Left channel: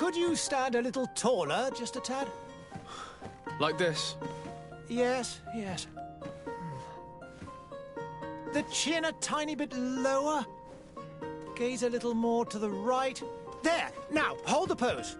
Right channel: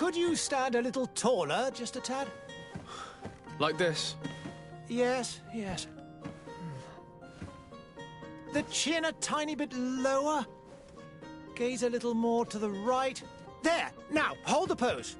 Could you stand a little taller, just a tad? Like this? Yes, yes. The chin a tiny bit lower. Gaze a little more to the right. There! Now, hold the pose.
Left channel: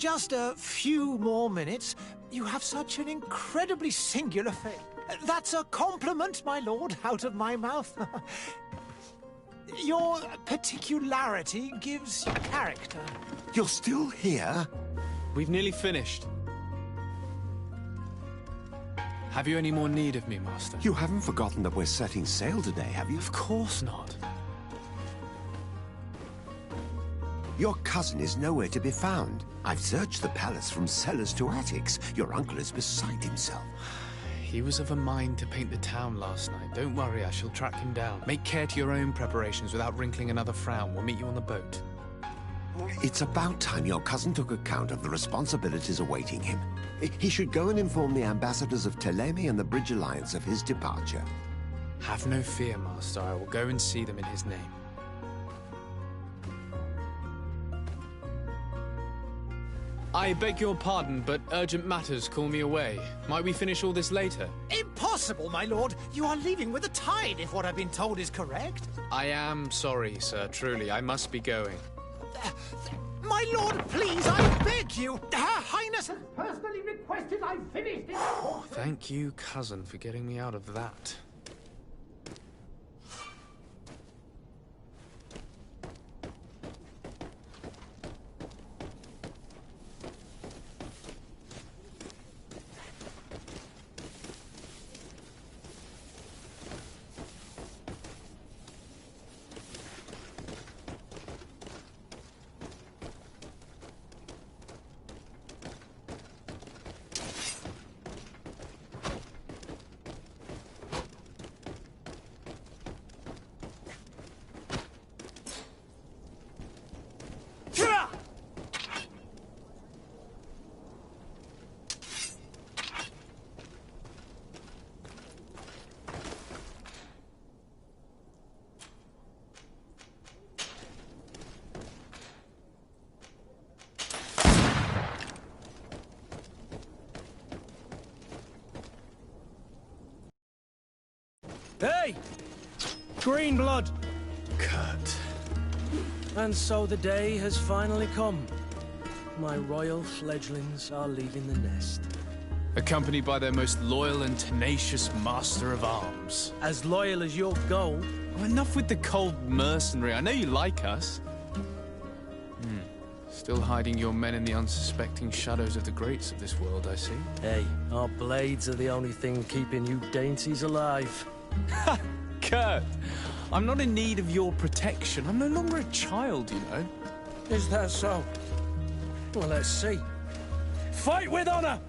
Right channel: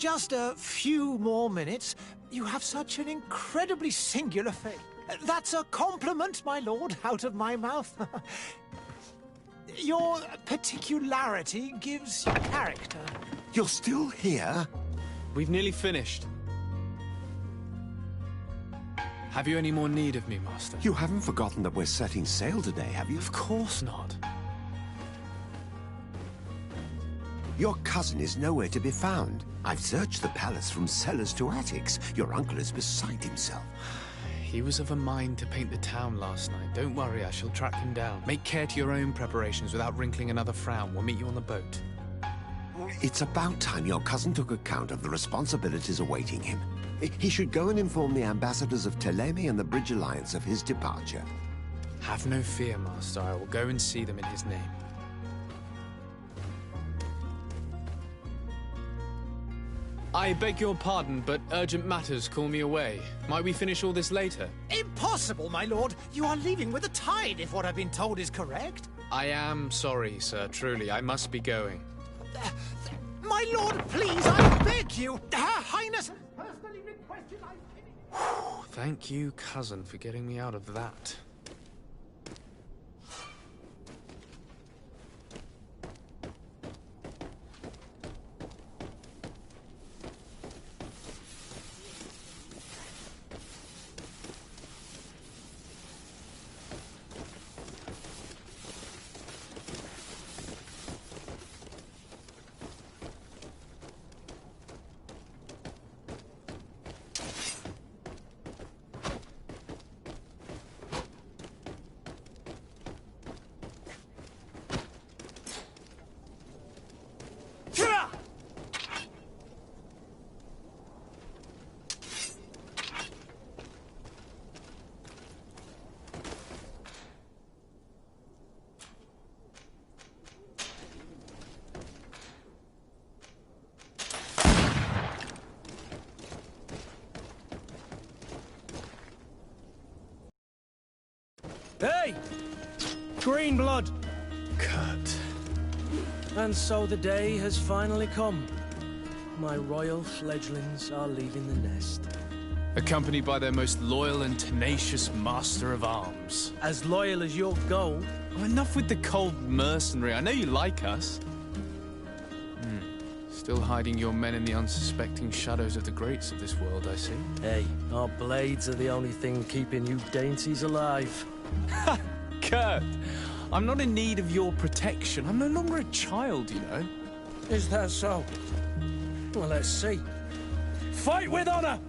Just a few more minutes. You have such an incredibly singular face. That's a compliment, my lord, out of my mouth. Your particularity gives you character. You're still here? We've nearly finished. Have you any more need of me, Master? You haven't forgotten that we're setting sail today, have you? Of course not. Your cousin is nowhere to be found. I've searched the palace from cellars to attics. Your uncle is beside himself. He was of a mind to paint the town last night. Don't worry, I shall track him down. Make care to your own preparations without wrinkling another frown. We'll meet you on the boat. It's about time your cousin took account of the responsibilities awaiting him. He should go and inform the ambassadors of Telemi and the Bridge Alliance of his departure. Have no fear, Master. I will go and see them in his name. I beg your pardon, but urgent matters call me away. Might we finish all this later? Impossible, my lord. You are leaving with the tide, if what I've been told is correct. I am sorry, sir. Truly, I must be going. My lord, please, I beg you. Her Highness has personally requested I finish it. Oh, thank you, cousin, for getting me out of that. Hey! Green blood! Kurt. And so the day has finally come. My royal fledglings are leaving the nest. Accompanied by their most loyal and tenacious master of arms. As loyal as your gold. Oh, enough with the cold mercenary. I know you like us. Still hiding your men in the unsuspecting shadows of the greats of this world, I see. Hey, our blades are the only thing keeping you dainties alive. Ha! Kurt! I'm not in need of your protection. I'm no longer a child, you know. Is that so? Well, let's see. Fight with honor!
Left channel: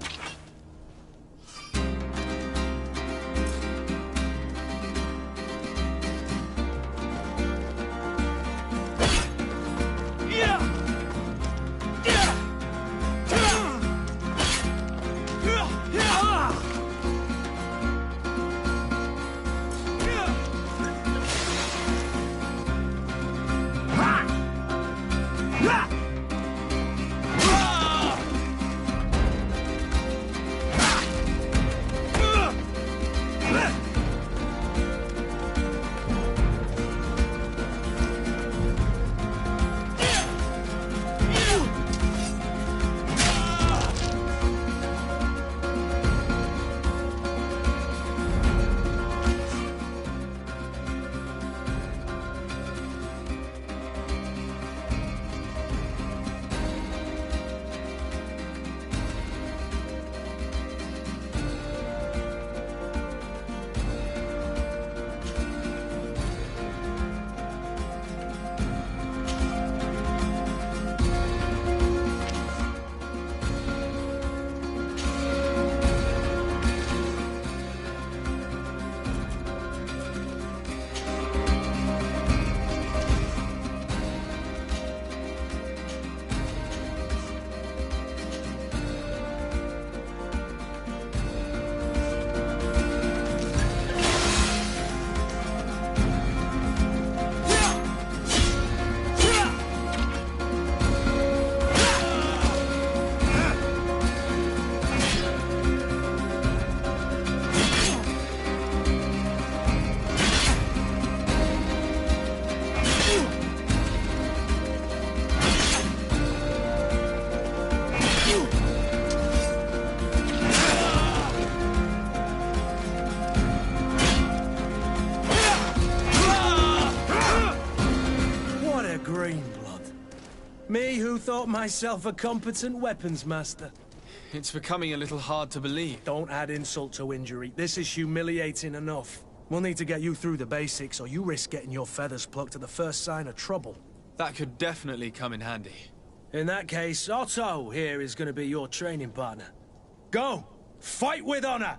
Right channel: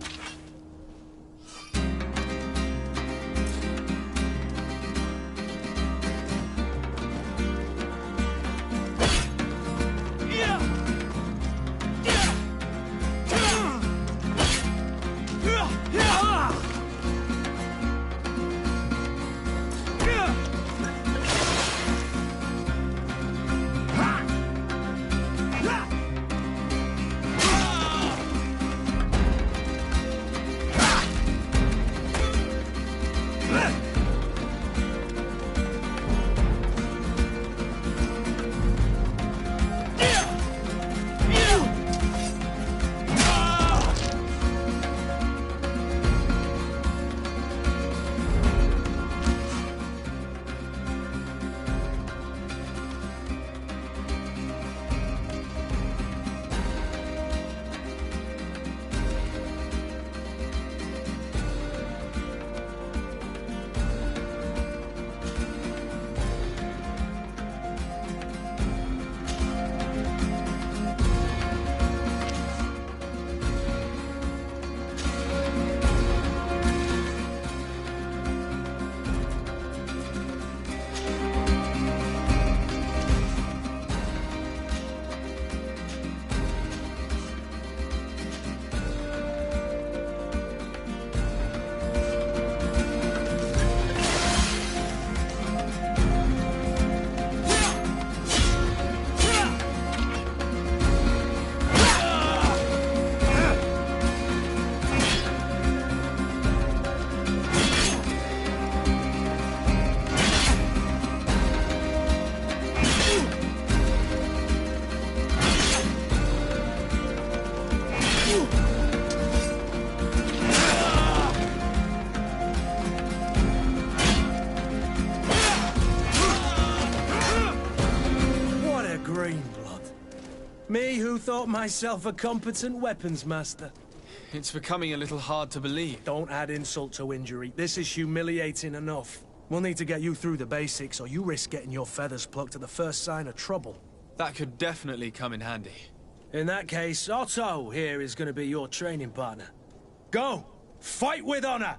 Green blood. Me who thought myself a competent weapons master. It's becoming a little hard to believe. Don't add insult to injury. This is humiliating enough. We'll need to get you through the basics, or you risk getting your feathers plucked at the first sign of trouble. That could definitely come in handy. In that case, Otto here is going to be your training partner. Go! Fight with honor!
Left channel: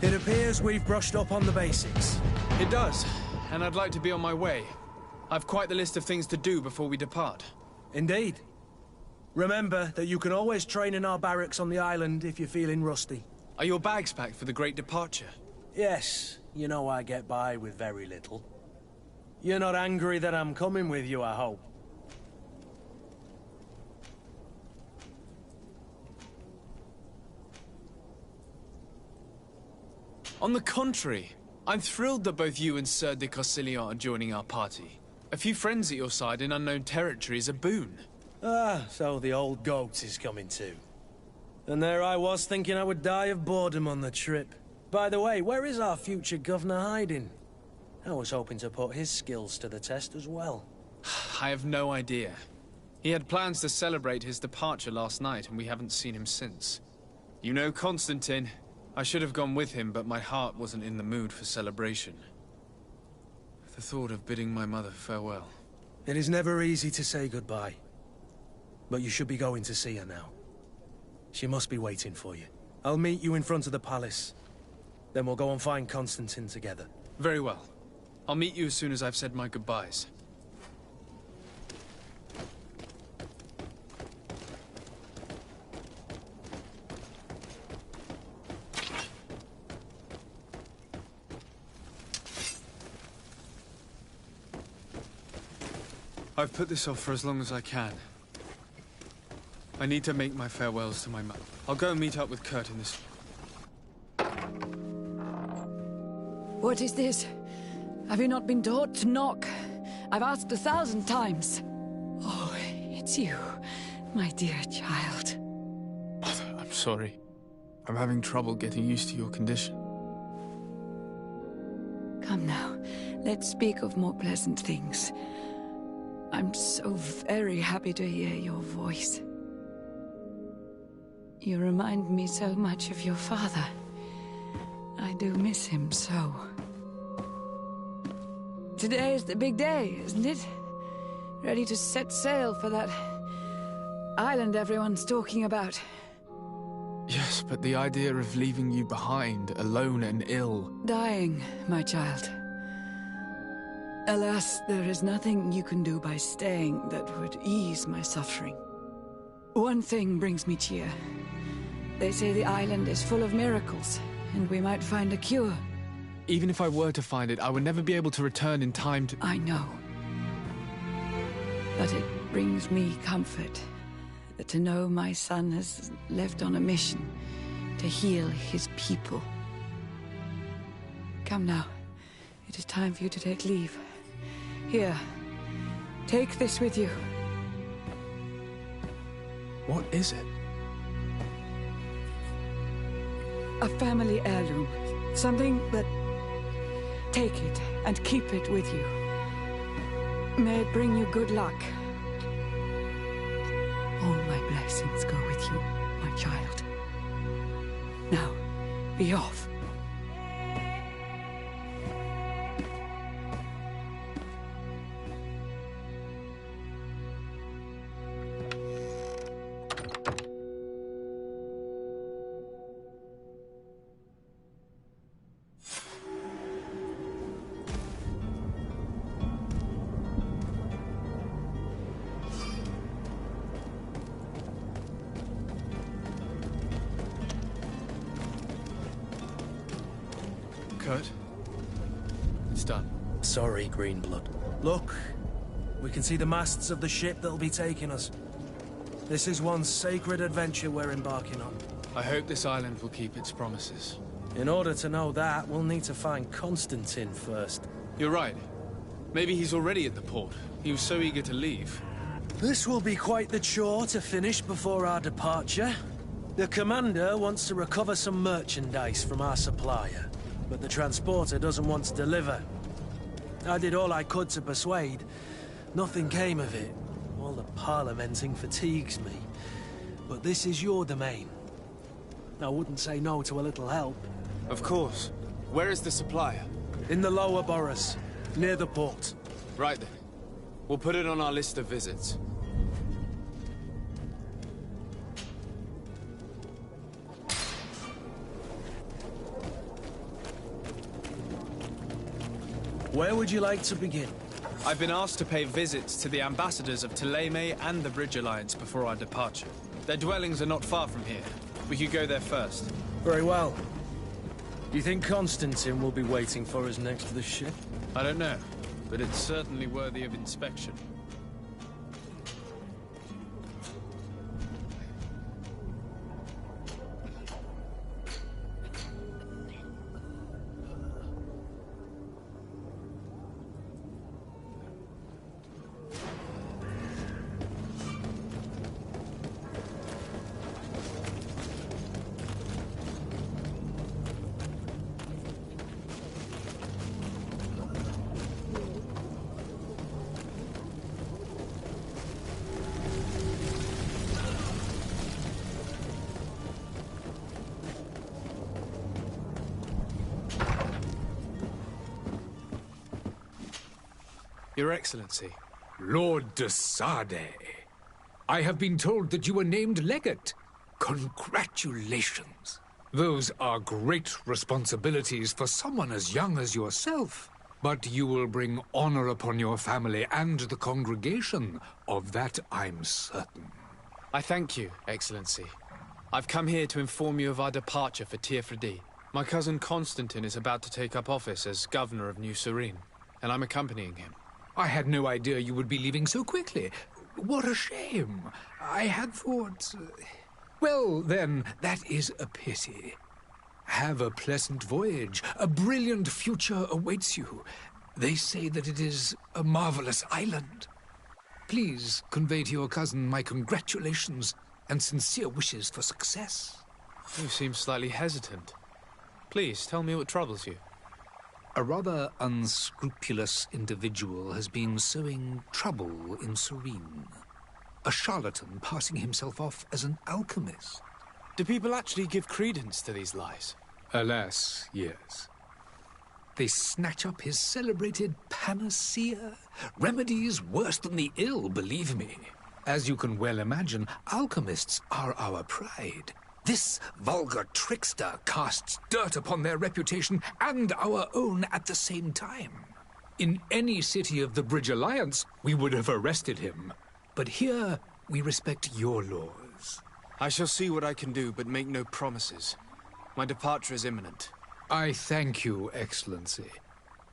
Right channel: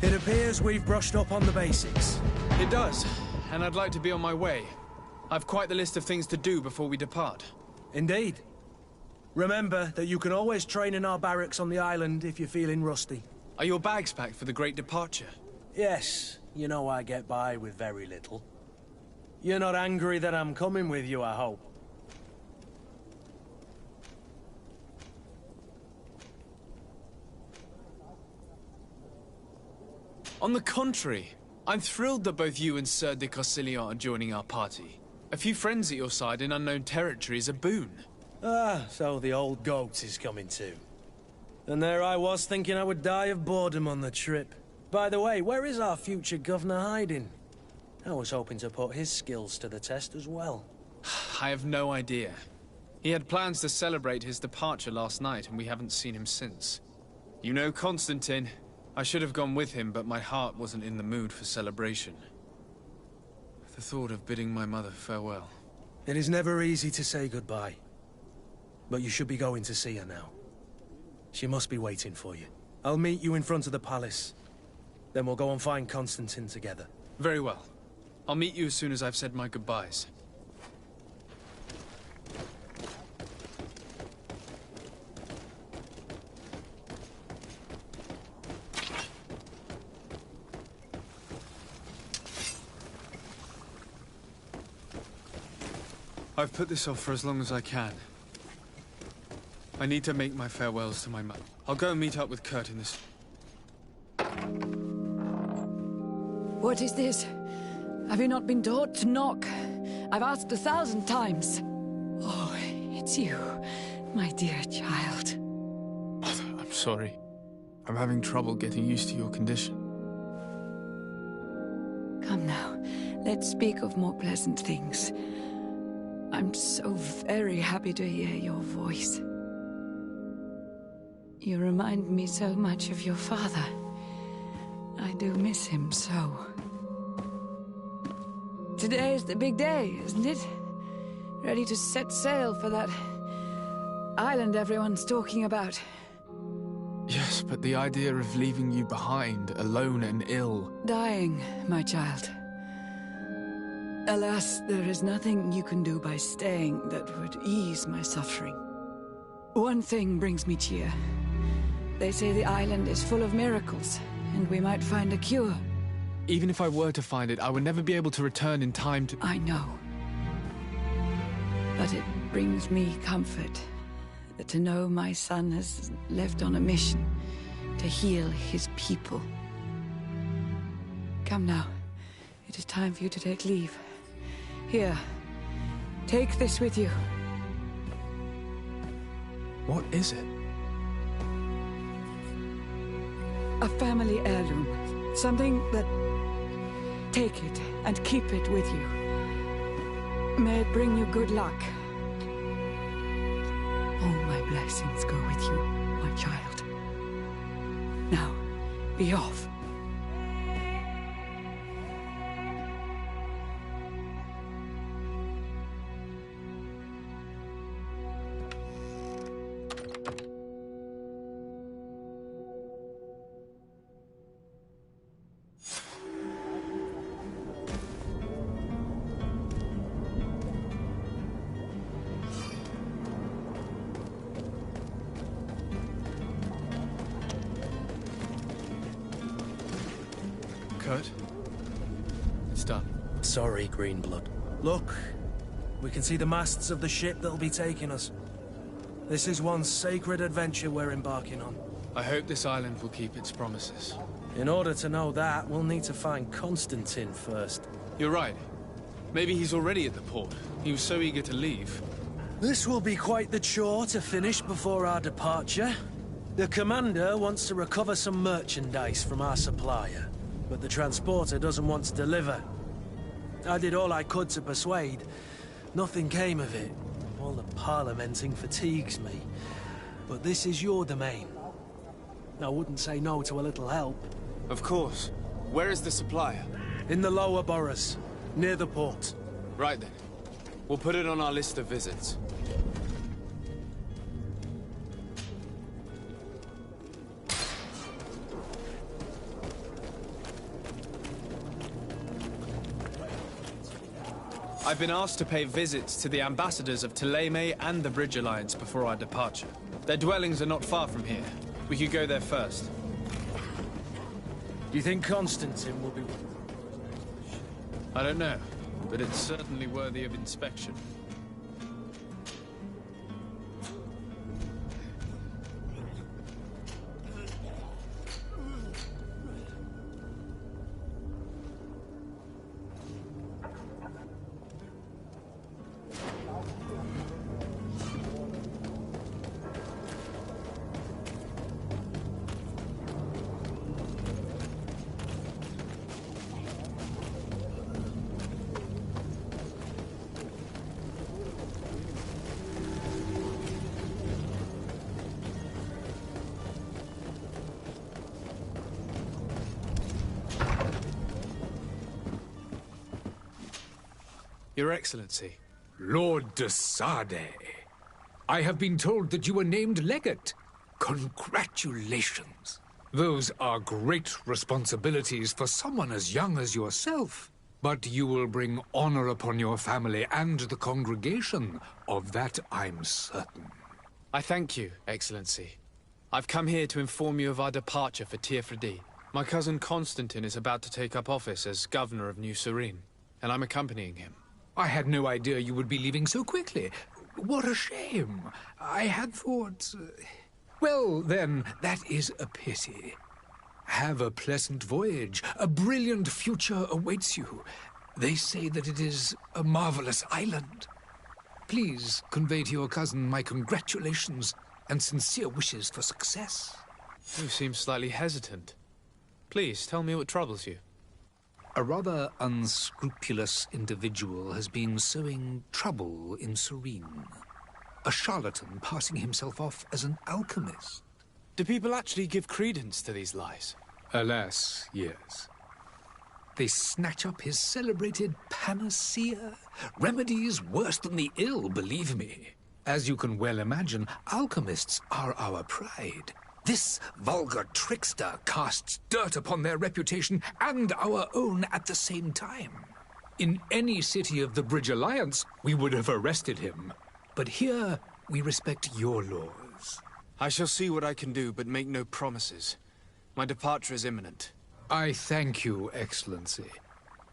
It appears we've brushed up on the basics. It does, and I'd like to be on my way. I've quite the list of things to do before we depart. Indeed. Remember that you can always train in our barracks on the island if you're feeling rusty. Are your bags packed for the great departure? Yes, you know I get by with very little. You're not angry that I'm coming with you, I hope. On the contrary, I'm thrilled that both you and Sir de Corsillon are joining our party. A few friends at your side in unknown territory is a boon. Ah, so the old goat is coming too. And there I was thinking I would die of boredom on the trip. By the way, where is our future governor hiding? I was hoping to put his skills to the test as well. I have no idea. He had plans to celebrate his departure last night, and we haven't seen him since. You know Constantine. I should have gone with him, but my heart wasn't in the mood for celebration. The thought of bidding my mother farewell. It is never easy to say goodbye. But you should be going to see her now. She must be waiting for you. I'll meet you in front of the palace. Then we'll go and find Constantine together. Very well. I'll meet you as soon as I've said my goodbyes. I've put this off for as long as I can. I need to make my farewells to my mother. I'll go and meet up with Kurt in this... What is this? Have you not been taught to knock? I've asked 1,000 times. Oh, it's you, my dear child. Mother, I'm sorry. I'm having trouble getting used to your condition. Come now, let's speak of more pleasant things. I'm so very happy to hear your voice. You remind me so much of your father. I do miss him so. Today is the big day, isn't it? Ready to set sail for that island everyone's talking about. Yes, but the idea of leaving you behind, alone and ill... Dying, my child. Alas, there is nothing you can do by staying that would ease my suffering. One thing brings me cheer. They say the island is full of miracles, and we might find a cure. Even if I were to find it, I would never be able to return in time to... I know. But it brings me comfort to know my son has left on a mission to heal his people. Come now. It is time for you to take leave. Here, take this with you. What is it? A family heirloom. Something that... Take it and keep it with you. May it bring you good luck. All my blessings go with you, my child. Now, be off. Kurt? It's done. Sorry, Greenblood. Look, we can see the masts of the ship that'll be taking us. This is one sacred adventure we're embarking on. I hope this island will keep its promises. In order to know that, we'll need to find Constantine first. You're right. Maybe he's already at the port. He was so eager to leave. This will be quite the chore to finish before our departure. The commander wants to recover some merchandise from our supplier, but the transporter doesn't want to deliver. I did all I could to persuade. Nothing came of it. All the parliamenting fatigues me. But this is your domain. I wouldn't say no to a little help. Of course. Where is the supplier? In the lower boroughs, near the port. Right then. We'll put it on our list of visits. Where would you like to begin? I've been asked to pay visits to the ambassadors of Thélème and the Bridge Alliance before our departure. Their dwellings are not far from here. We could go there first. Very well. Do you think Constantine will be waiting for us next to the ship? I don't know, but it's certainly worthy of inspection. Your Excellency. Lord de Sade, I have been told that you were named legate. Congratulations. Those are great responsibilities for someone as young as yourself. But you will bring honor upon your family and the congregation. Of that I'm certain. I thank you, Excellency. I've come here to inform you of our departure for Tiefredi. My cousin Constantine is about to take up office as governor of New Serene, and I'm accompanying him. I had no idea you would be leaving so quickly. What a shame. I had thought... Well, then, that is a pity. Have a pleasant voyage. A brilliant future awaits you. They say that it is a marvelous island. Please convey to your cousin my congratulations and sincere wishes for success. You seem slightly hesitant. Please, tell me what troubles you. A rather unscrupulous individual has been sowing trouble in Serene. A charlatan passing himself off as an alchemist. Do people actually give credence to these lies? Alas, yes. They snatch up his celebrated panacea. Remedies worse than the ill, believe me. As you can well imagine, alchemists are our pride. This vulgar trickster casts dirt upon their reputation and our own at the same time. In any city of the Bridge Alliance, we would have arrested him. But here, we respect your laws. I shall see what I can do, but make no promises. My departure is imminent. I thank you, Excellency.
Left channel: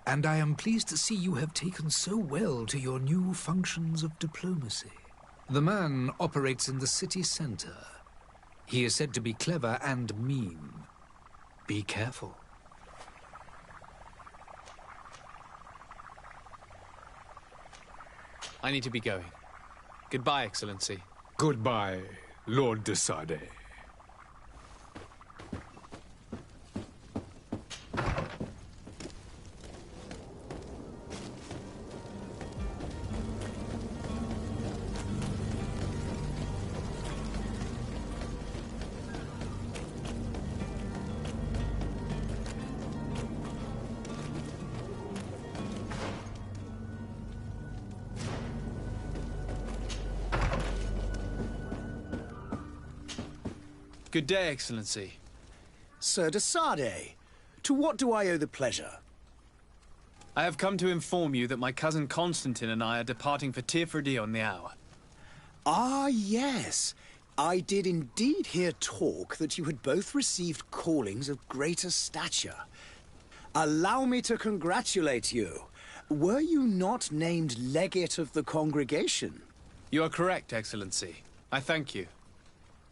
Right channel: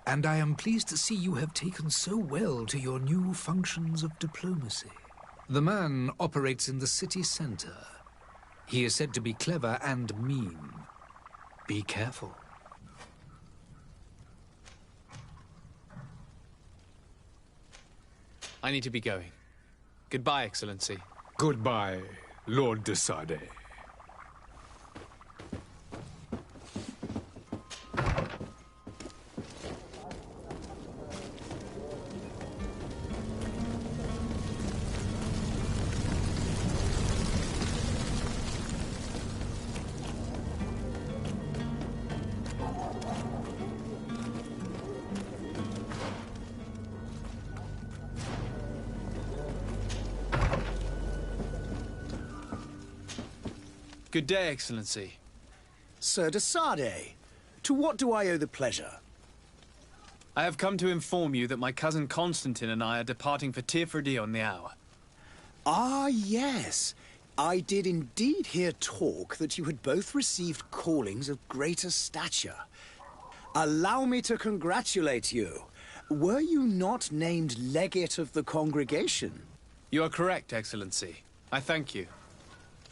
And I am pleased to see you have taken so well to your new functions of diplomacy. The man operates in the city center. He is said to be clever and mean. Be careful. I need to be going. Goodbye, Excellency. Goodbye, Lord de Sade. Good day, Excellency. Sir de Sade, to what do I owe the pleasure? I have come to inform you that my cousin Constantine and I are departing for Tiefredi on the hour. Ah, yes. I did indeed hear talk that you had both received callings of greater stature. Allow me to congratulate you. Were you not named legate of the congregation? You are correct, Excellency. I thank you.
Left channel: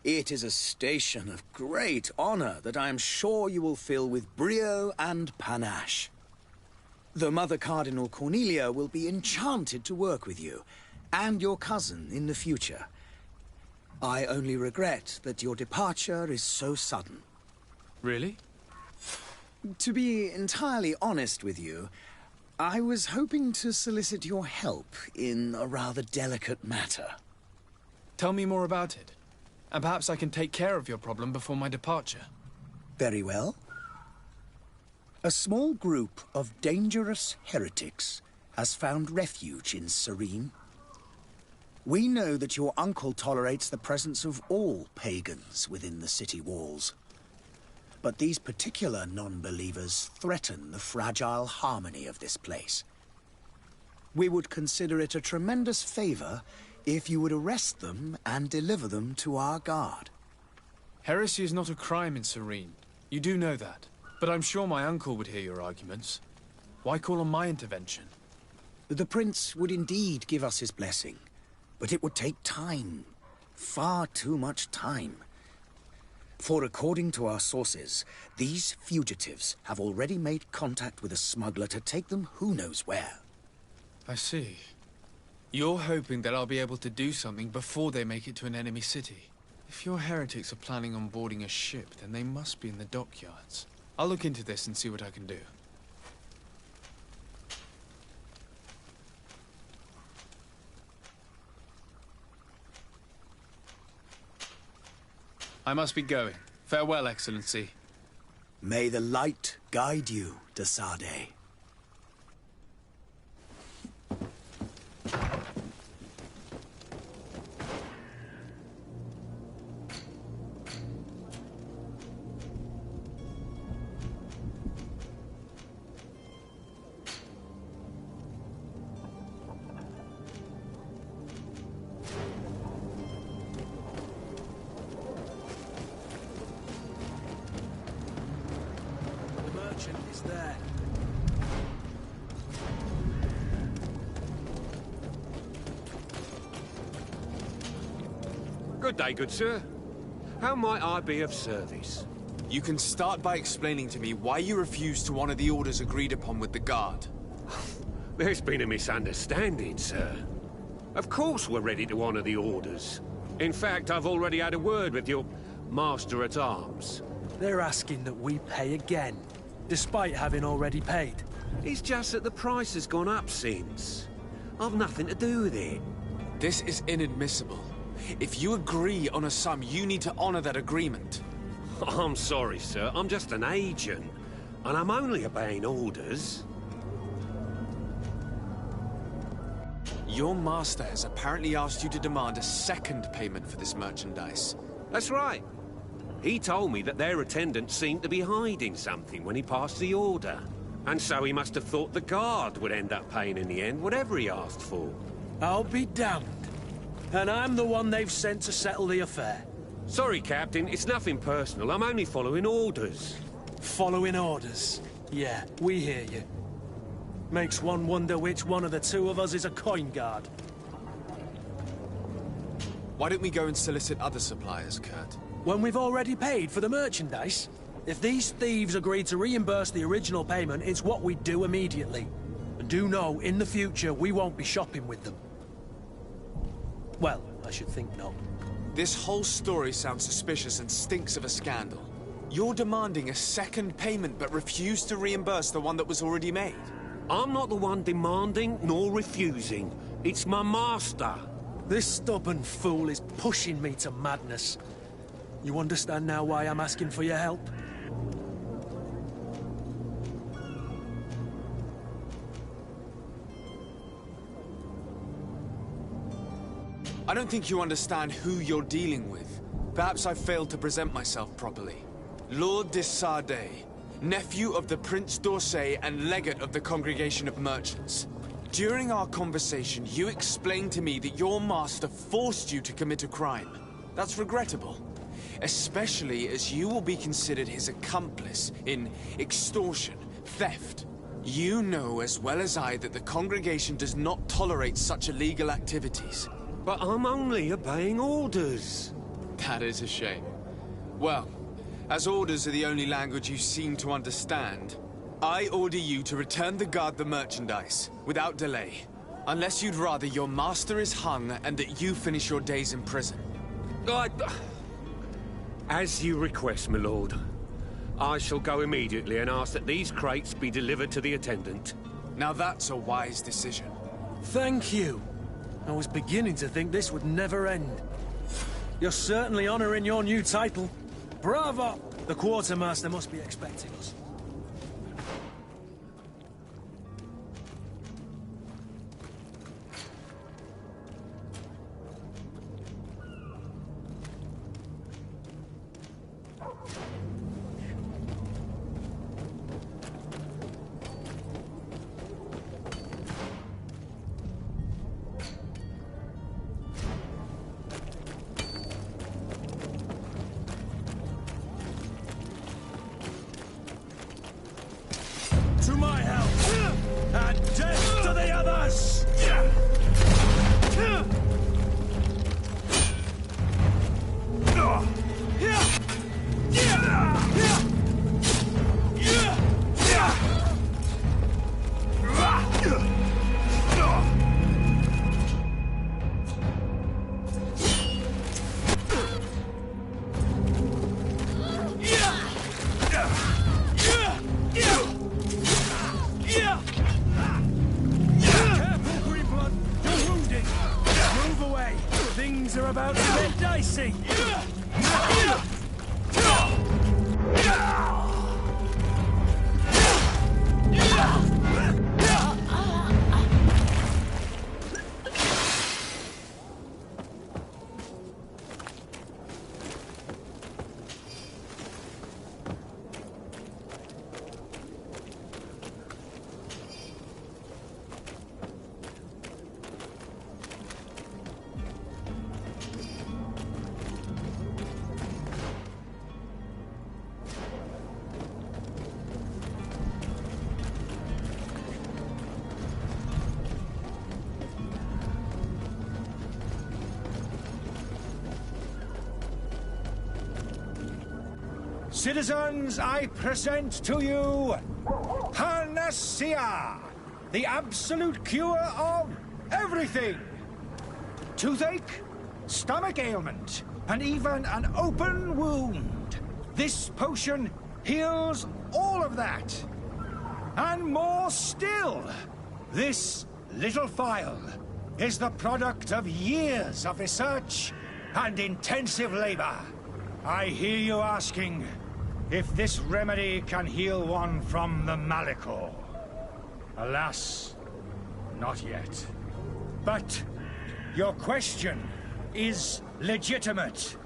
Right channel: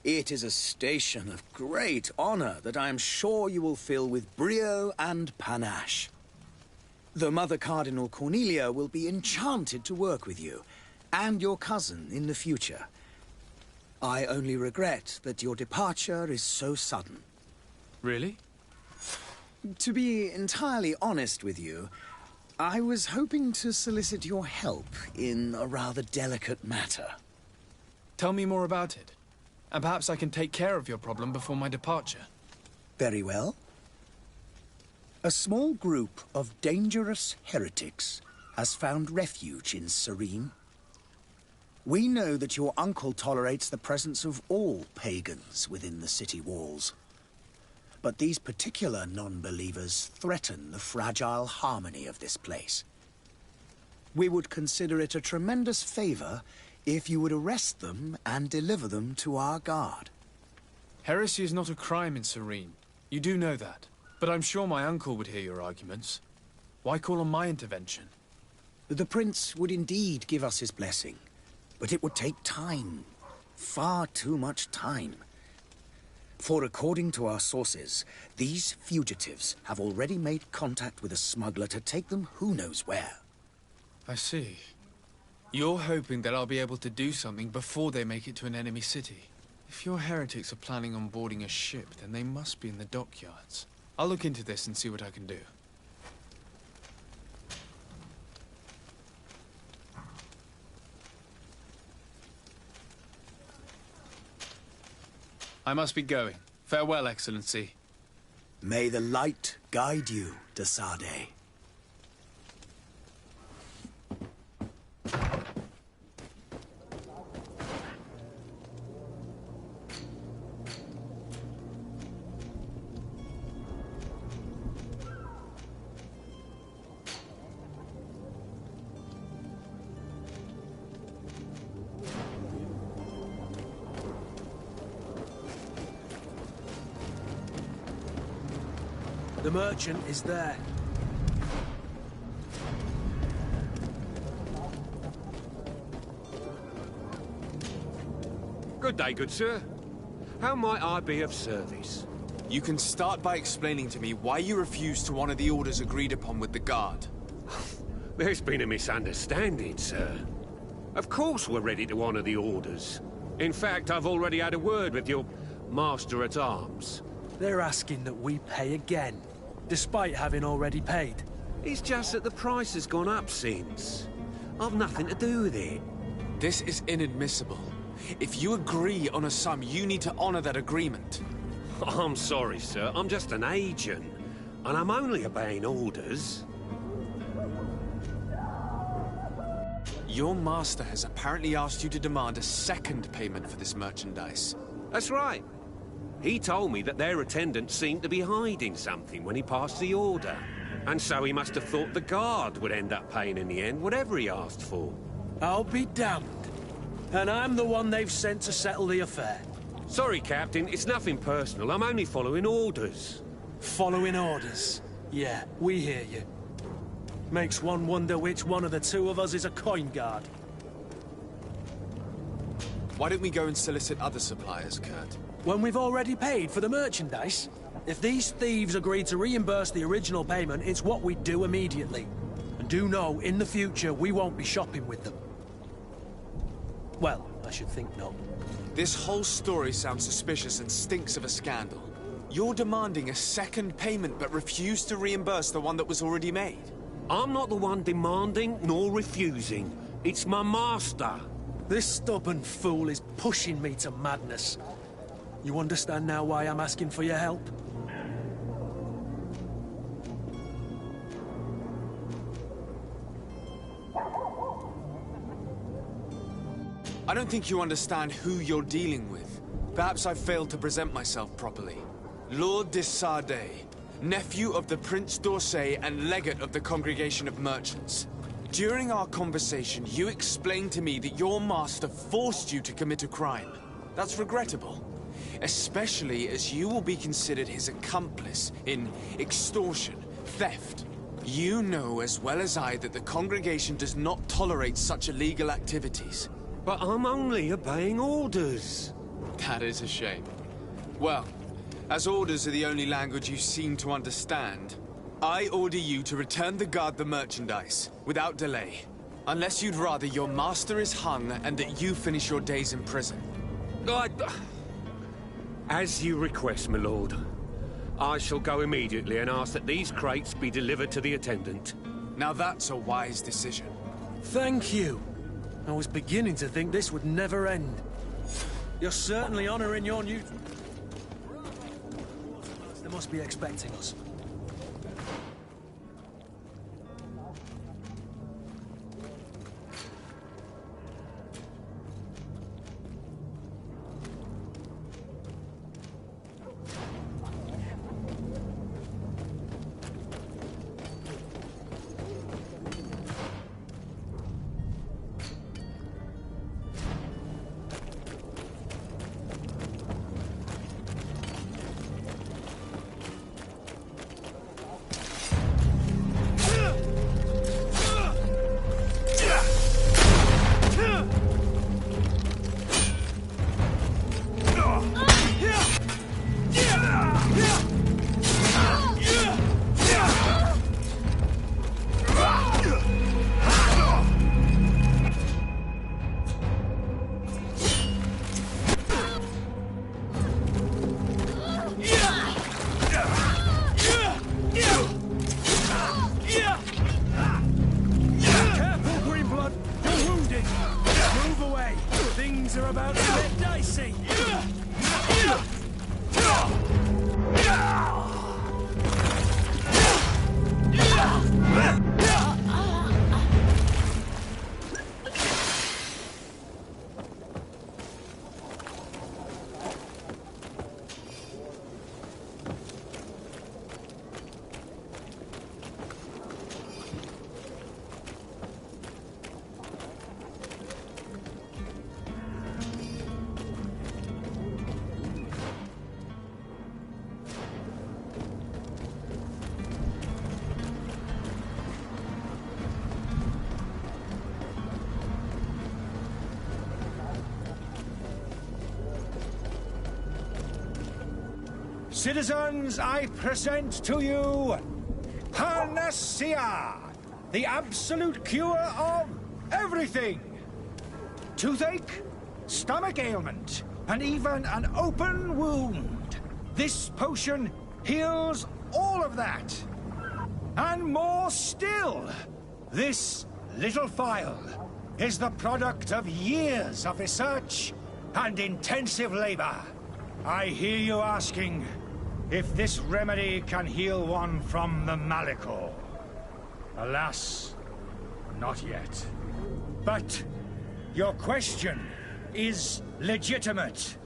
It is a station of great honor that I am sure you will fill with brio and panache. The Mother Cardinal Cornelia will be enchanted to work with you, and your cousin in the future. I only regret that your departure is so sudden. Really? To be entirely honest with you, I was hoping to solicit your help in a rather delicate matter. Tell me more about it. And perhaps I can take care of your problem before my departure. Very well. A small group of dangerous heretics has found refuge in Serene. We know that your uncle tolerates the presence of all pagans within the city walls. But these particular non-believers threaten the fragile harmony of this place. We would consider it a tremendous favor if you would arrest them and deliver them to our guard. Heresy is not a crime in Serene. You do know that. But I'm sure my uncle would hear your arguments. Why call on my intervention? The prince would indeed give us his blessing, but it would take time. Far too much time. For according to our sources, these fugitives have already made contact with a smuggler to take them who knows where. I see. You're hoping that I'll be able to do something before they make it to an enemy city. If your heretics are planning on boarding a ship, then they must be in the dockyards. I'll look into this and see what I can do. I must be going. Farewell, Excellency. May the light guide you, de Sade. The merchant is there. Good day, good sir. How might I be of service? You can start by explaining to me why you refuse to honor the orders agreed upon with the guard. There's been a misunderstanding, sir. Of course we're ready to honor the orders. In fact, I've already had a word with your master-at-arms. They're asking that we pay again, despite having already paid. It's just that the price has gone up since. I've nothing to do with it. This is inadmissible. If you agree on a sum, you need to honor that agreement. I'm sorry, sir. I'm just an agent. And I'm only obeying orders. Your master has apparently asked you to demand a second payment for this merchandise. That's right. He told me that their attendant seemed to be hiding something when he passed the order. And so he must have thought the guard would end up paying in the end, whatever he asked for. I'll be damned. And I'm the one they've sent to settle the affair. Sorry, Captain, it's nothing personal. I'm only following orders. Following orders? Yeah, we hear you. Makes one wonder which one of the two of us is a coin guard. Why don't we go and solicit other suppliers, Kurt? When we've already paid for the merchandise? If these thieves agreed to reimburse the original payment, it's what we'd do immediately. And do know, in the future, we won't be shopping with them. Well, I should think not. This whole story sounds suspicious and stinks of a scandal. You're demanding a second payment but refuse to reimburse the one that was already made. I'm not the one demanding nor refusing. It's my master. This stubborn fool is pushing me to madness. You understand now why I'm asking for your help? I don't think you understand who you're dealing with. Perhaps I failed to present myself properly. Lord de Sade, nephew of the Prince d'Orsay and legate of the Congregation of Merchants. During our conversation, you explained to me that your master forced you to commit a crime. That's regrettable, especially as you will be considered his accomplice in extortion, theft. You know as well as I that the Congregation does not tolerate such illegal activities. But I'm only obeying orders. That is a shame. Well, as orders are the only language you seem to understand, I order you to return the guard the merchandise, without delay. Unless you'd rather your master is hung and that you finish your days in prison. As you request, my lord. I shall go immediately and ask that these crates be delivered to the attendant. Now that's a wise decision. Thank you. I was beginning to think this would never end. You're certainly honoring your new title. Bravo! The quartermaster must be expecting us. about to get dicey! Citizens, I present to you Panacea, the absolute cure of everything. Toothache, stomach ailment, and even an open wound. This potion heals all of that. And more still. This little phial is the product of years of research and intensive labor. I hear you asking if this remedy can heal one from the Malachor. Alas, not yet. But your question is legitimate.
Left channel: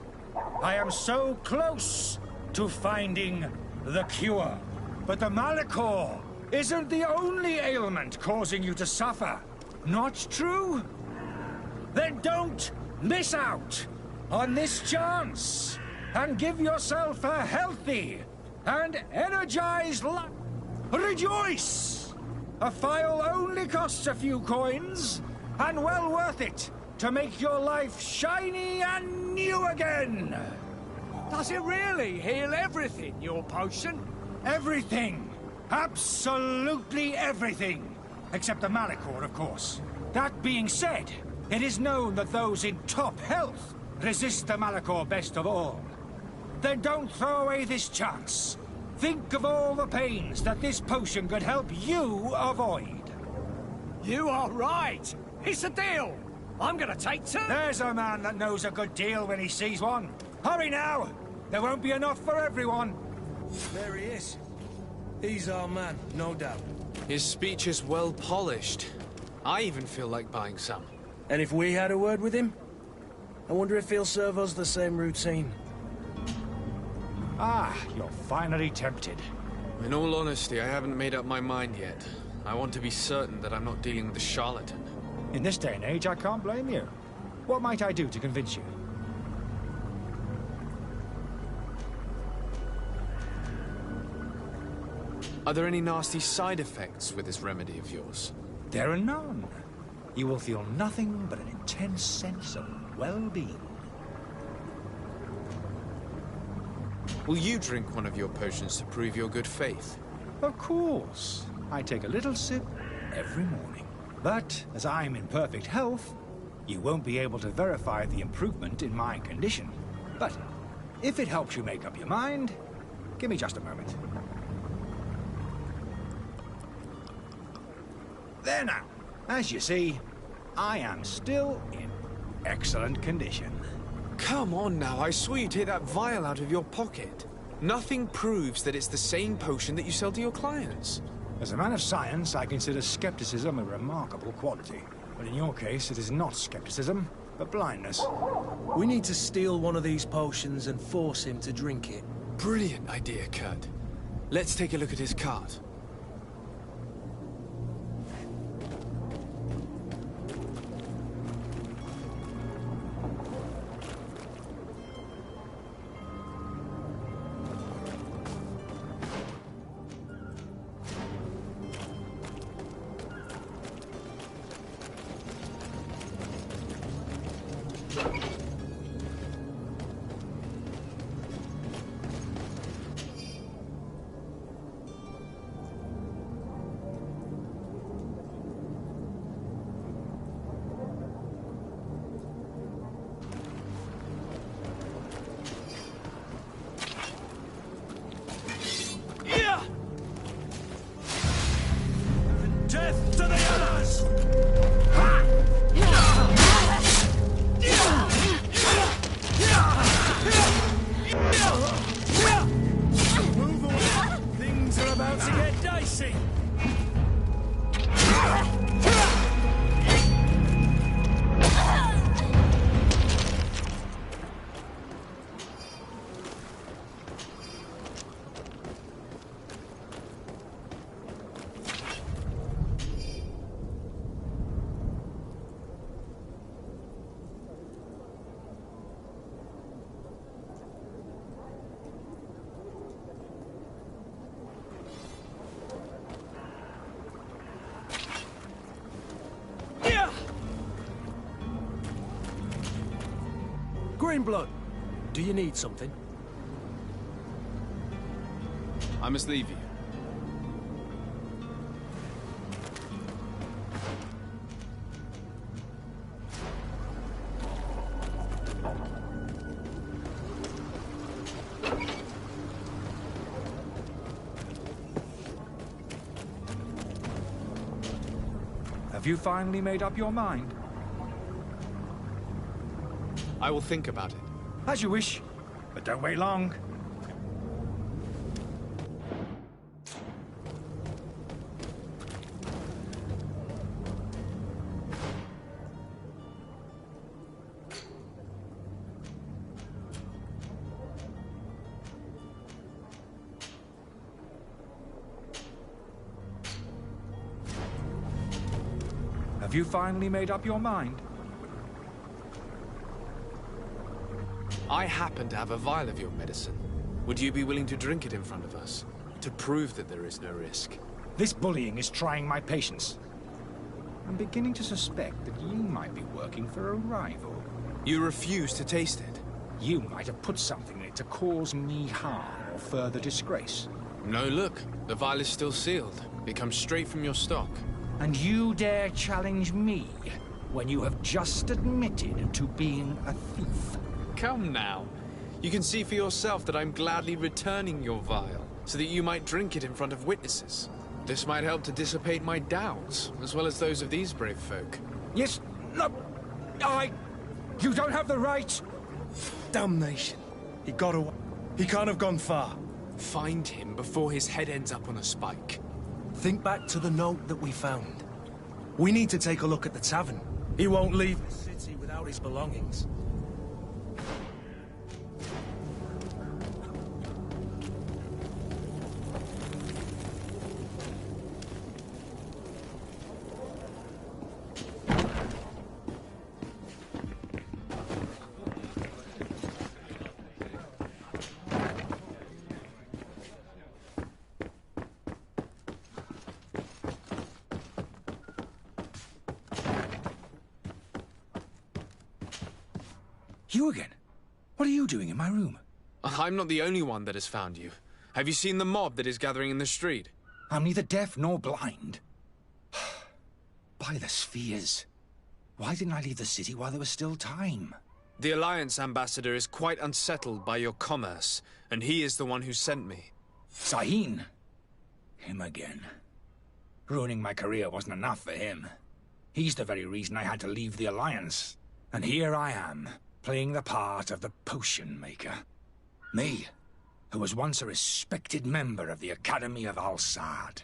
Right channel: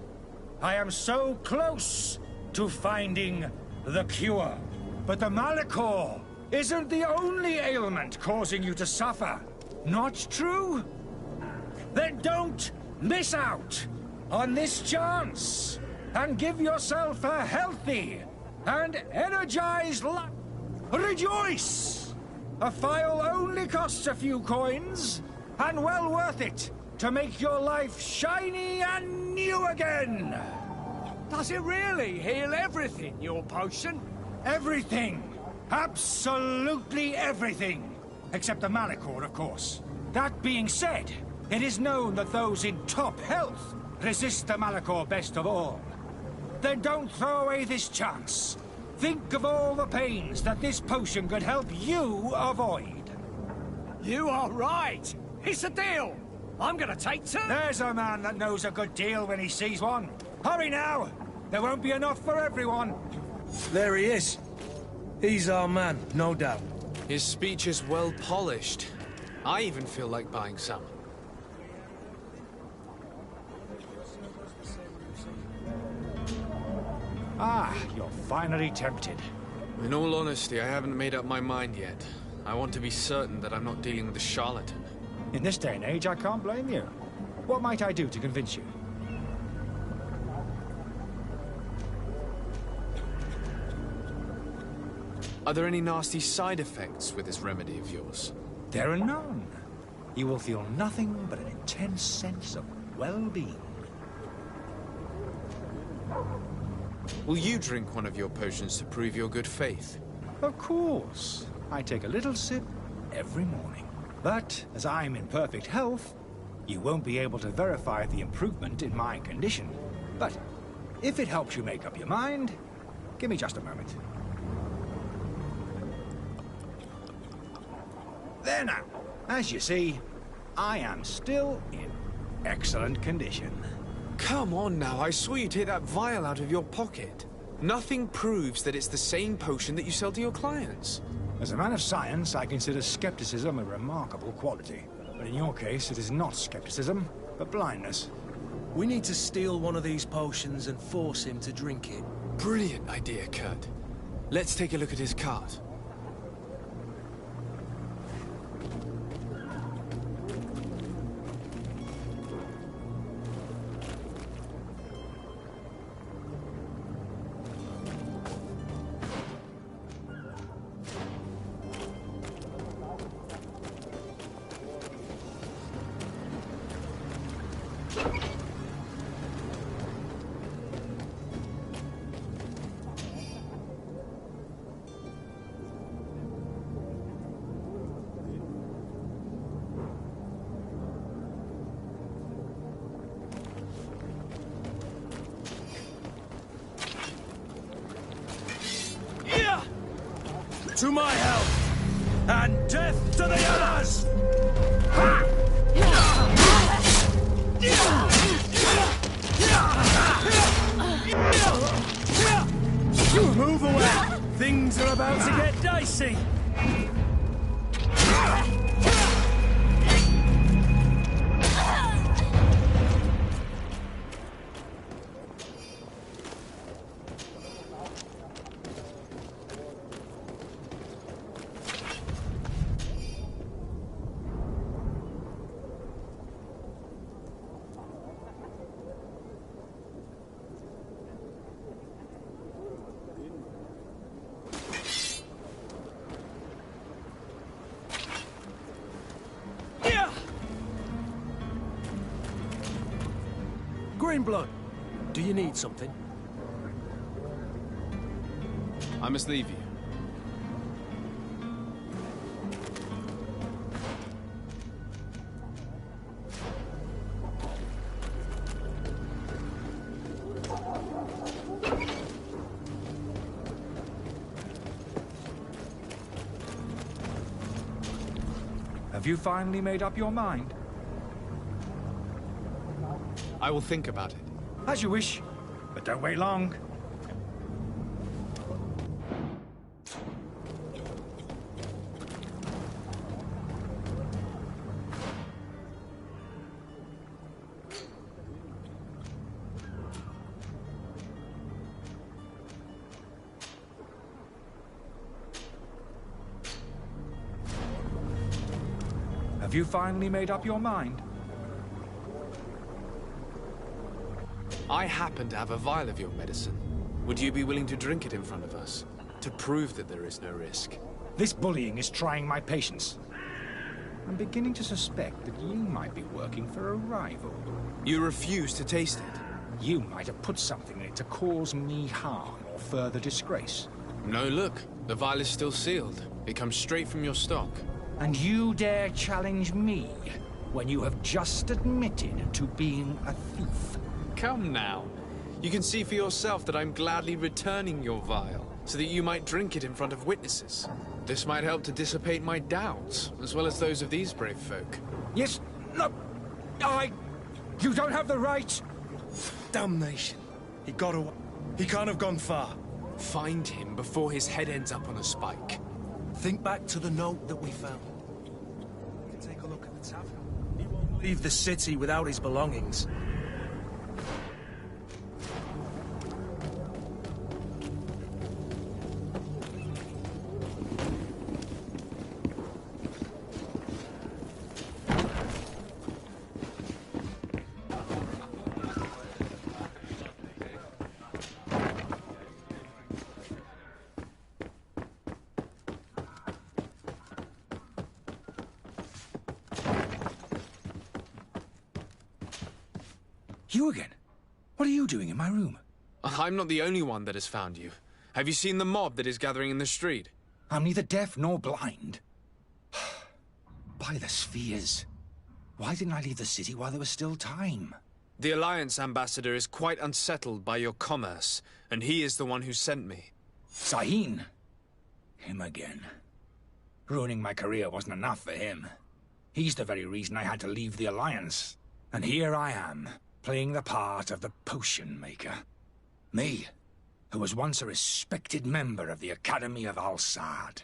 I am so close to finding the cure. But the Malachor isn't the only ailment causing you to suffer. Not true? Then don't miss out on this chance and give yourself a healthy and energized life. Rejoice! A phial only costs a few coins, and well worth it to make your life shiny and new again. Does it really heal everything, your potion? Everything. Absolutely everything. Except the Malachor, of course. That being said, it is known that those in top health resist the Malachor best of all. Then don't throw away this chance. Think of all the pains that this potion could help you avoid. You are right. It's a deal. I'm gonna take two. There's a man that knows a good deal when he sees one. Hurry now. There won't be enough for everyone. There he is. He's our man, no doubt. His speech is well polished. I even feel like buying some. And if we had a word with him? I wonder if he'll serve us the same routine. Ah, you're finally tempted. In all honesty, I haven't made up my mind yet. I want to be certain that I'm not dealing with a charlatan. In this day and age, I can't blame you. What might I do to convince you? Are there any nasty side effects with this remedy of yours? There are none. You will feel nothing but an intense sense of well-being. Will you drink one of your potions to prove your good faith? Of course. I take a little sip every morning. But as I'm in perfect health, you won't be able to verify the improvement in my condition. But if it helps you make up your mind, give me just a moment. There now. As you see, I am still in excellent condition. Come on now, I saw you take that vial out of your pocket. Nothing proves that it's the same potion that you sell to your clients. As a man of science, I consider skepticism a remarkable quality. But in your case, it is not skepticism, but blindness. We need to steal one of these potions and force him to drink it. Brilliant idea, Kurt. Let's take a look at his cart. To my help, and death to the others! Move away! Things are about to get dicey! Greenblood, do you need something? I must leave you. Have you finally made up your mind? I will think about it. As you wish, but don't wait long. Have you finally made up your mind? I happen to have a vial of your medicine. Would you be willing to drink it in front of us? To prove that there is no risk? This bullying is trying my patience. I'm beginning to suspect that you might be working for a rival. You refuse to taste it? You might have put something in it to cause me harm or further disgrace. No, look. The vial is still sealed. It comes straight from your stock. And you dare challenge me when you have just admitted to being a thief? Come now. You can see for yourself that I'm gladly returning your vial, so that you might drink it in front of witnesses. This might help to dissipate my doubts, as well as those of these brave folk. Yes, no, you don't have the right. Damnation. He got away. He can't have gone far. Find him before his head ends up on a spike. Think back to the note that we found. We need to take a look at the tavern. He won't leave the city without his belongings. You again? What are you doing in my room? I'm not the only one that has found you. Have you seen the mob that is gathering in the street? I'm neither deaf nor blind. By the spheres. Why didn't I leave the city while there was still time? The Alliance ambassador is quite unsettled by your commerce, and he is the one who sent me. Sahin? Him again. Ruining my career wasn't enough for him. He's the very reason I had to leave the Alliance. And here I am, playing the part of the potion maker. Me, who was once a respected member of the Academy of Al-Sad.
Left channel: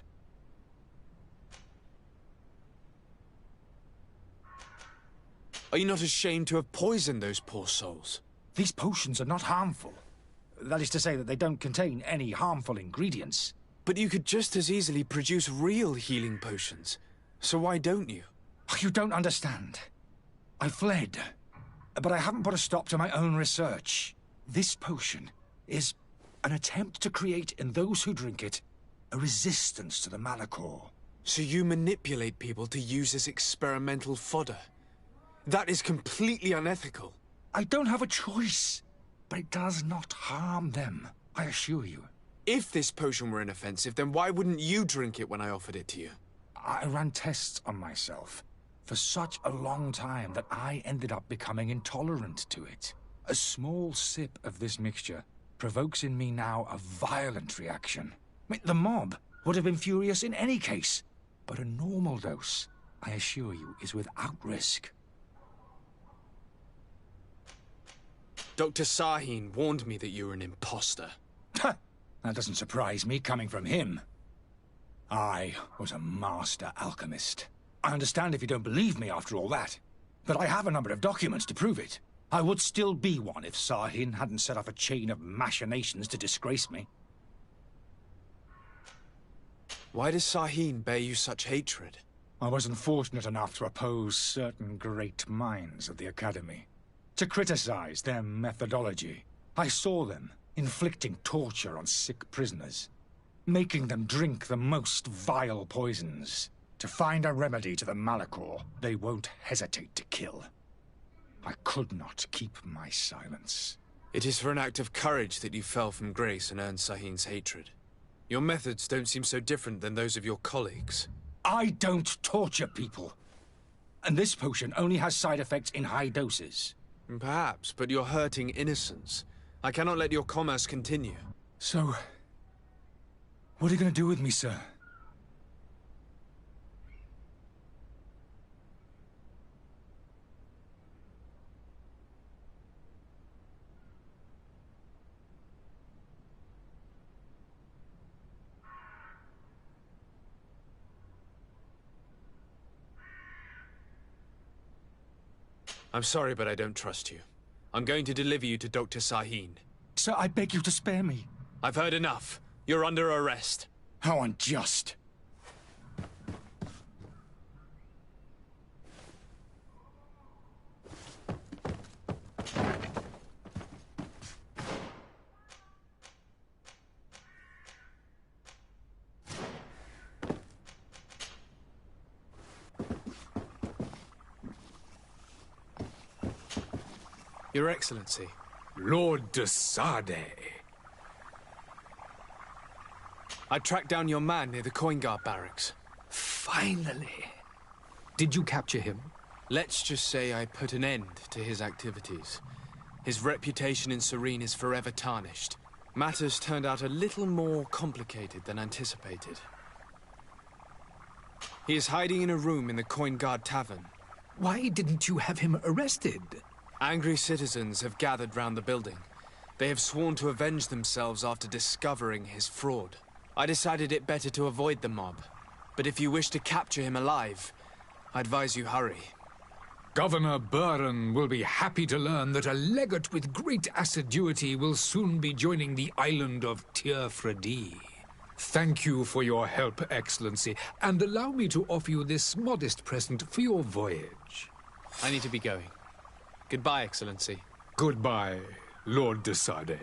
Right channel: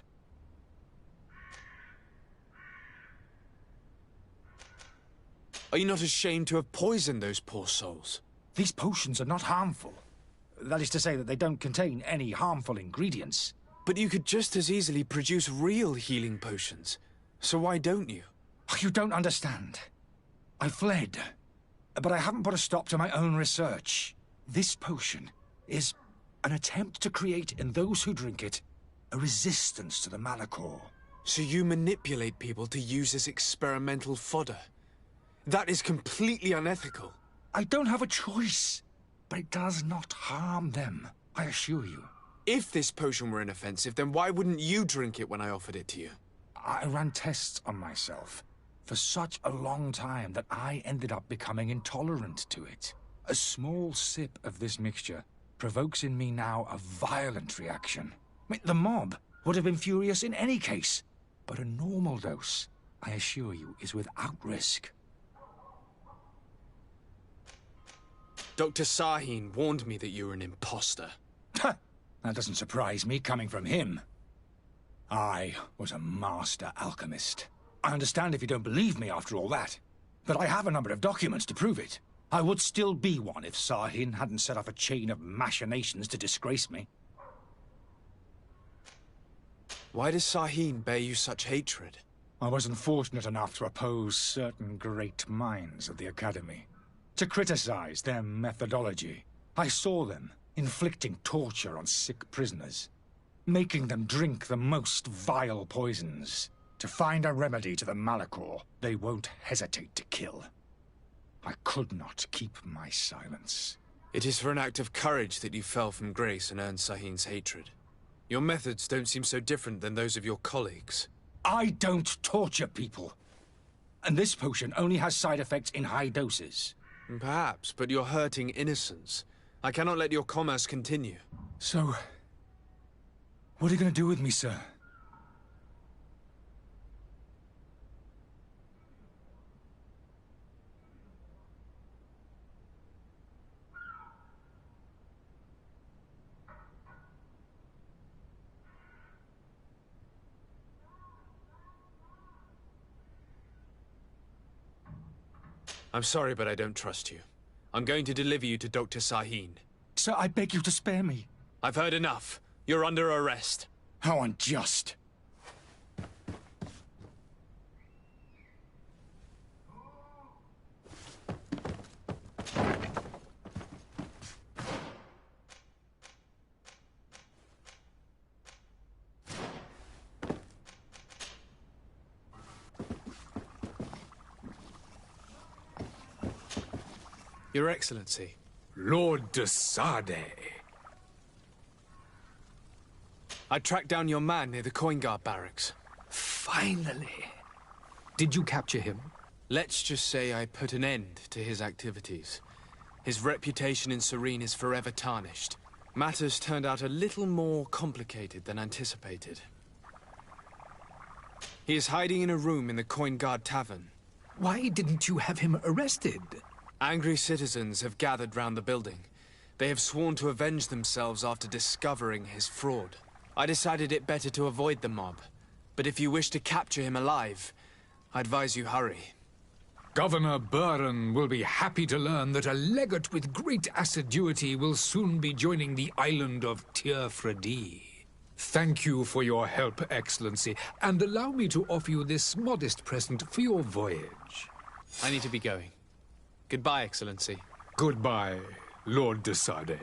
Are you not ashamed to have poisoned those poor souls? These potions are not harmful. That is to say that they don't contain any harmful ingredients. But you could just as easily produce real healing potions. So why don't you? You don't understand. I fled. But I haven't put a stop to my own research. This potion is an attempt to create in those who drink it a resistance to the Malachor. So you manipulate people to use as experimental fodder? That is completely unethical. I don't have a choice, but it does not harm them, I assure you. If this potion were inoffensive, then why wouldn't you drink it when I offered it to you? I ran tests on myself for such a long time that I ended up becoming intolerant to it. A small sip of this mixture provokes in me now a violent reaction. I mean, the mob would have been furious in any case, but a normal dose, I assure you, is without risk. Dr. Sahin warned me that you were an imposter. That doesn't surprise me, coming from him. I was a master alchemist. I understand if you don't believe me after all that, but I have a number of documents to prove it. I would still be one if Sahin hadn't set off a chain of machinations to disgrace me. Why does Sahin bear you such hatred? I wasn't fortunate enough to oppose certain great minds of the Academy, to criticize their methodology. I saw them inflicting torture on sick prisoners, making them drink the most vile poisons. To find a remedy to the Malachor, they won't hesitate to kill. I could not keep my silence. It is for an act of courage that you fell from grace and earned Sahin's hatred. Your methods don't seem so different than those of your colleagues. I don't torture people. And this potion only has side effects in high doses. Perhaps, but you're hurting innocents. I cannot let your commerce continue. So, what are you going to do with me, sir? I'm sorry, but I don't trust you. I'm going to deliver you to Dr. Sahin. Sir, I beg you to spare me. I've heard enough. You're under arrest. How unjust. Your Excellency. Lord de Sade. I tracked down your man near the Coin Guard barracks. Finally. Did you capture him? Let's just say I put an end to his activities. His reputation in Serene is forever tarnished. Matters turned out a little more complicated than anticipated. He is hiding in a room in the Coin Guard Tavern. Why didn't you have him arrested? Angry citizens have gathered round the building. They have sworn to avenge themselves after discovering his fraud. I decided it better to avoid the mob. But if you wish to capture him alive, I advise you hurry. Governor Buren will be happy to learn that a legate with great assiduity will soon be joining the island of Tir-Fredi. Thank you for your help, Excellency, and allow me to offer you this modest present for your voyage. I need to be going. Goodbye, Excellency. Goodbye, Lord de Sade.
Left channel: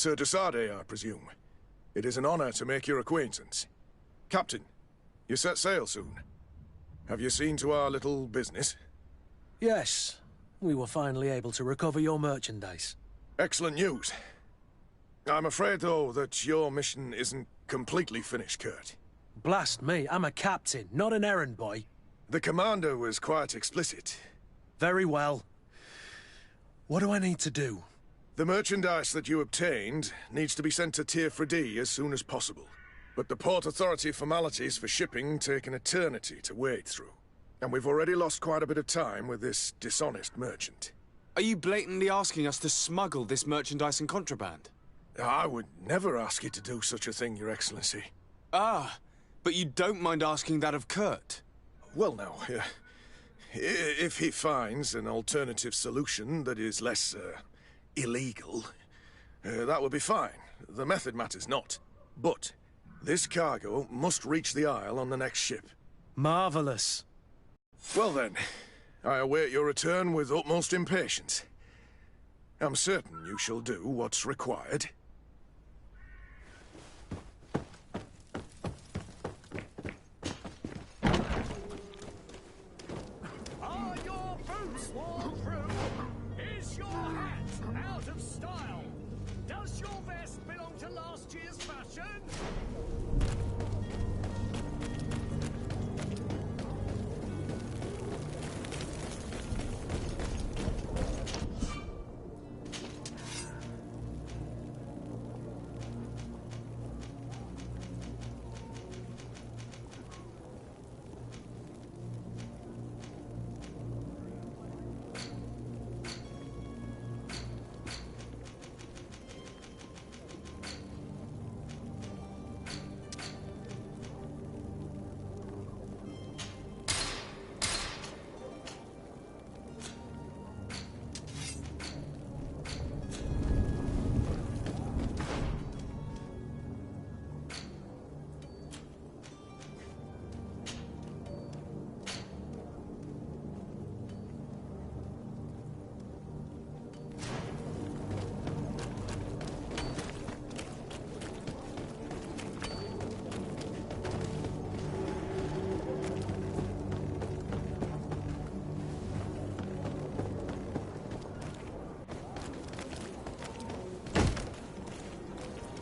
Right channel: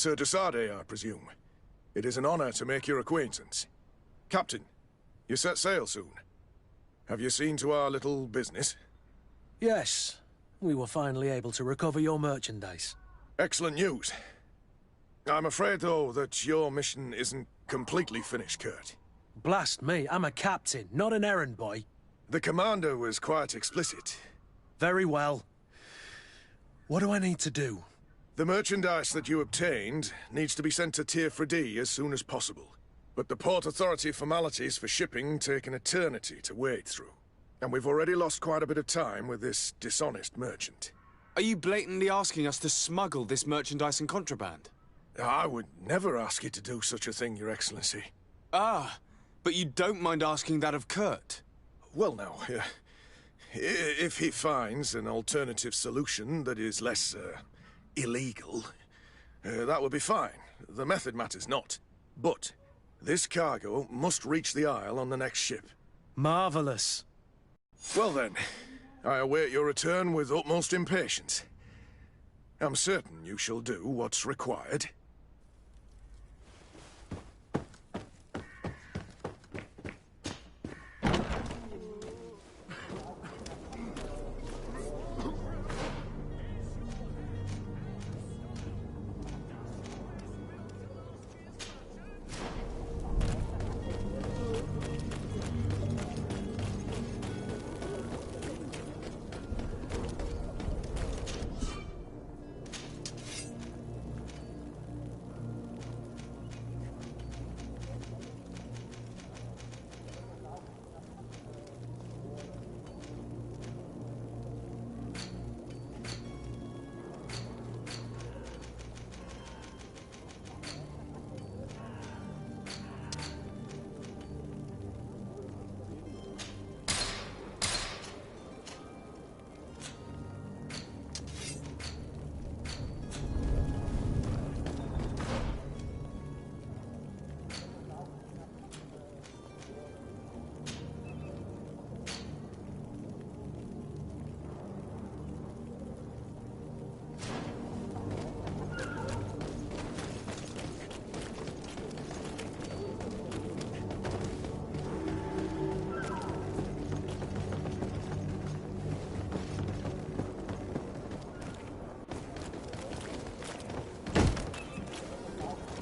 Sir Desade, I presume. It is an honor to make your acquaintance. Captain, you set sail soon. Have you seen to our little business? Yes. We were finally able to recover your merchandise. Excellent news. I'm afraid, though, that your mission isn't completely finished, Kurt. Blast me, I'm a captain, not an errand boy. The commander was quite explicit. Very well. What do I need to do? The merchandise that you obtained needs to be sent to Tier 4D as soon as possible. But the Port Authority formalities for shipping take an eternity to wade through. And we've already lost quite a bit of time with this dishonest merchant. Are you blatantly asking us to smuggle this merchandise and contraband? I would never ask you to do such a thing, Your Excellency. Ah, but you don't mind asking that of Kurt? Well, now, if he finds an alternative solution that is less, illegal, that would be fine. The method matters not. But this cargo must reach the Isle on the next ship. Marvelous. Well then, I await your return with utmost impatience. I'm certain you shall do what's required.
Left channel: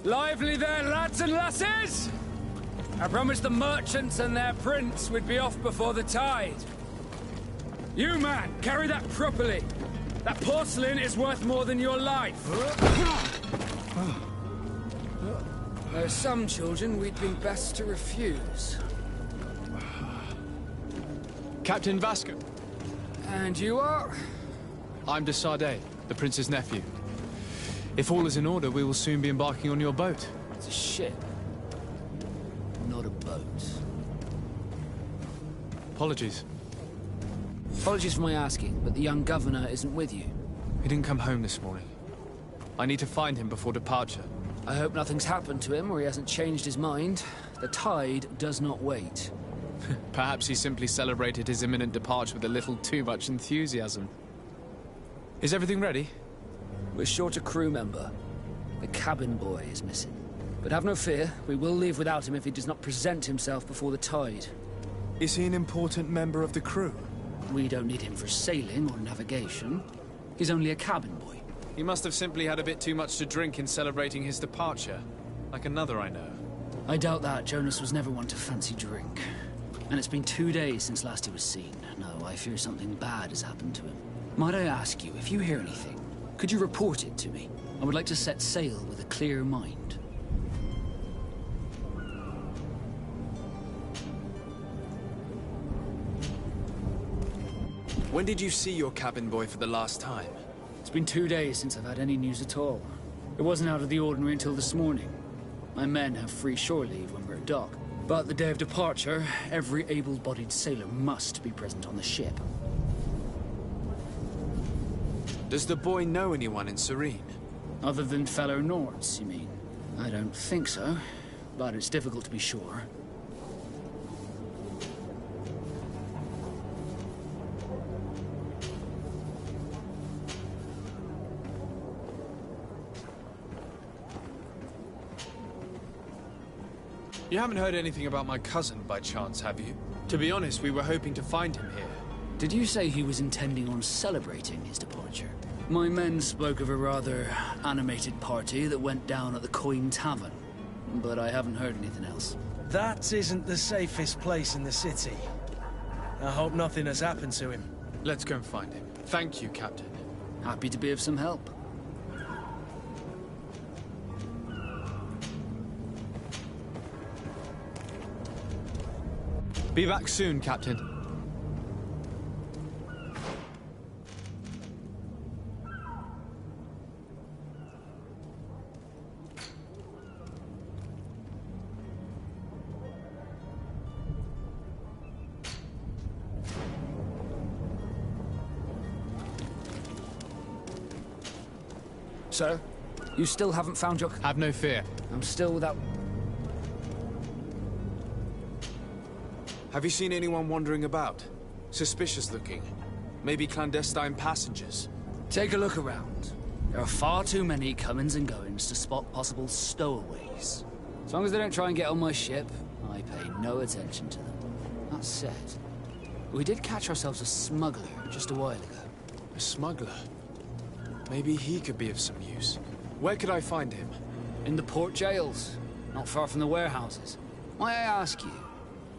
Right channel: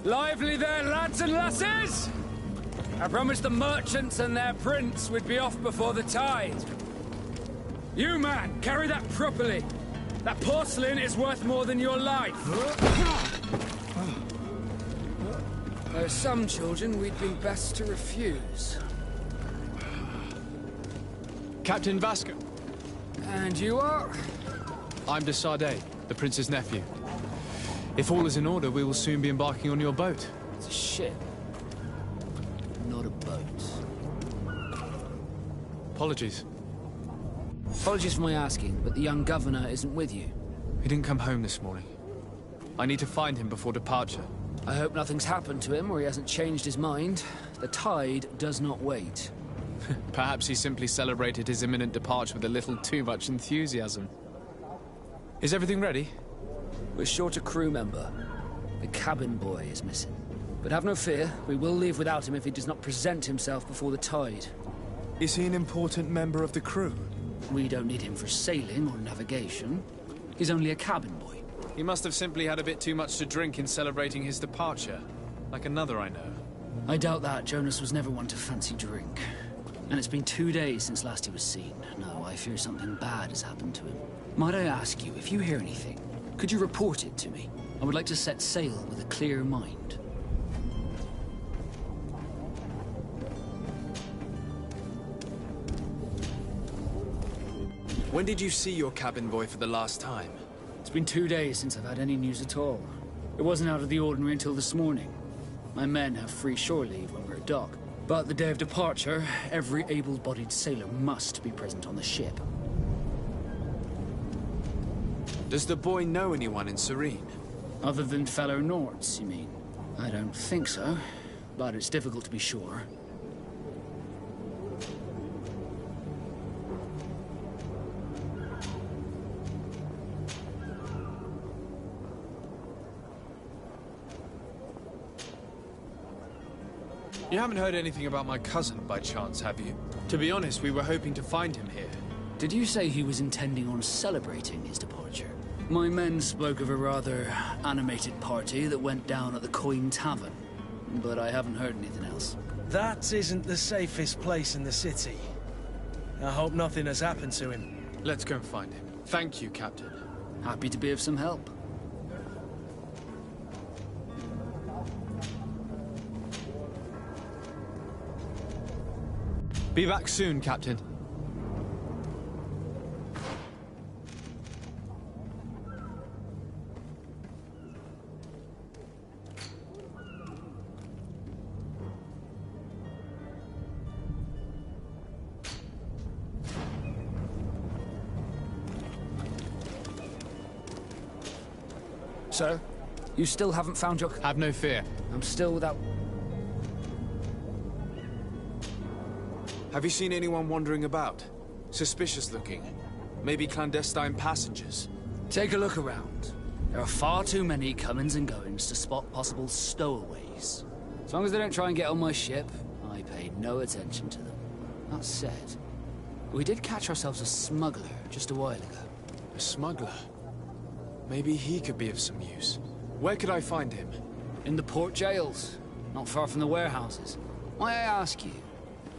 Lively there, lads and lasses! I promised the merchants and their prince we'd be off before the tide. You, man, carry that properly. That porcelain is worth more than your life. There are some children we'd been best to refuse. Captain Vasco. And you are? I'm Desade, the prince's nephew. If all is in order, we will soon be embarking on your boat. It's a ship, not a boat. Apologies. Apologies for my asking, but the young governor isn't with you. He didn't come home this morning. I need to find him before departure. I hope nothing's happened to him or he hasn't changed his mind. The tide does not wait. Perhaps he simply celebrated his imminent departure with a little too much enthusiasm. Is everything ready? We're short a crew member. The cabin boy is missing. But have no fear, we will leave without him if he does not present himself before the tide. Is he an important member of the crew? We don't need him for sailing or navigation. He's only a cabin boy. He must have simply had a bit too much to drink in celebrating his departure. Like another I know. I doubt that. Jonas was never one to fancy drink. And it's been 2 days since last he was seen. No, I fear something bad has happened to him. Might I ask you, if you hear anything, could you report it to me? I would like to set sail with a clear mind. When did you see your cabin boy for the last time? It's been 2 days since I've had any news at all. It wasn't out of the ordinary until this morning. My men have free shore leave when we're at dock. But the day of departure, every able-bodied sailor must be present on the ship. Does the boy know anyone in Serene? Other than fellow Nords, you mean? I don't think so, but it's difficult to be sure. You haven't heard anything about my cousin by chance, have you? To be honest, we were hoping to find him here. Did you say he was intending on celebrating his departure? My men spoke of a rather animated party that went down at the Coin Tavern, but I haven't heard anything else. That isn't the safest place in the city. I hope nothing has happened to him. Let's go and find him. Thank you, Captain. Happy to be of some help. Be back soon, Captain. Sir? You still haven't found your... Have no fear. I'm still without... Have you seen anyone wandering about? Suspicious looking. Maybe clandestine passengers. Take a look around. There are far too many comings and goings to spot possible stowaways. As long as they don't try and get on my ship, I pay no attention to them. That said, we did catch ourselves a smuggler just a while ago. A smuggler? Maybe he could be of some use. Where could I find him? In the port jails, not far from the warehouses. May I ask you,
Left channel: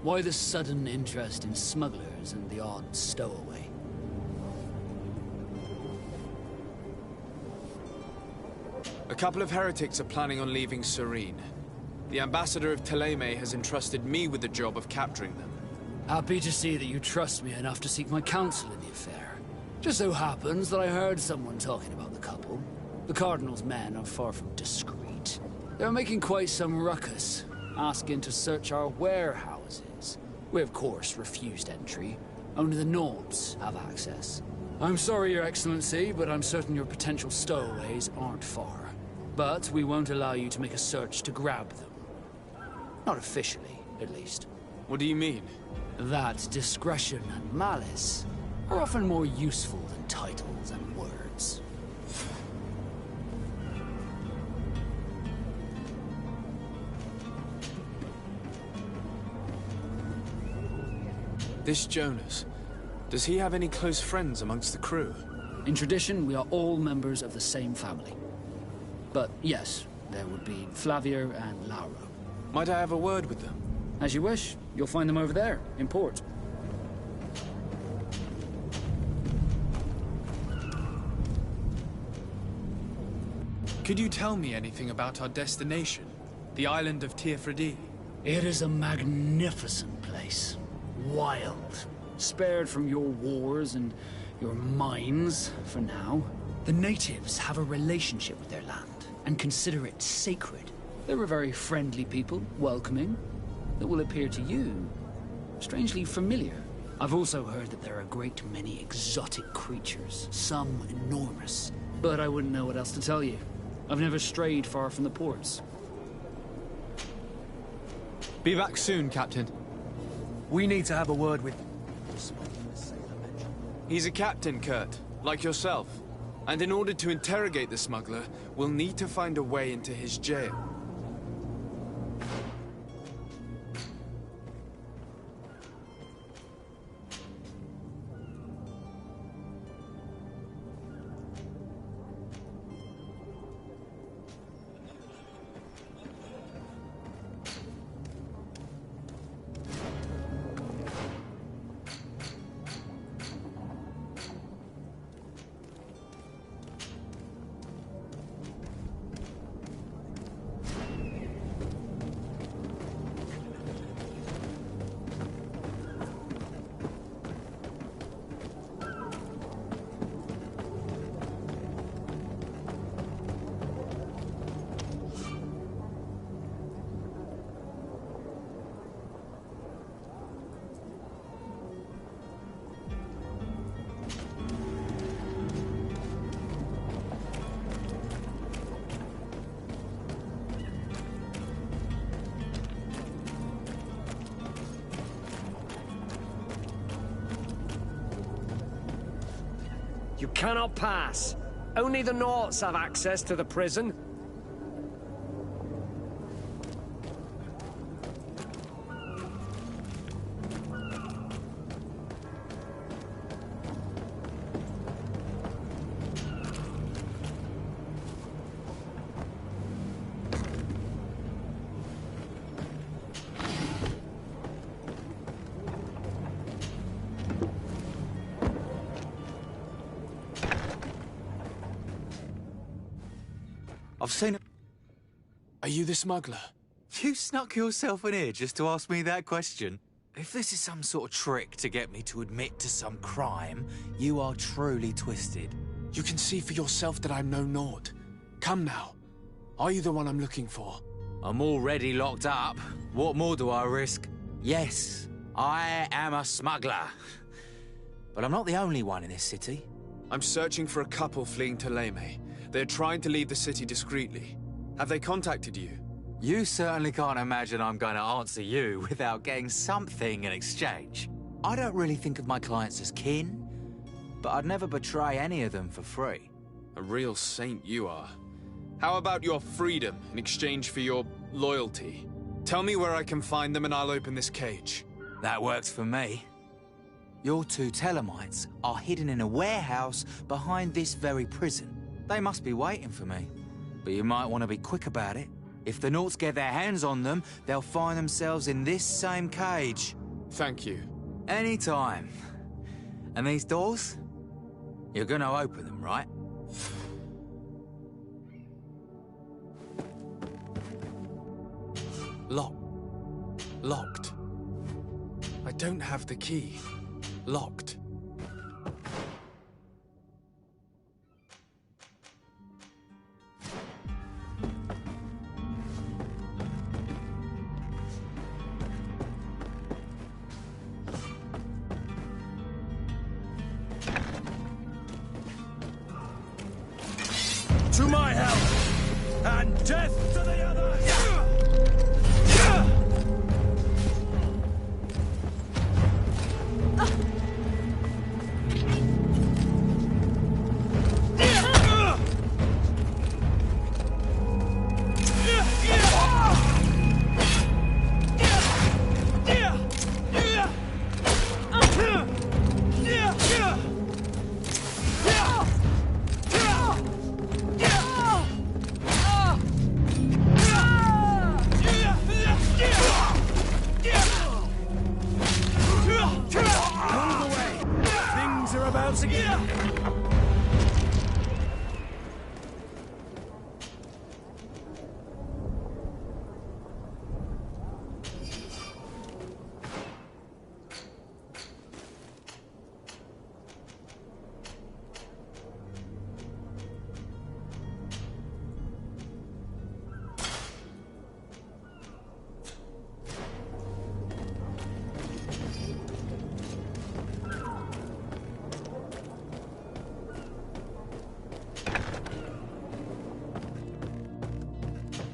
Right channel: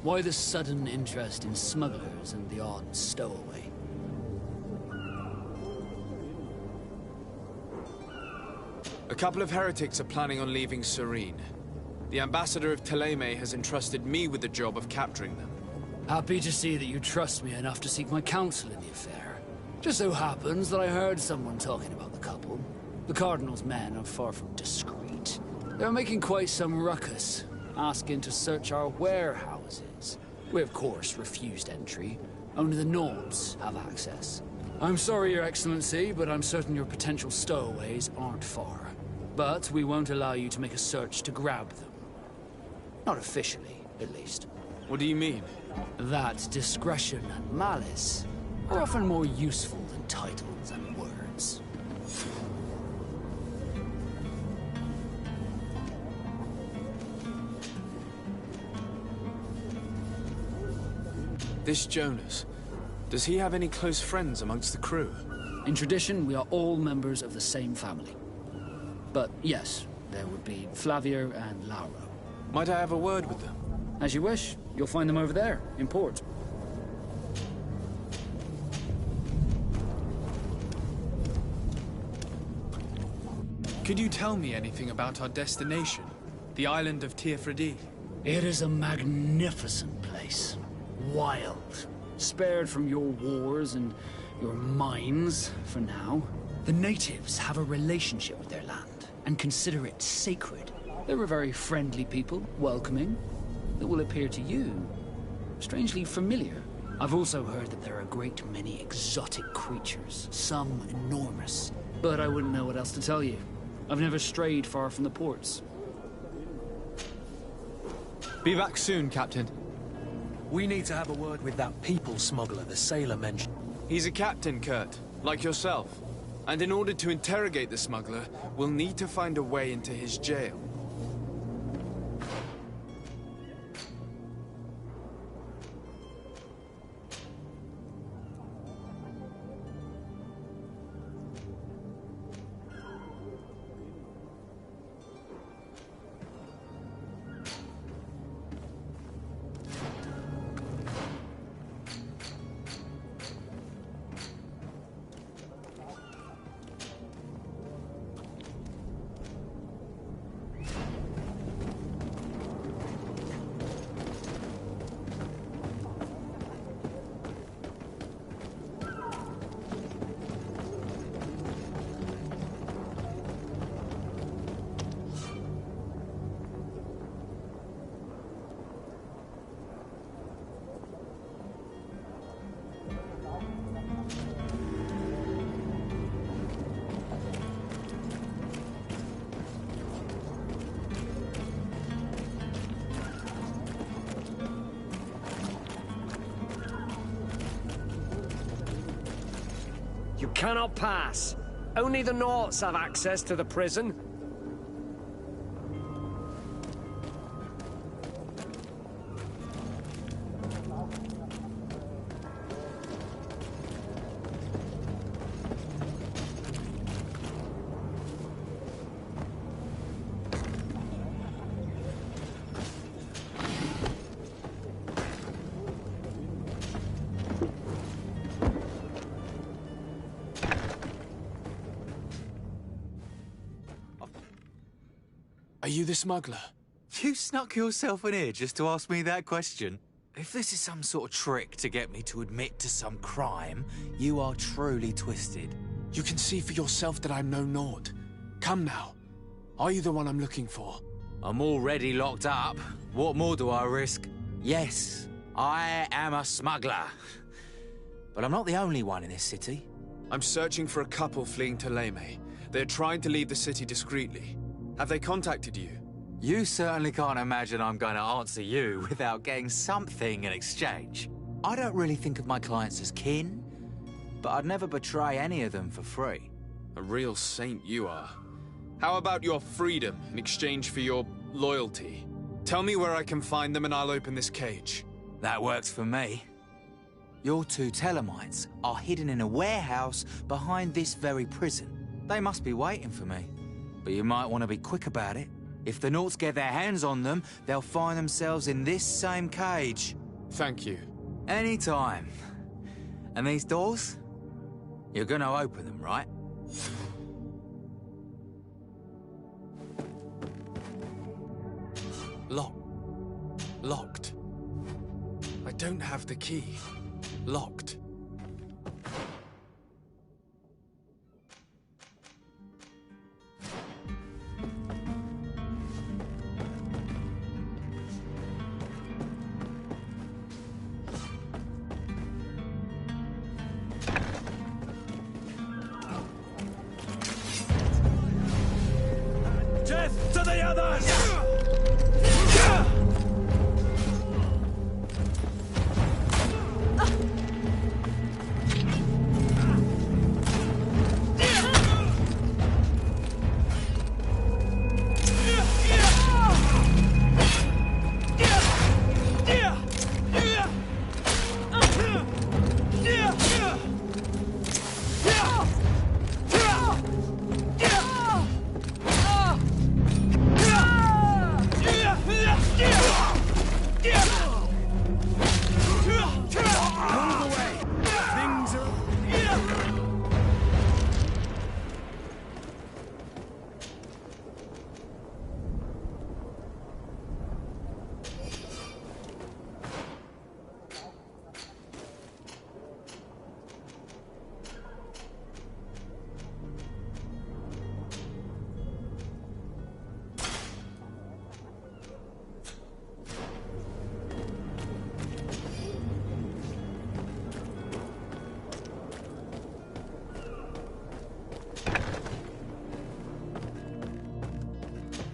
why the sudden interest in smugglers and the odd stowaway? A couple of heretics are planning on leaving Serene. The ambassador of Thélème has entrusted me with the job of capturing them. Happy to see that you trust me enough to seek my counsel in the affair. Just so happens that I heard someone talking about the couple. The Cardinal's men are far from discreet. They're making quite some ruckus, asking to search our warehouses. We, of course, refused entry. Only the Nobs have access. I'm sorry, Your Excellency, but I'm certain your potential stowaways aren't far. But we won't allow you to make a search to grab them. Not officially, at least. What do you mean? That discretion and malice are often more useful than titles and words. This Jonas, does he have any close friends amongst the crew? In tradition, we are all members of the same family. But yes, there would be Flavia and Laura. Might I have a word with them? As you wish. You'll find them over there, in port. Could you tell me anything about our destination? The island of Teofredi? It is a magnificent place. Wild. Spared from your wars and your mines, for now. The natives have a relationship with their land, and consider it sacred. They're a very friendly people, welcoming, that will appear to you strangely familiar. I've also heard that there are a great many exotic creatures, some enormous. But I wouldn't know what else to tell you. I've never strayed far from the ports. Be back soon, Captain. We need to have a word with that people smuggler the sailor mentioned. He's a captain, Kurt, like yourself. And in order to interrogate the smuggler, we'll need to find a way into his jail. You cannot pass. Only the Norts have access to the prison. I've seen him. Are you the smuggler? You snuck yourself in here just to ask me that question? If this is some sort of trick to get me to admit to some crime, you are truly twisted. You can see for yourself that I'm no naught. Come now. Are you the one I'm looking for? I'm already locked up. What more do I risk? Yes, I am a smuggler. But I'm not the only one in this city. I'm searching for a couple fleeing Thélème. They're trying to leave the city discreetly. Have they contacted you? You certainly can't imagine I'm going to answer you without getting something in exchange. I don't really think of my clients as kin, but I'd never betray any of them for free. A real saint you are. How about your freedom in exchange for your loyalty? Tell me where I can find them and I'll open this cage. That works for me. Your two Thelemites are hidden in a warehouse behind this very prison. They must be waiting for me, but you might want to be quick about it. If the Nauts get their hands on them, they'll find themselves in this same cage. Thank you. Anytime. And these doors? You're gonna open them, right? Locked. I don't have the key. Locked. To my help, and death to the others!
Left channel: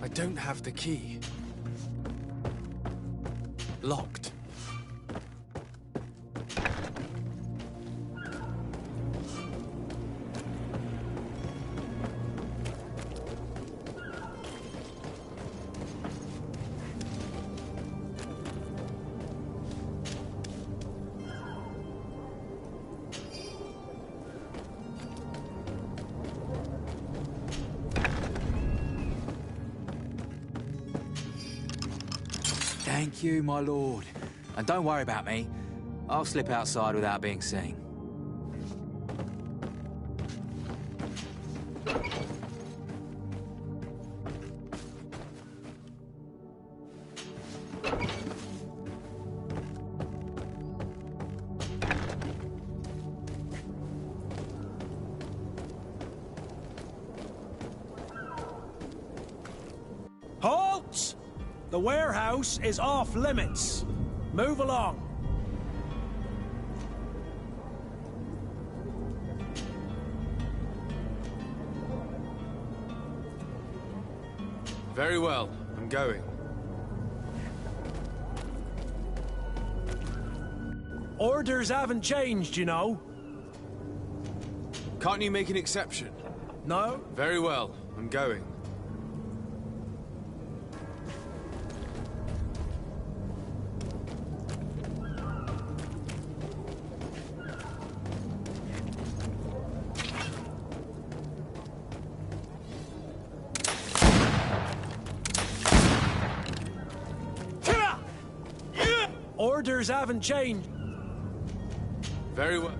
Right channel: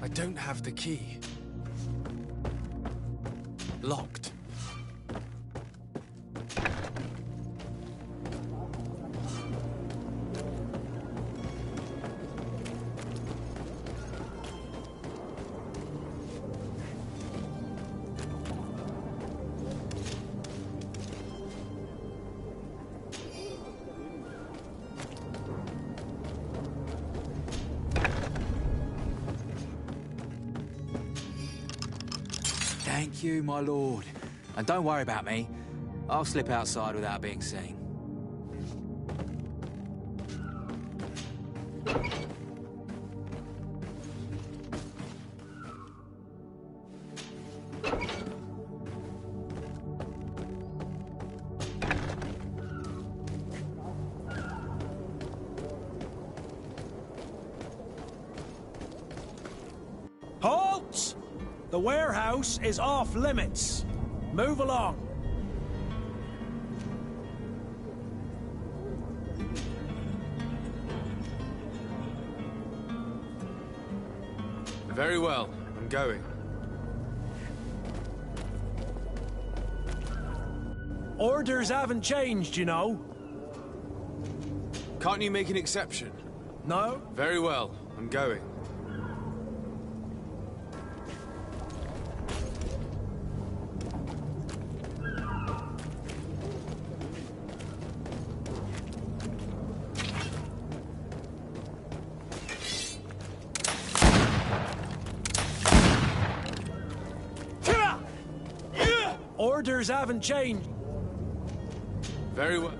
I don't have the key. Locked. Thank you, my lord. And don't worry about me. I'll slip outside without being seen. Halt! The warehouse is off limits. Move along. Very well, I'm going. Orders haven't changed, you know. Can't you make an exception? No? Very well, I'm going. Orders haven't changed. Very well.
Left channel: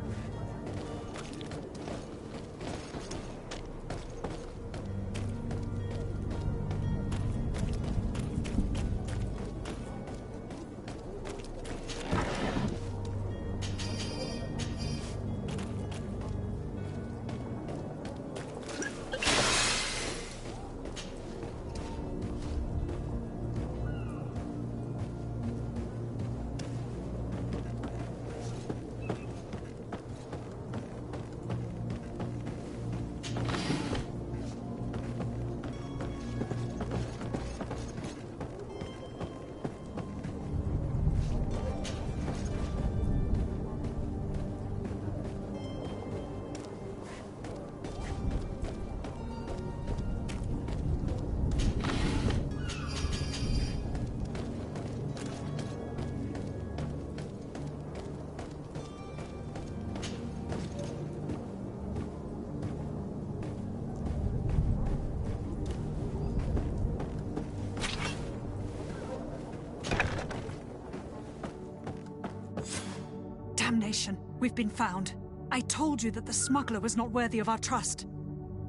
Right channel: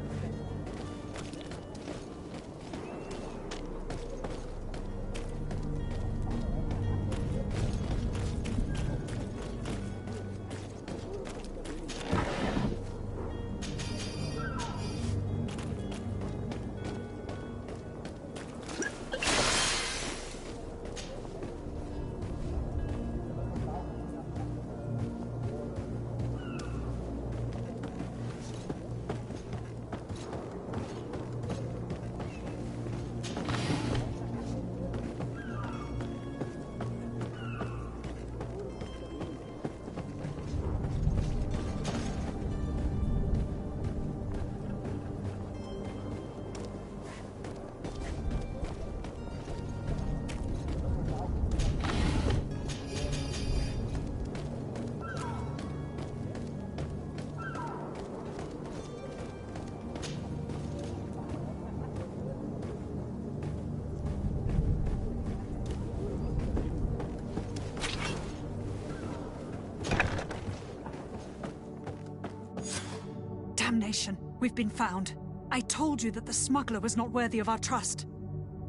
information. We've been found. I told you that the smuggler was not worthy of our trust.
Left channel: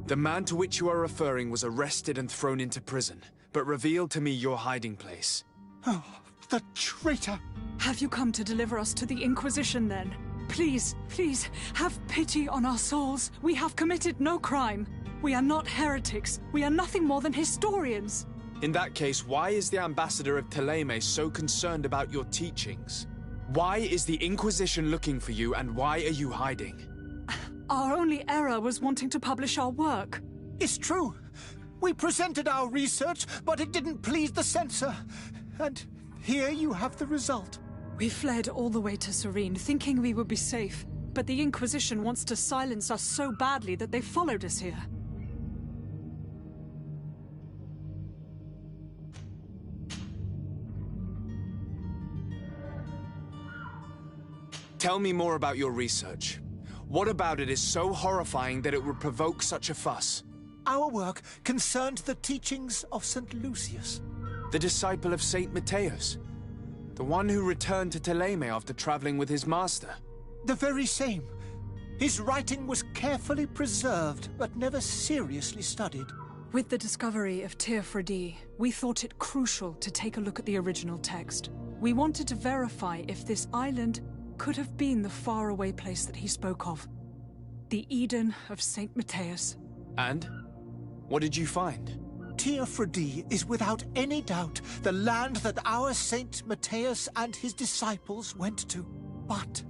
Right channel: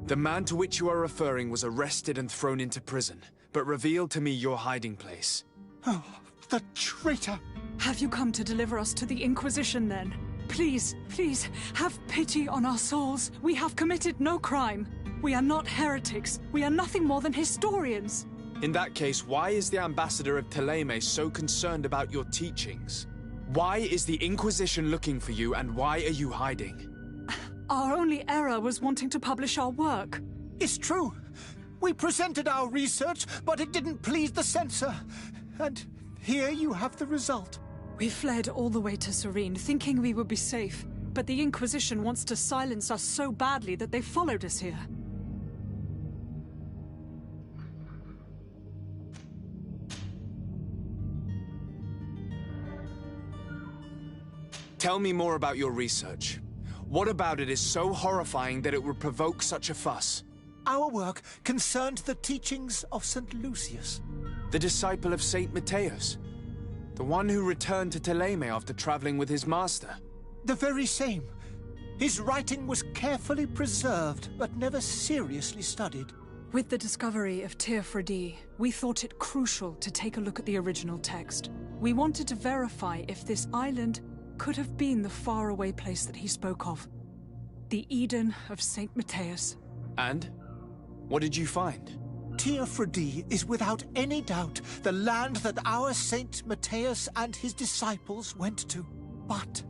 The man to which you are referring was arrested and thrown into prison, but revealed to me your hiding place. Oh, the traitor! Have you come to deliver us to the Inquisition, then? Please, please, have pity on our souls. We have committed no crime. We are not heretics. We are nothing more than historians. In that case, why is the ambassador of Thélème so concerned about your teachings? Why is the Inquisition looking for you, and why are you hiding? Our only error was wanting to publish our work. It's true. We presented our research, but it didn't please the censor. And here you have the result. We fled all the way to Serene, thinking we would be safe. But the Inquisition wants to silence us so badly that they followed us here. Tell me more about your research. What about it is so horrifying that it would provoke such a fuss? Our work concerned the teachings of St. Lucius. The disciple of St. Matthias? The one who returned to Thélème after traveling with his master? The very same. His writing was carefully preserved, but never seriously studied. With the discovery of Teofredi, we thought it crucial to take a look at the original text. We wanted to verify if this island could have been the faraway place that he spoke of. The Eden of St. Matthias. And? What did you find? Teofredi is without any doubt the land that our Saint Matthias and his disciples went to. But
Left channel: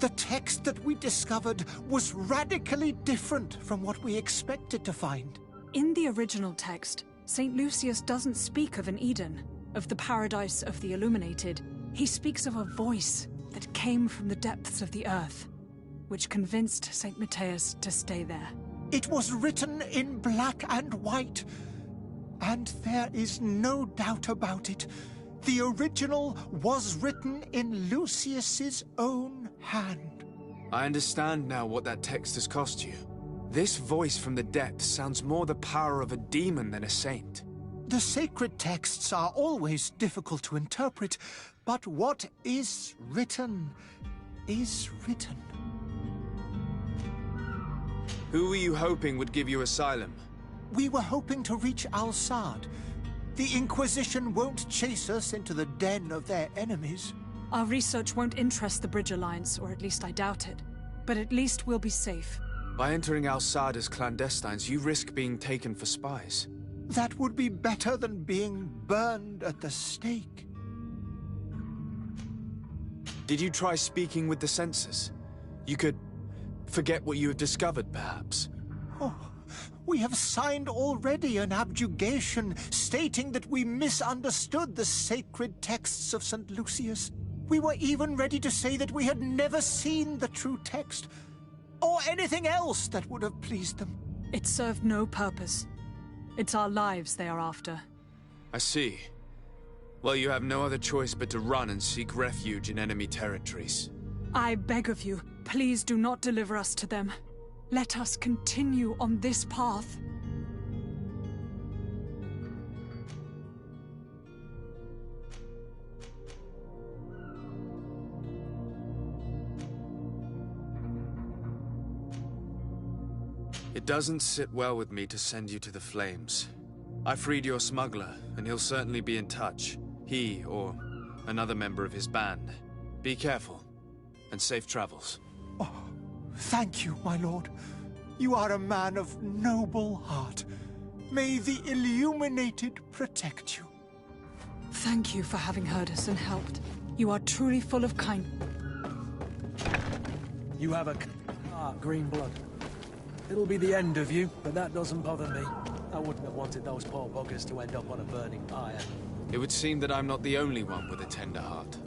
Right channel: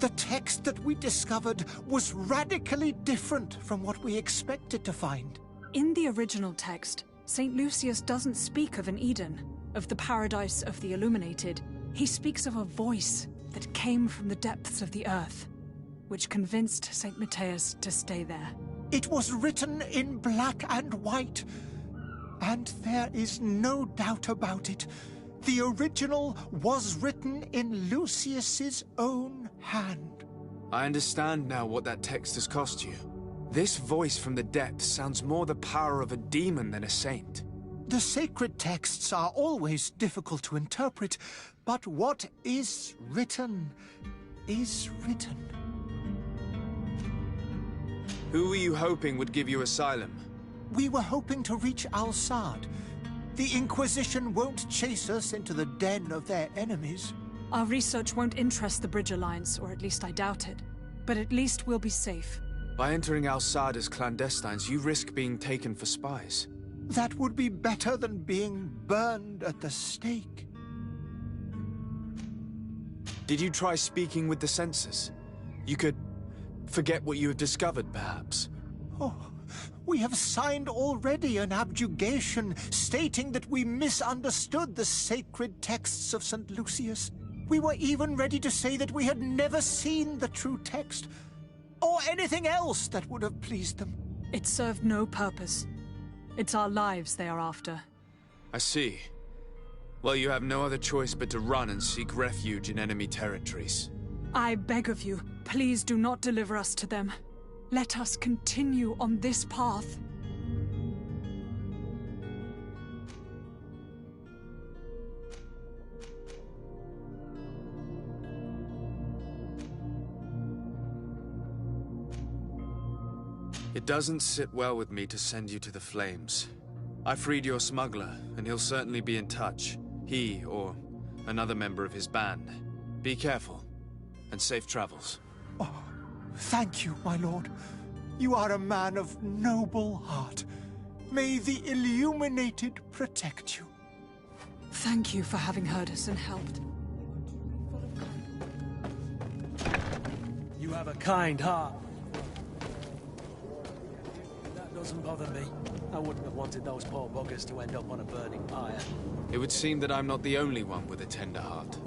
the text that we discovered was radically different from what we expected to find. In the original text, St. Lucius doesn't speak of an Eden, of the paradise of the illuminated. He speaks of a voice that came from the depths of the earth, which convinced St. Matthias to stay there. It was written in black and white, and there is no doubt about it. The original was written in Lucius's own hand. I understand now what that text has cost you. This voice from the depths sounds more the power of a demon than a saint. The sacred texts are always difficult to interpret, but what is written is written. Who were you hoping would give you asylum? We were hoping to reach Al-Sad. The Inquisition won't chase us into the den of their enemies. Our research won't interest the Bridge Alliance, or at least I doubt it. But at least we'll be safe. By entering Al-Sad as clandestines, you risk being taken for spies. That would be better than being burned at the stake. Did you try speaking with the censors? You could forget what you have discovered, perhaps. Oh, we have signed already an abjugation stating that we misunderstood the sacred texts of St. Lucius. We were even ready to say that we had never seen the true text, or anything else that would have pleased them. It served no purpose. It's our lives they are after. I see. Well, you have no other choice but to run and seek refuge in enemy territories. I beg of you, please do not deliver us to them. Let us continue on this path. It doesn't sit well with me to send you to the flames. I freed your smuggler, and he'll certainly be in touch. He, or another member of his band. Be careful, and safe travels. Oh, thank you, my lord. You are a man of noble heart. May the Illuminated protect you. Thank you for having heard us and helped. You are truly full of kind... You have a kind heart, Greenblood. It'll be the end of you, but that doesn't bother me. I wouldn't have wanted those poor buggers to end up on a burning pyre. It would seem that I'm not the only one with a tender heart.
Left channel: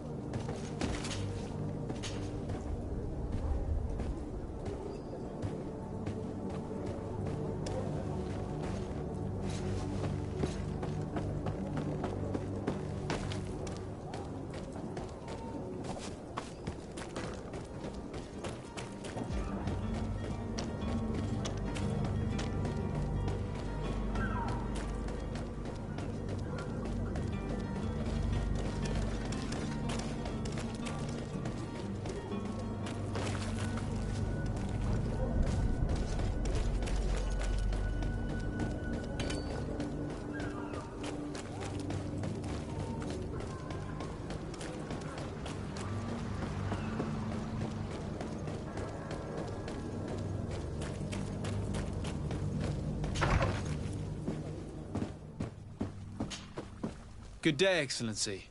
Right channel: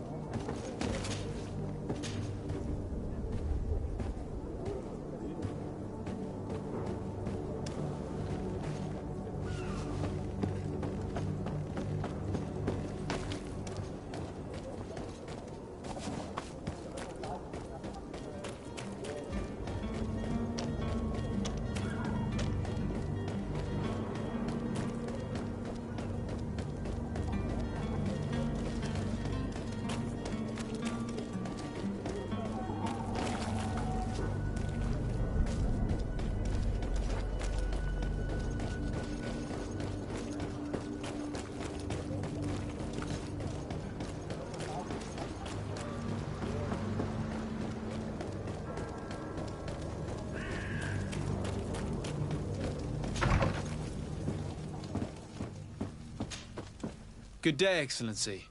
Good day, Excellency.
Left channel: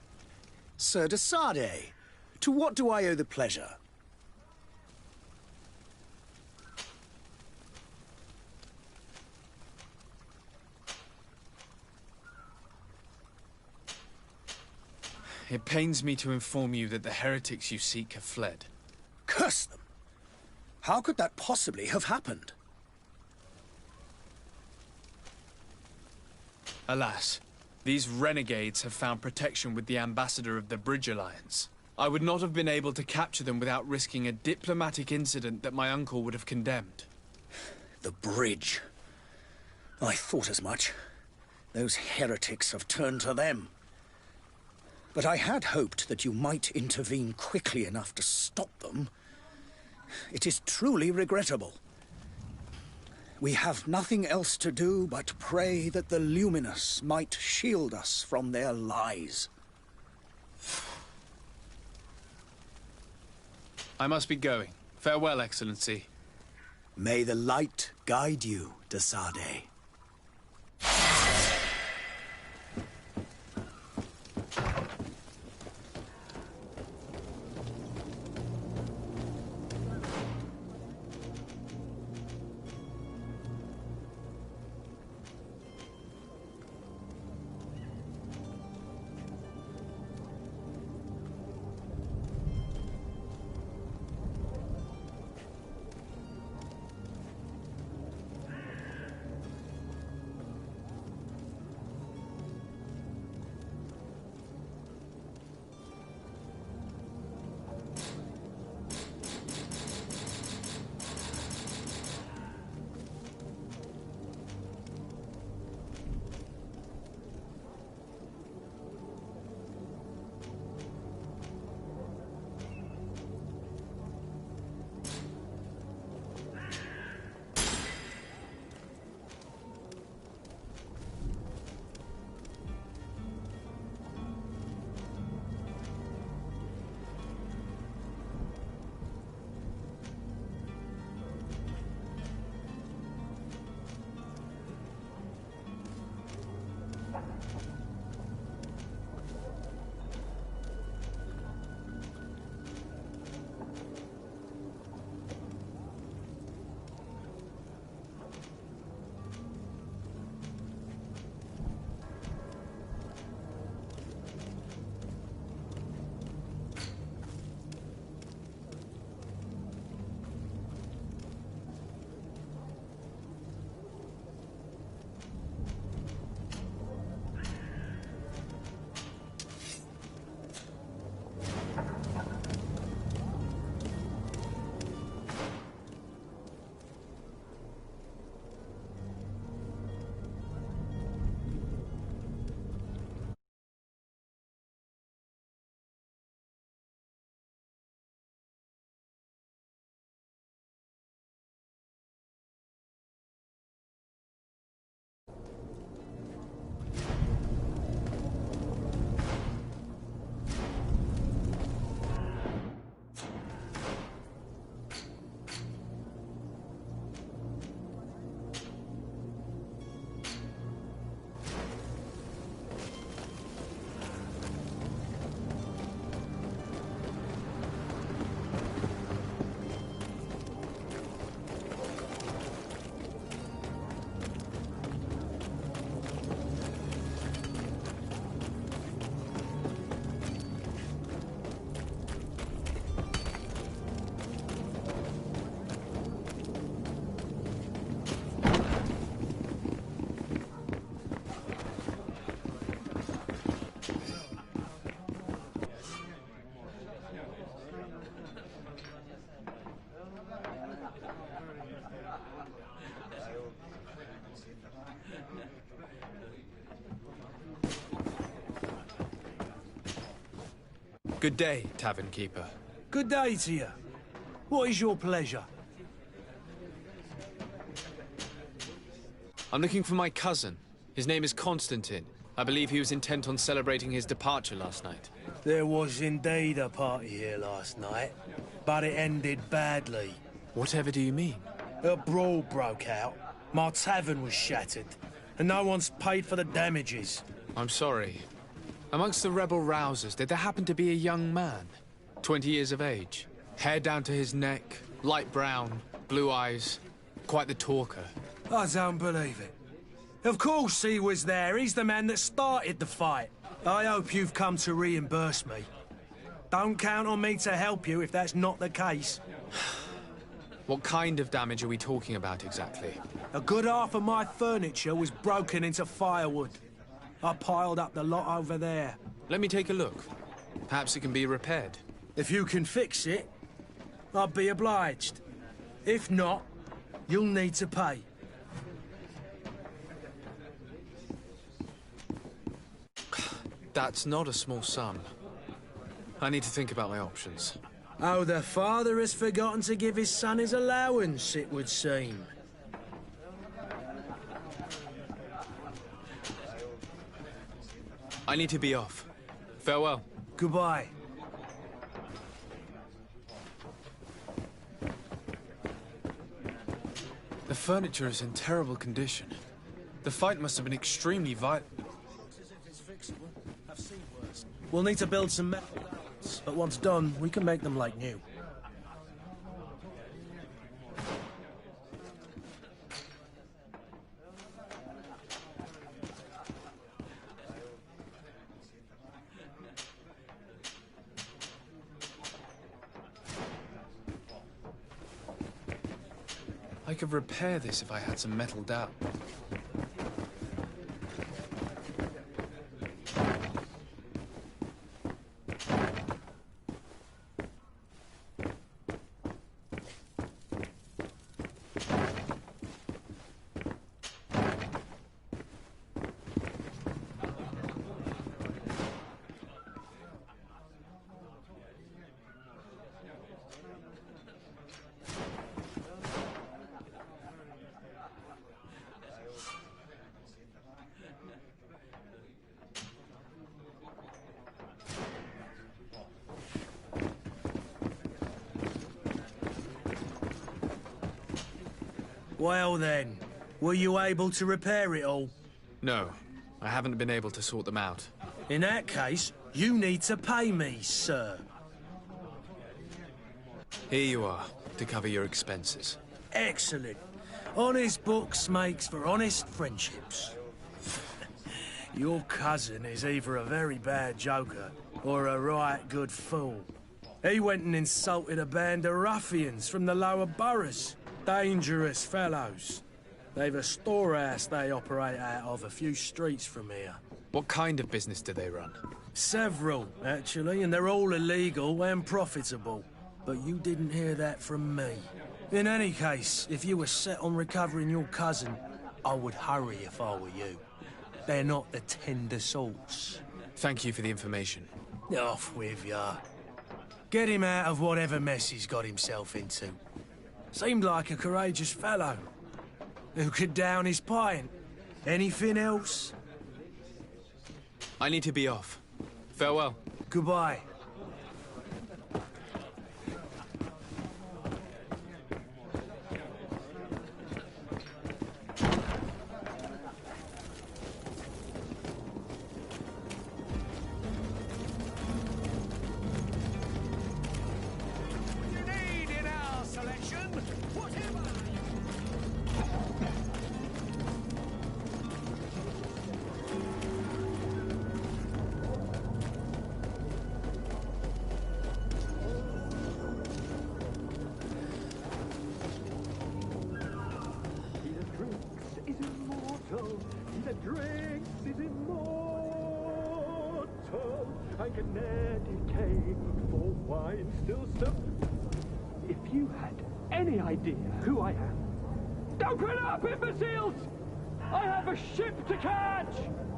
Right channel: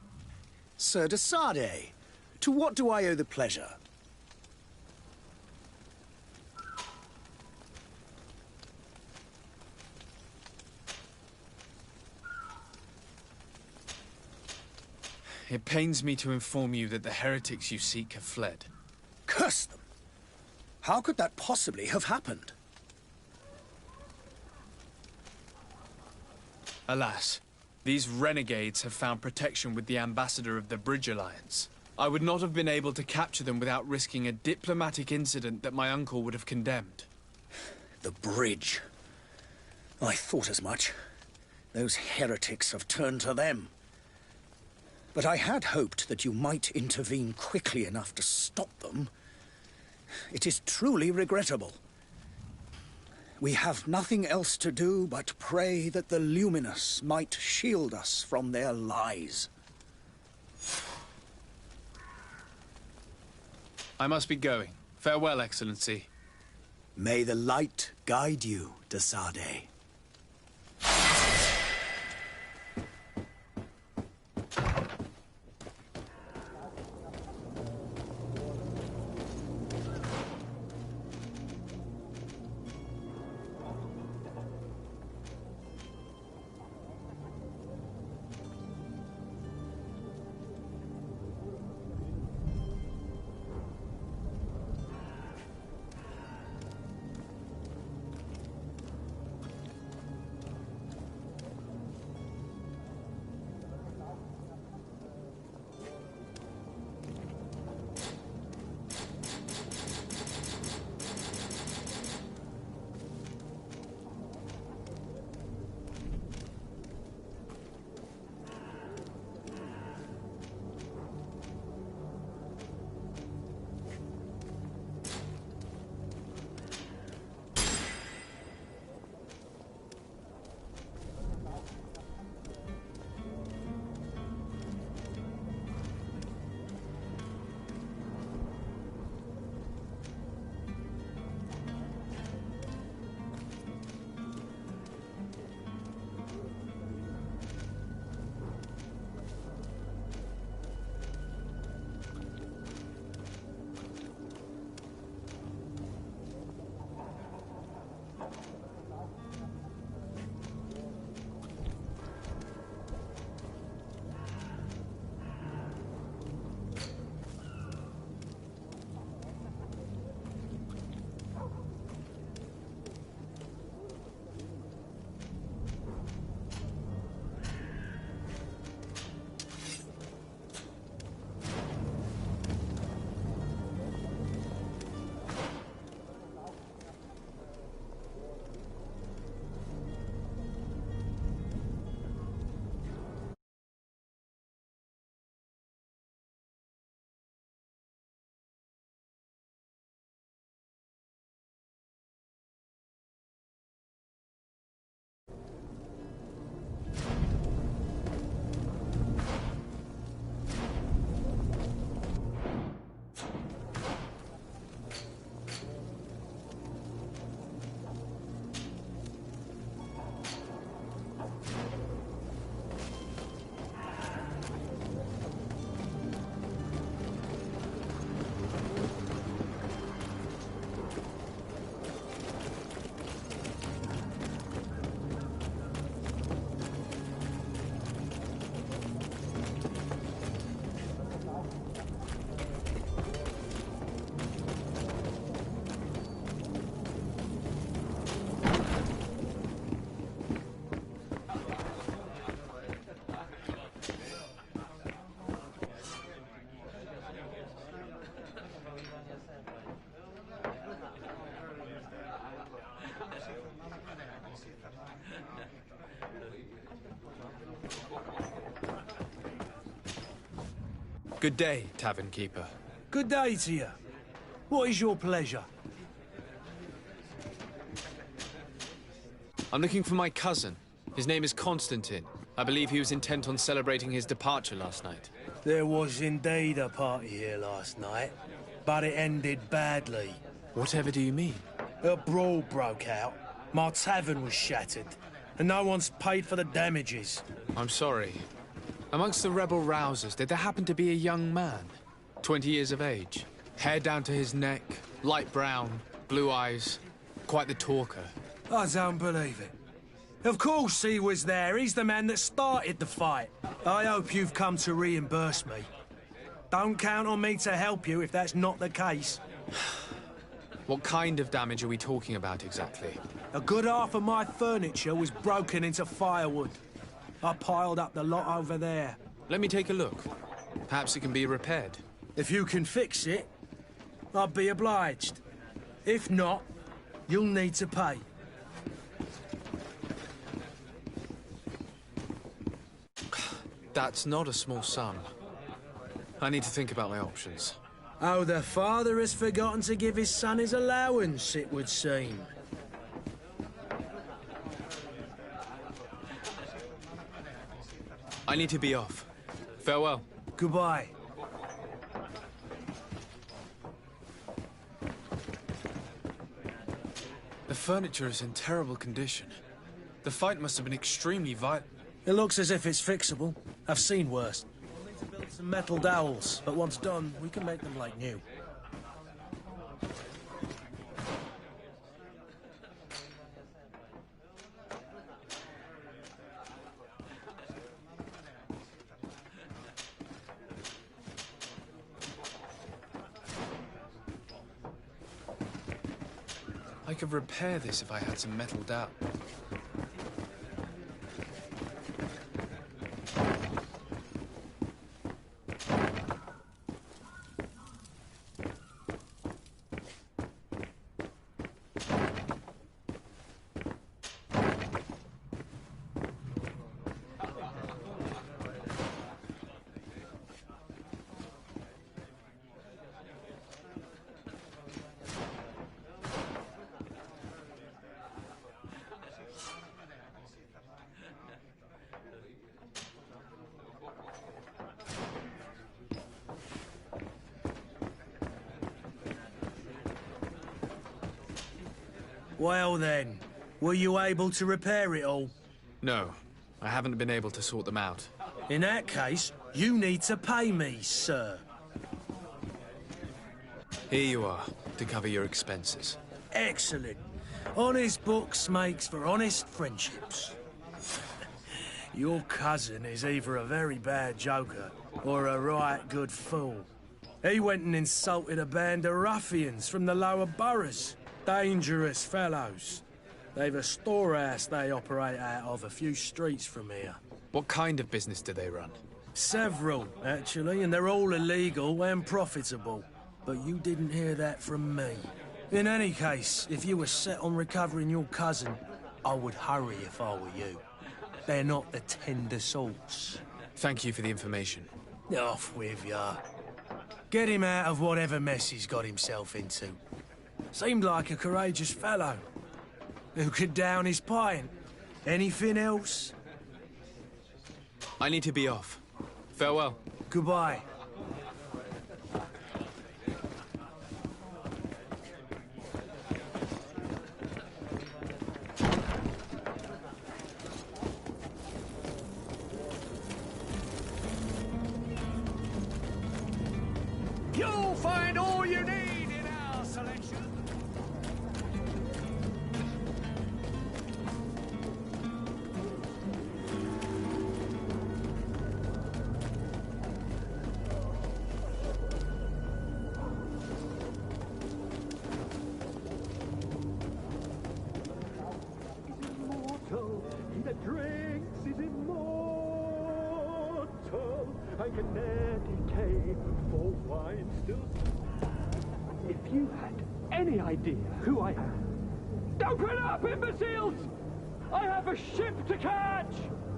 Sir de Sardet, to what do I owe the pleasure? It pains me to inform you that the heretics you seek have fled. Curse them! How could that possibly have happened? Alas, these renegades have found protection with the ambassador of the Bridge Alliance. I would not have been able to capture them without risking a diplomatic incident that my uncle would have condemned. The bridge. I thought as much. Those heretics have turned to them. But I had hoped that you might intervene quickly enough to stop them. It is truly regrettable. We have nothing else to do but pray that the Luminous might shield us from their lies. I must be going. Farewell, Excellency. May the light guide you, de Sardet. Good day, Tavern Keeper. Good day to you. What is your pleasure? I'm looking for my cousin. His name is Constantine. I believe he was intent on celebrating his departure last night. There was indeed a party here last night, but it ended badly. Whatever do you mean? A brawl broke out. My tavern was shattered, and no one's paid for the damages. I'm sorry. Amongst the rebel rousers, did there happen to be a young man? 20 years of age. Hair down to his neck, light brown, blue eyes. Quite the talker. I don't believe it. Of course he was there. He's the man that started the fight. I hope you've come to reimburse me. Don't count on me to help you if that's not the case. What kind of damage are we talking about exactly? A good half of my furniture was broken into firewood. I piled up the lot over there. Let me take a look. Perhaps it can be repaired. If you can fix it, I'd be obliged. If not, you'll need to pay. That's not a small sum. I need to think about my options. Oh, the father has forgotten to give his son his allowance, it would seem. I need to be off. Farewell. Goodbye. The furniture is in terrible condition. The fight must have been extremely violent. It looks as if it's fixable. I've seen worse. We'll need to build some metal dowels, but once done, we can make them like new. I could repair this if I had some metal dowel. Well then, were you able to repair it all? No, I haven't been able to sort them out. In that case, you need to pay me, sir. Here you are, to cover your expenses. Excellent. Honest books makes for honest friendships. Your cousin is either a very bad joker or a right good fool. He went and insulted a band of ruffians from the lower boroughs. Dangerous fellows. They've a storehouse they operate out of a few streets from here. What kind of business do they run? Several, actually, and they're all illegal and profitable. But you didn't hear that from me. In any case, if you were set on recovering your cousin, I would hurry if I were you. They're not the tender sorts. Thank you for the information. Off with ya. Get him out of whatever mess he's got himself into. Seemed like a courageous fellow. Who could down his pint. Anything else? I need to be off. Farewell. Goodbye. You'll find all you need in our selection. He that drinks is immortal and can ne'er decay, for wine still serves. If you had any idea who I am... Open up, imbeciles! I have a ship to catch!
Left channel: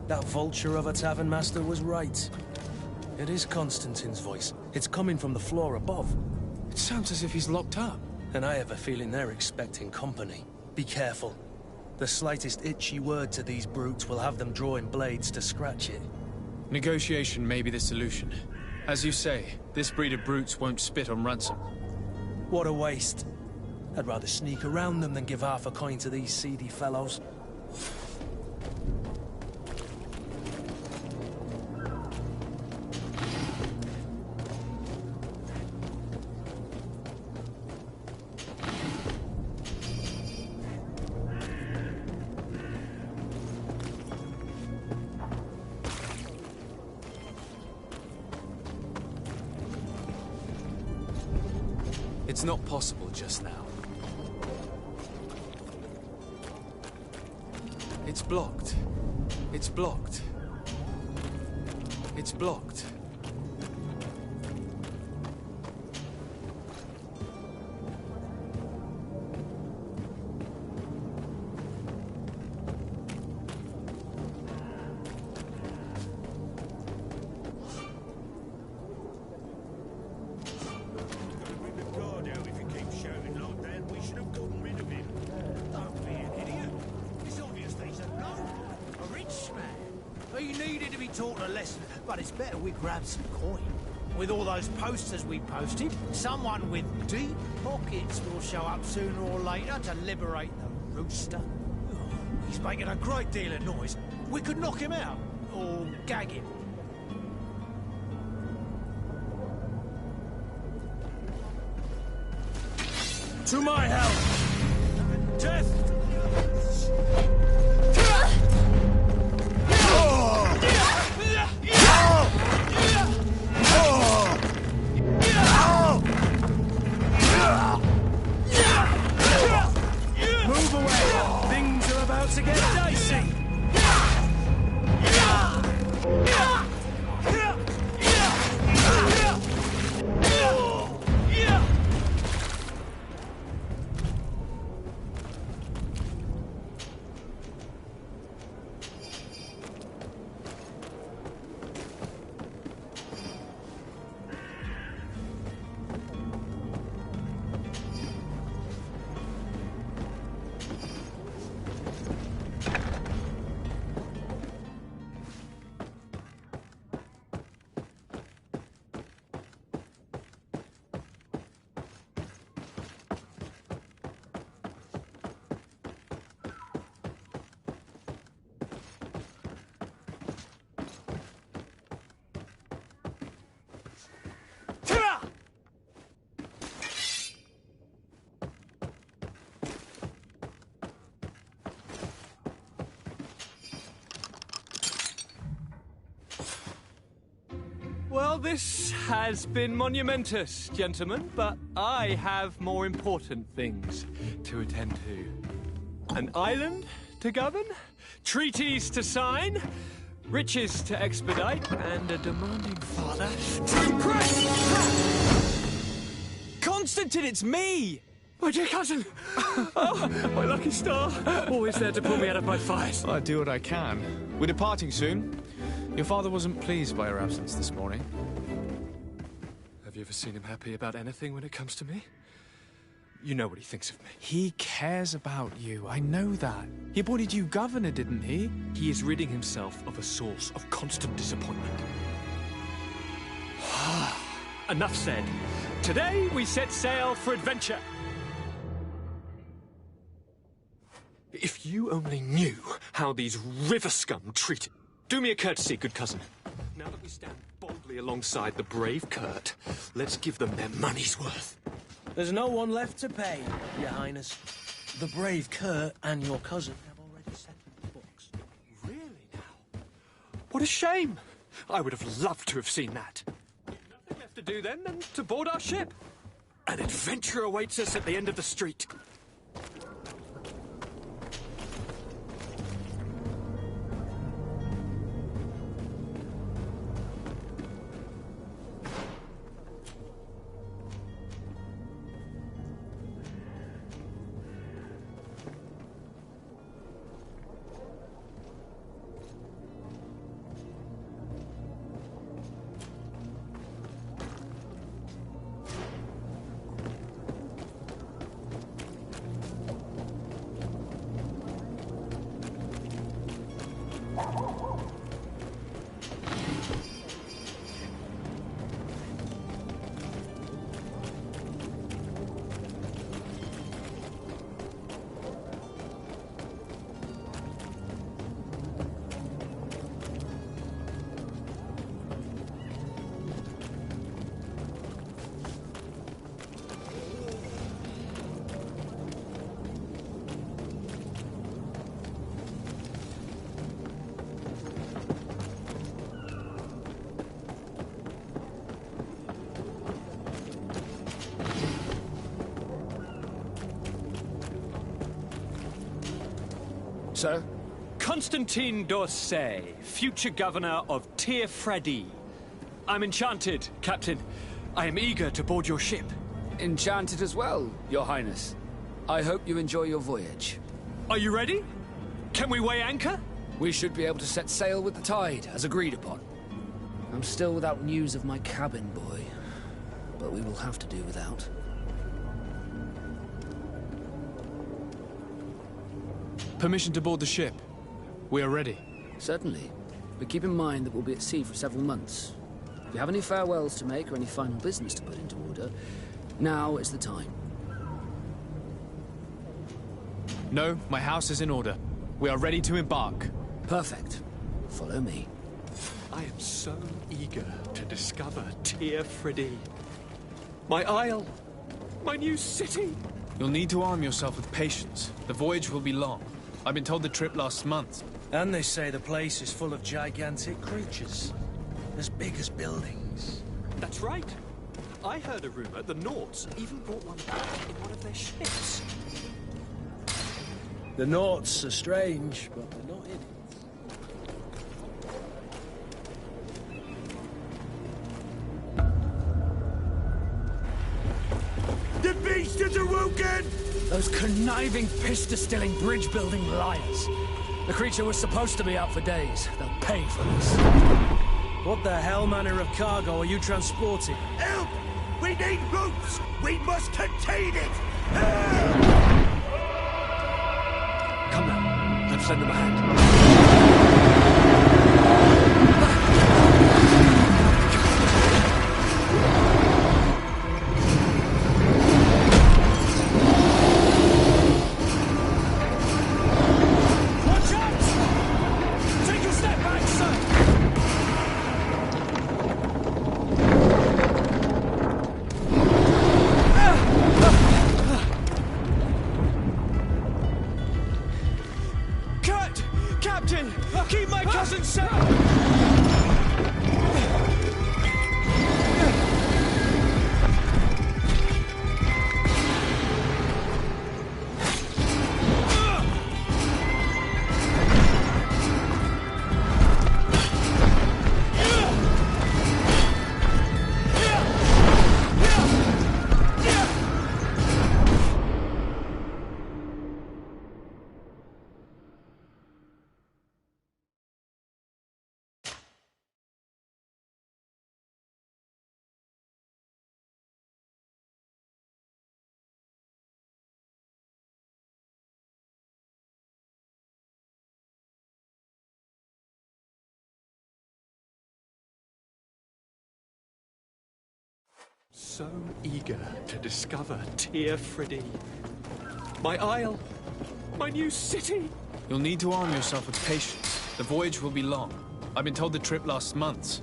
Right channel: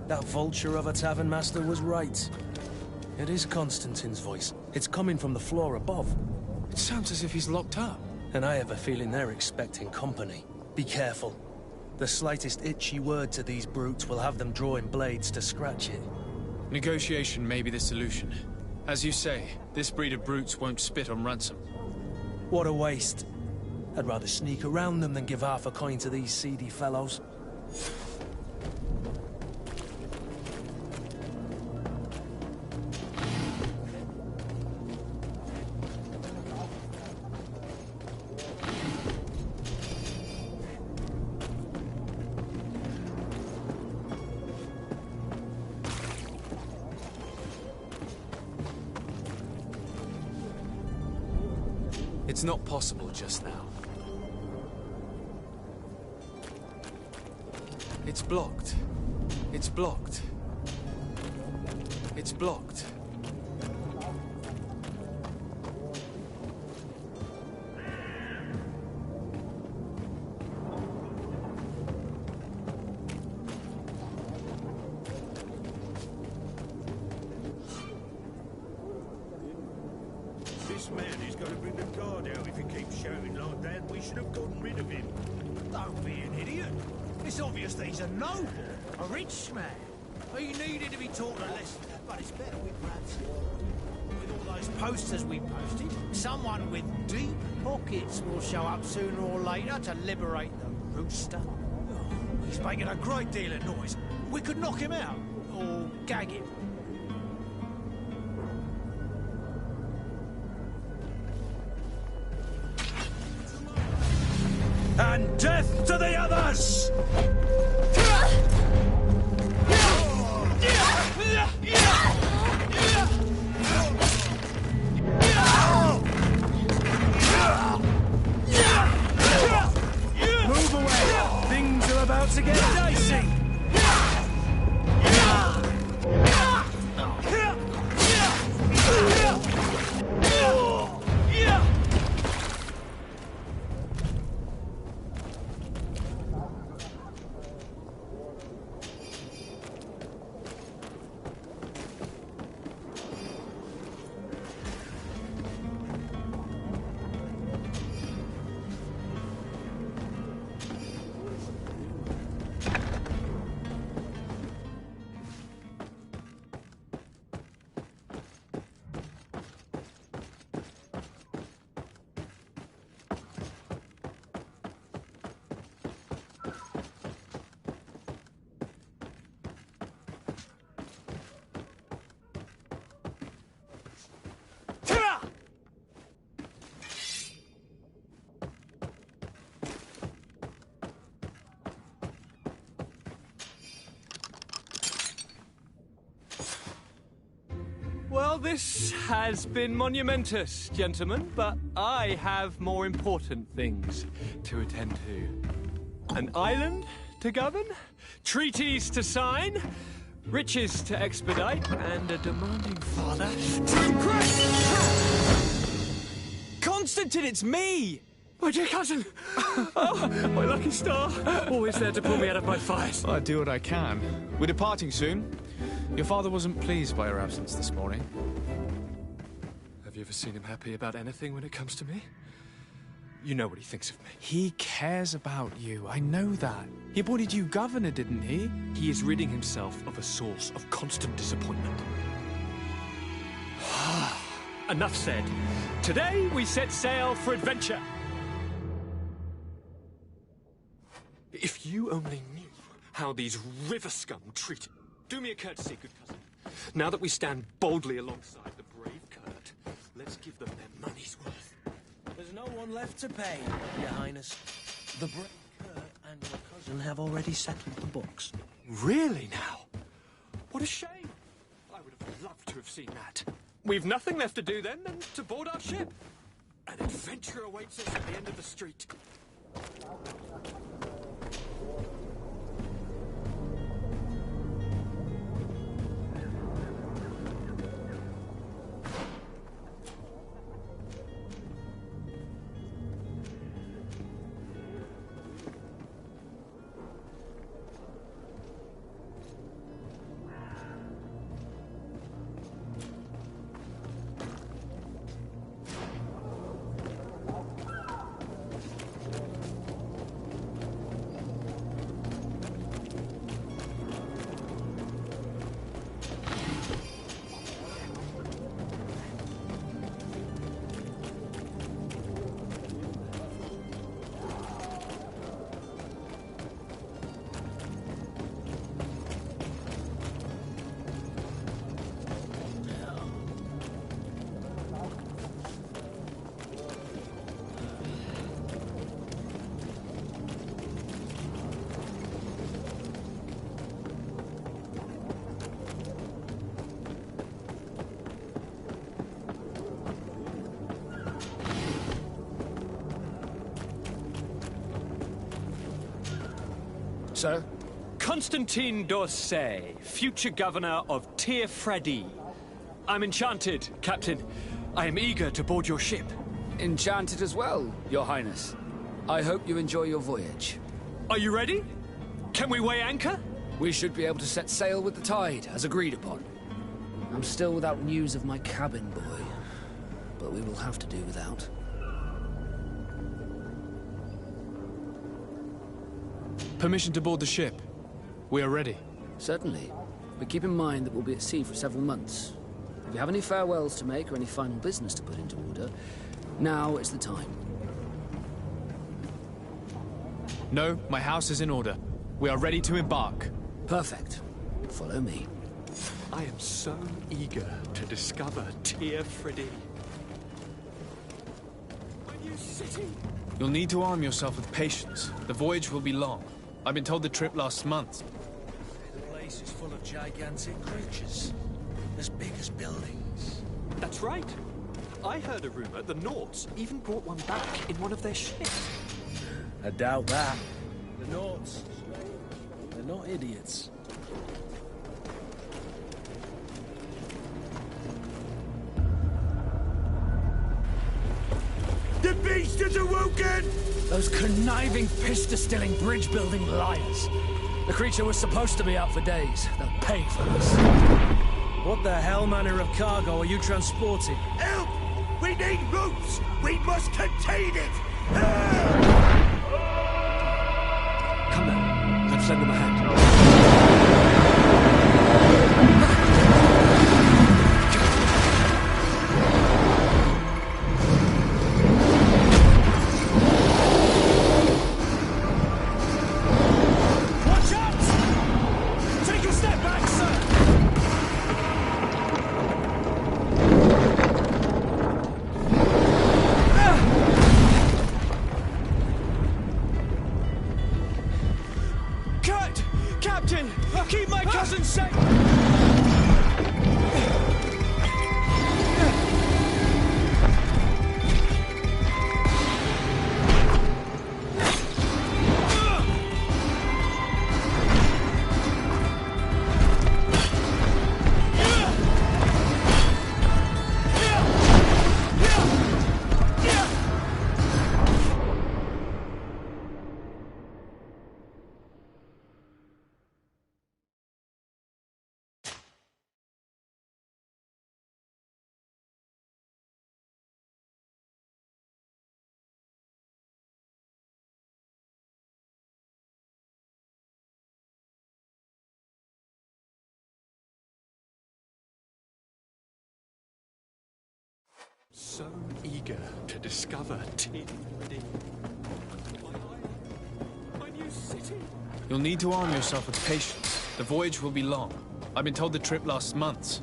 That vulture of a tavern master was right. It is Constantine's voice. It's coming from the floor above. It sounds as if he's locked up. And I have a feeling they're expecting company. Be careful. The slightest itchy word to these brutes will have them drawing blades to scratch it. Negotiation may be the solution. As you say, this breed of brutes won't spit on ransom. What a waste. I'd rather sneak around them than give half a coin to these seedy fellows. It's not possible just now. It's blocked. It's blocked. It's blocked. This man is going to bring the guard out if he keeps shouting like that. We should have gotten rid of him. Don't be an idiot. It's obvious that he's a noble, a rich man. He needed to be taught a lesson, but it's better we grab some coin. With all those posters we posted, someone with deep pockets will show up sooner or later to liberate the rooster. Oh, he's making a great deal of noise. We could knock him out, or gag him. To my help, and death to the others! Move away! Things are about to get dicey! Well, this has been monumentous, gentlemen, but I have more important things to attend to. An island to govern, treaties to sign, riches to expedite, and a demanding father to impress! Constantine, it's me! My dear cousin! Oh, my lucky star! Always there to pull me out of my fires. Well, I do what I can. We're departing soon. Your father wasn't pleased by your absence this morning. Have you ever seen him happy about anything when it comes to me? You know what he thinks of me. He cares about you. I know that. He appointed you governor, didn't he? He is ridding himself of a source of constant disappointment. Enough said. Today we set sail for adventure. If you only knew how these river scum treated... Do me a courtesy, good cousin. Now that we stand boldly alongside the brave Kurt, let's give them their money's worth. There's no one left to pay, Your Highness. The brave Kurt and your cousin have already settled the books. Really now? What a shame. I would have loved to have seen that. We've nothing left to do then than to board our ship. An adventure awaits us at the end of the street. sir? Constantine d'Orsay, future governor of Tir-Fredi. I'm enchanted, Captain. I am eager to board your ship. Enchanted as well, Your Highness. I hope you enjoy your voyage. Are you ready? Can we weigh anchor? We should be able to set sail with the tide, as agreed upon. I'm still without news of my cabin boy, but we will have to do without. Permission to board the ship. We are ready. Certainly. But keep in mind that we'll be at sea for several months. If you have any farewells to make or any final business to put into order, now is the time. No, my house is in order. We are ready to embark. Perfect. Follow me. I am so eager to discover Tir-Fredi. My isle, my new city. You'll need to arm yourself with patience. The voyage will be long. I've been told the trip lasts months. And they say the place is full of gigantic creatures. As big as buildings. That's right. I heard a rumor the Nauts even brought one back in one of their ships. I doubt that. The Nauts are strange, but they're not idiots. The beast is awoken! Those conniving, piss-distilling, bridge-building liars. The creature was supposed to be out for days. They'll pay for this. What the hell manner of cargo are you transporting? Help! We need ropes! We must contain it! Come now, let's lend them a hand. Captain! Keep my cousin safe! So eager to discover Tir-Fredi. My isle, my new city. You'll need to arm yourself with patience. The voyage will be long. I've been told the trip lasts months.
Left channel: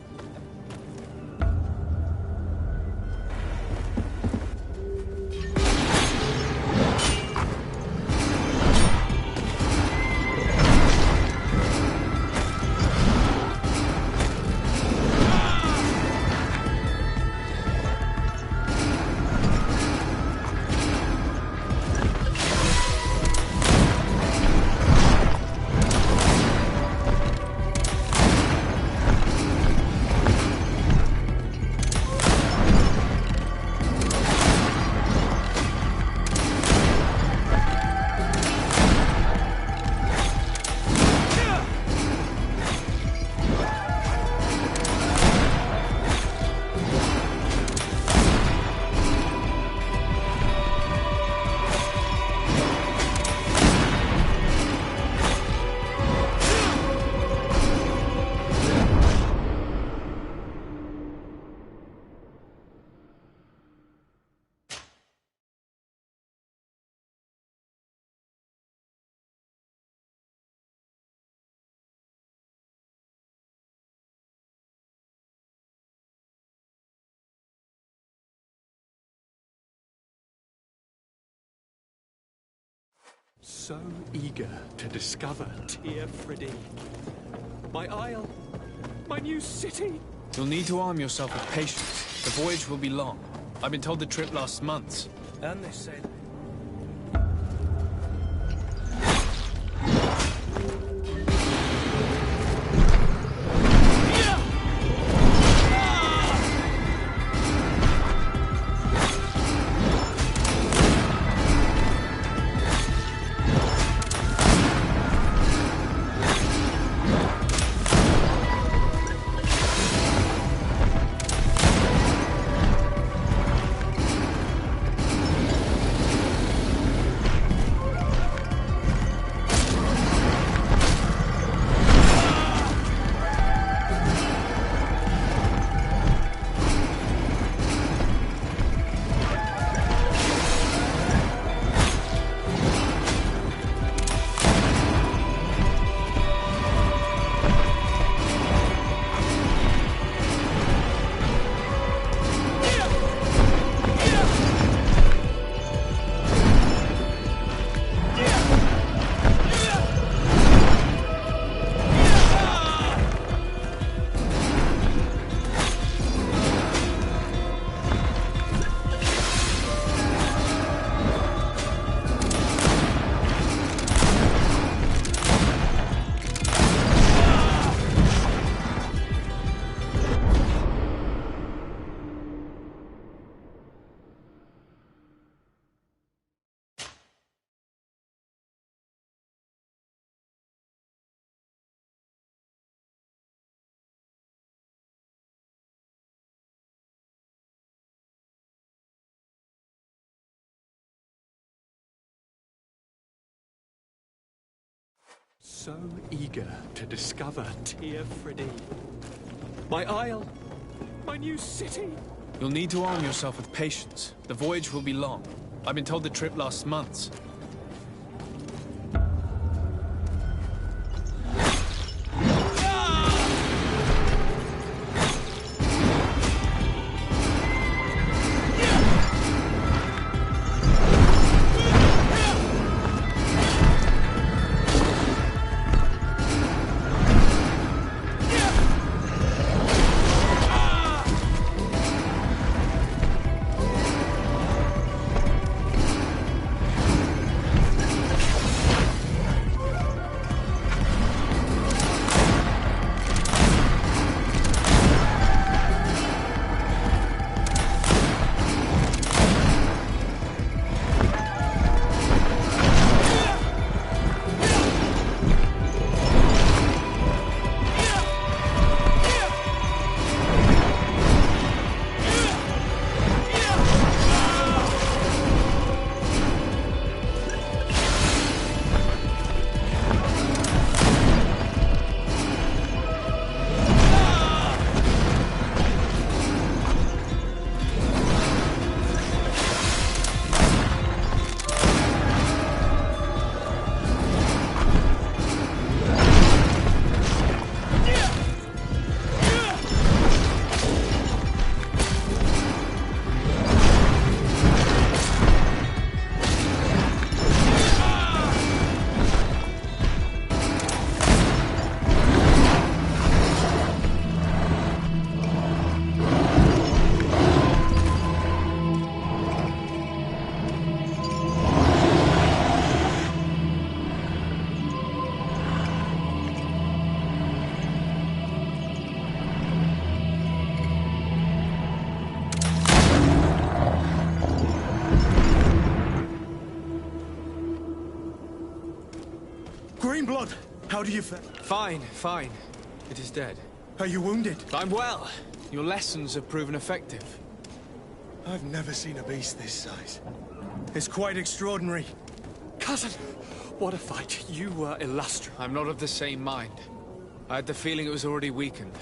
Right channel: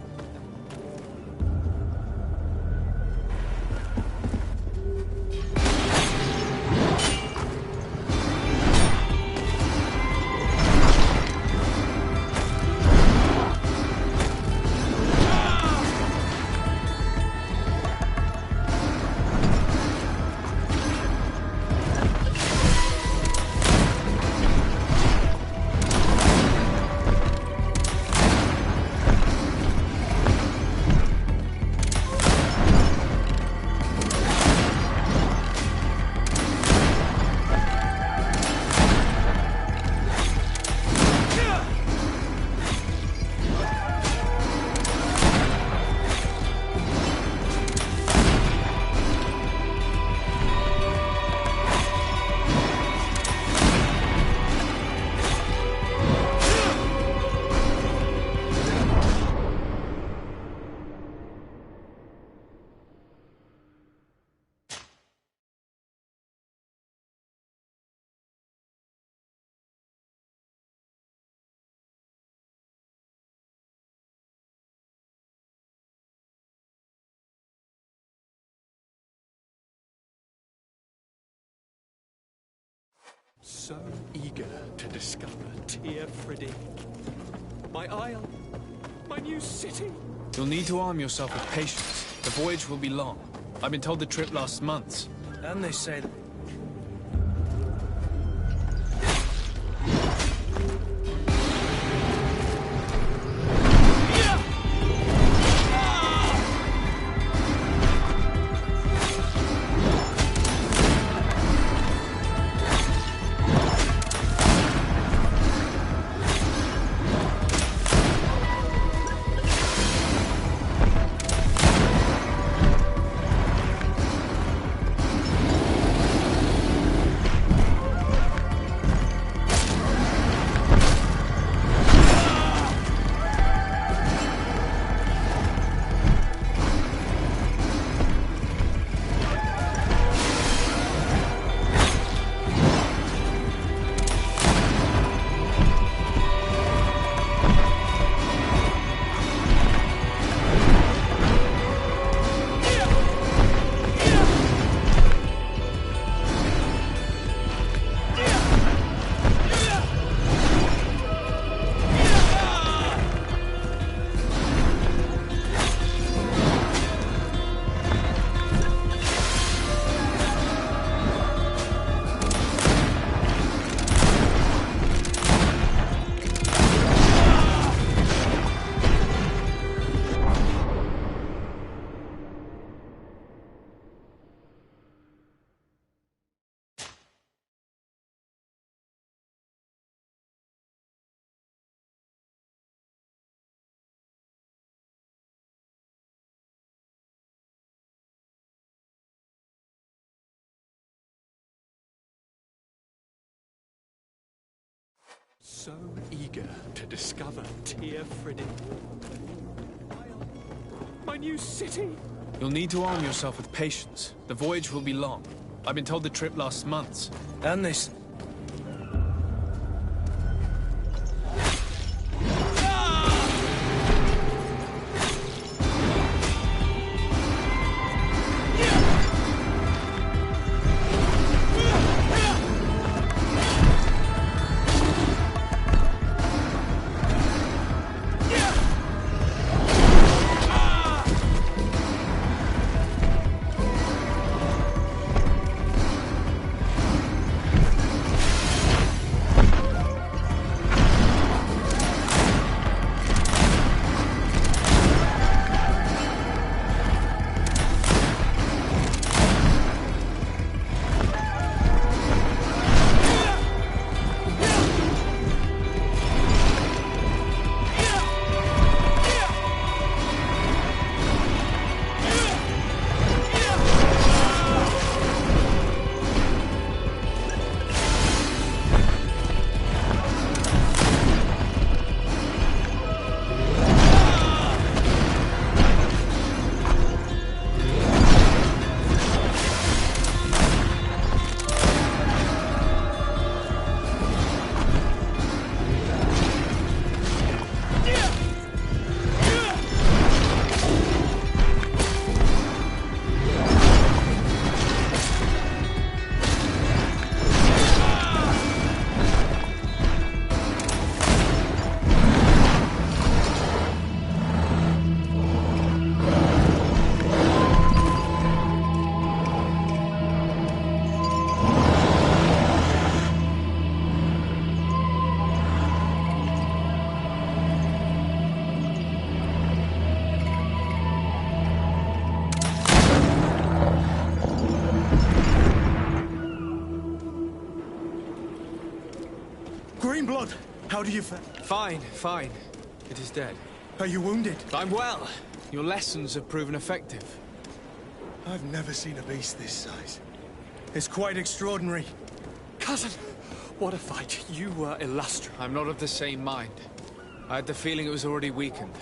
So eager to discover Tir-Fredi. My isle, my new city. You'll need to arm yourself with patience. The voyage will be long. I've been told the trip lasts months. And they say that... So eager to discover Teer Friddy. My isle, my new city. You'll need to arm yourself with patience. The voyage will be long. I've been told the trip lasts months. And this. Greenblood, how do you fare? Fine, fine. It is dead. Are you wounded? I'm well. Your lessons have proven effective. I've never seen a beast this size. It's quite extraordinary. Cousin, what a fight. You were illustrious. I'm not of the same mind. I had the feeling it was already weakened.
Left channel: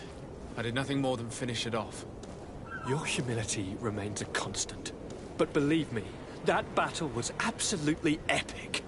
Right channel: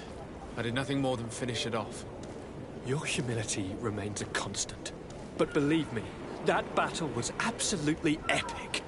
I did nothing more than finish it off. Your humility remains a constant. But believe me, that battle was absolutely epic.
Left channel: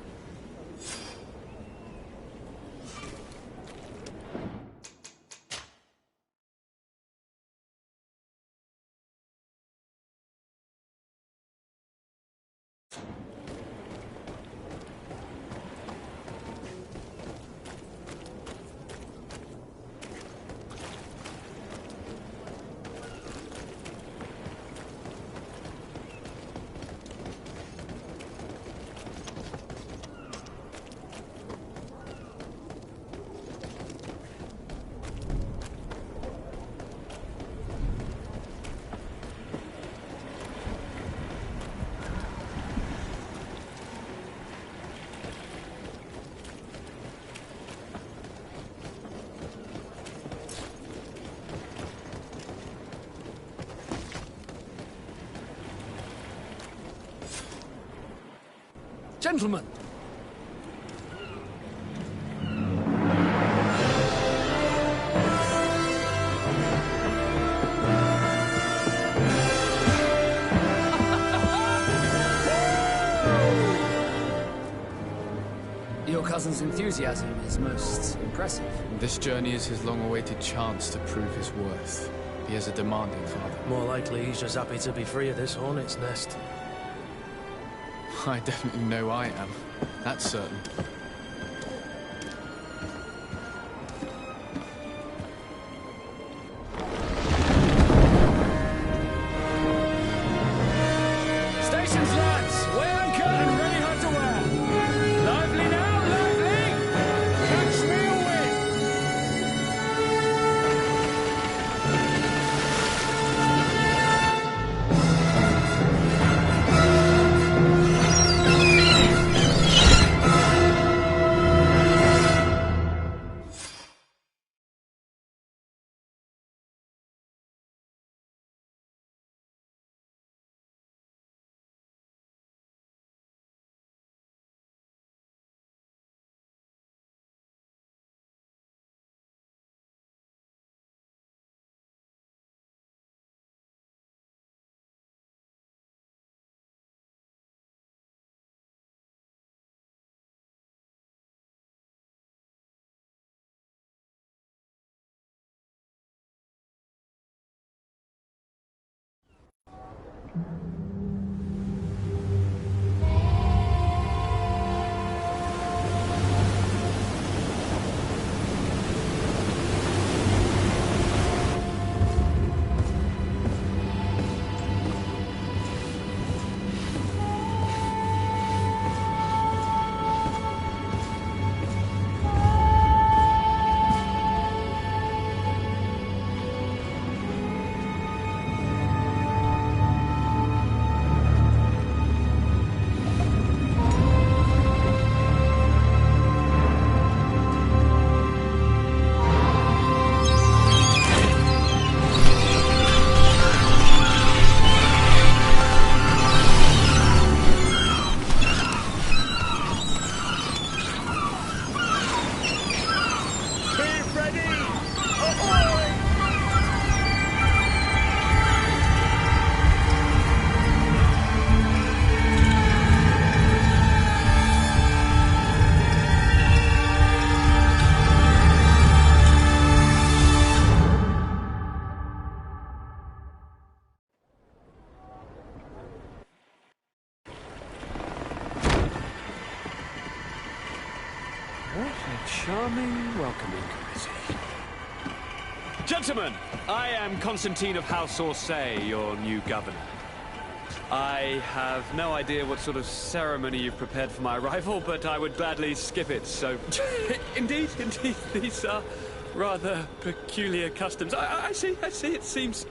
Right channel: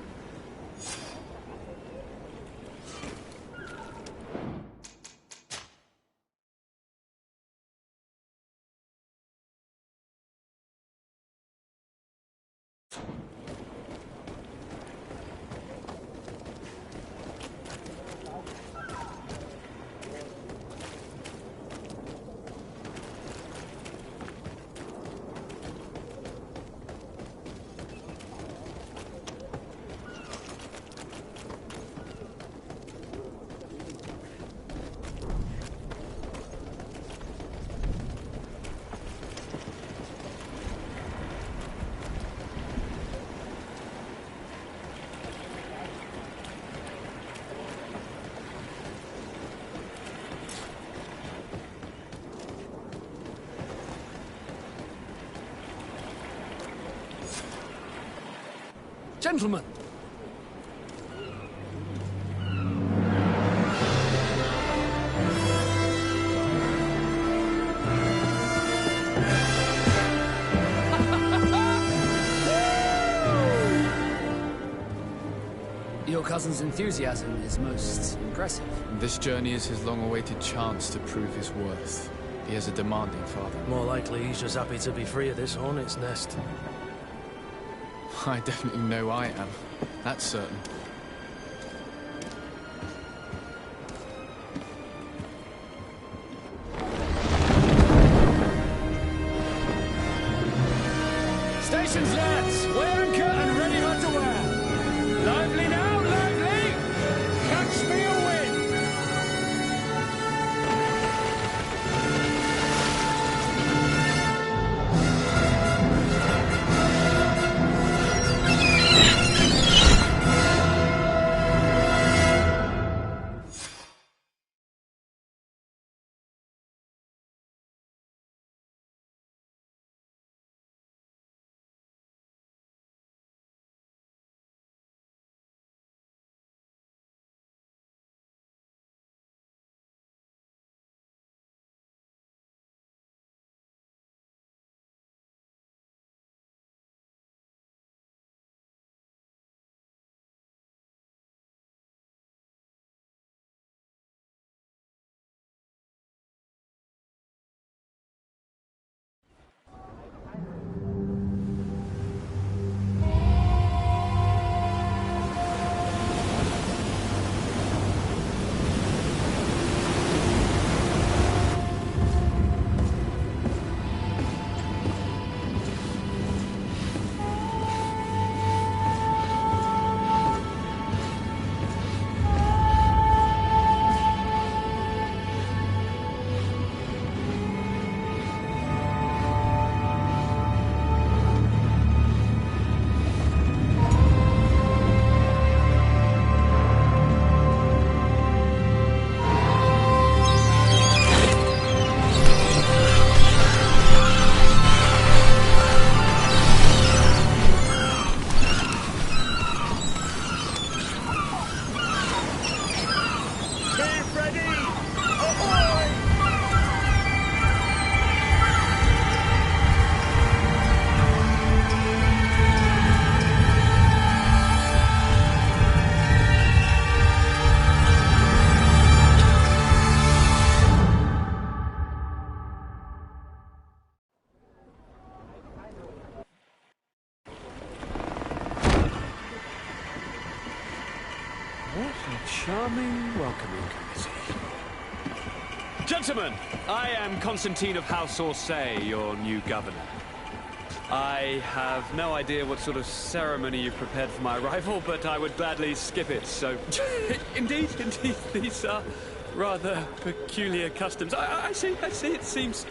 Gentlemen! Your cousin's enthusiasm is most impressive. This journey is his long-awaited chance to prove his worth. He has a demanding father. More likely he's just happy to be free of this hornet's nest. I definitely know I am. That's certain. Stations, lads! Wear anchor and ready hot to wear! Lively now, lively! Catch me a wind! ready! Ahoy! What a charming welcoming committee. Gentlemen, I am Constantine of House Orsay, your new governor. I have no idea what sort of ceremony you've prepared for my arrival, but I would gladly skip it, so... indeed, these are rather peculiar customs. I see, it seems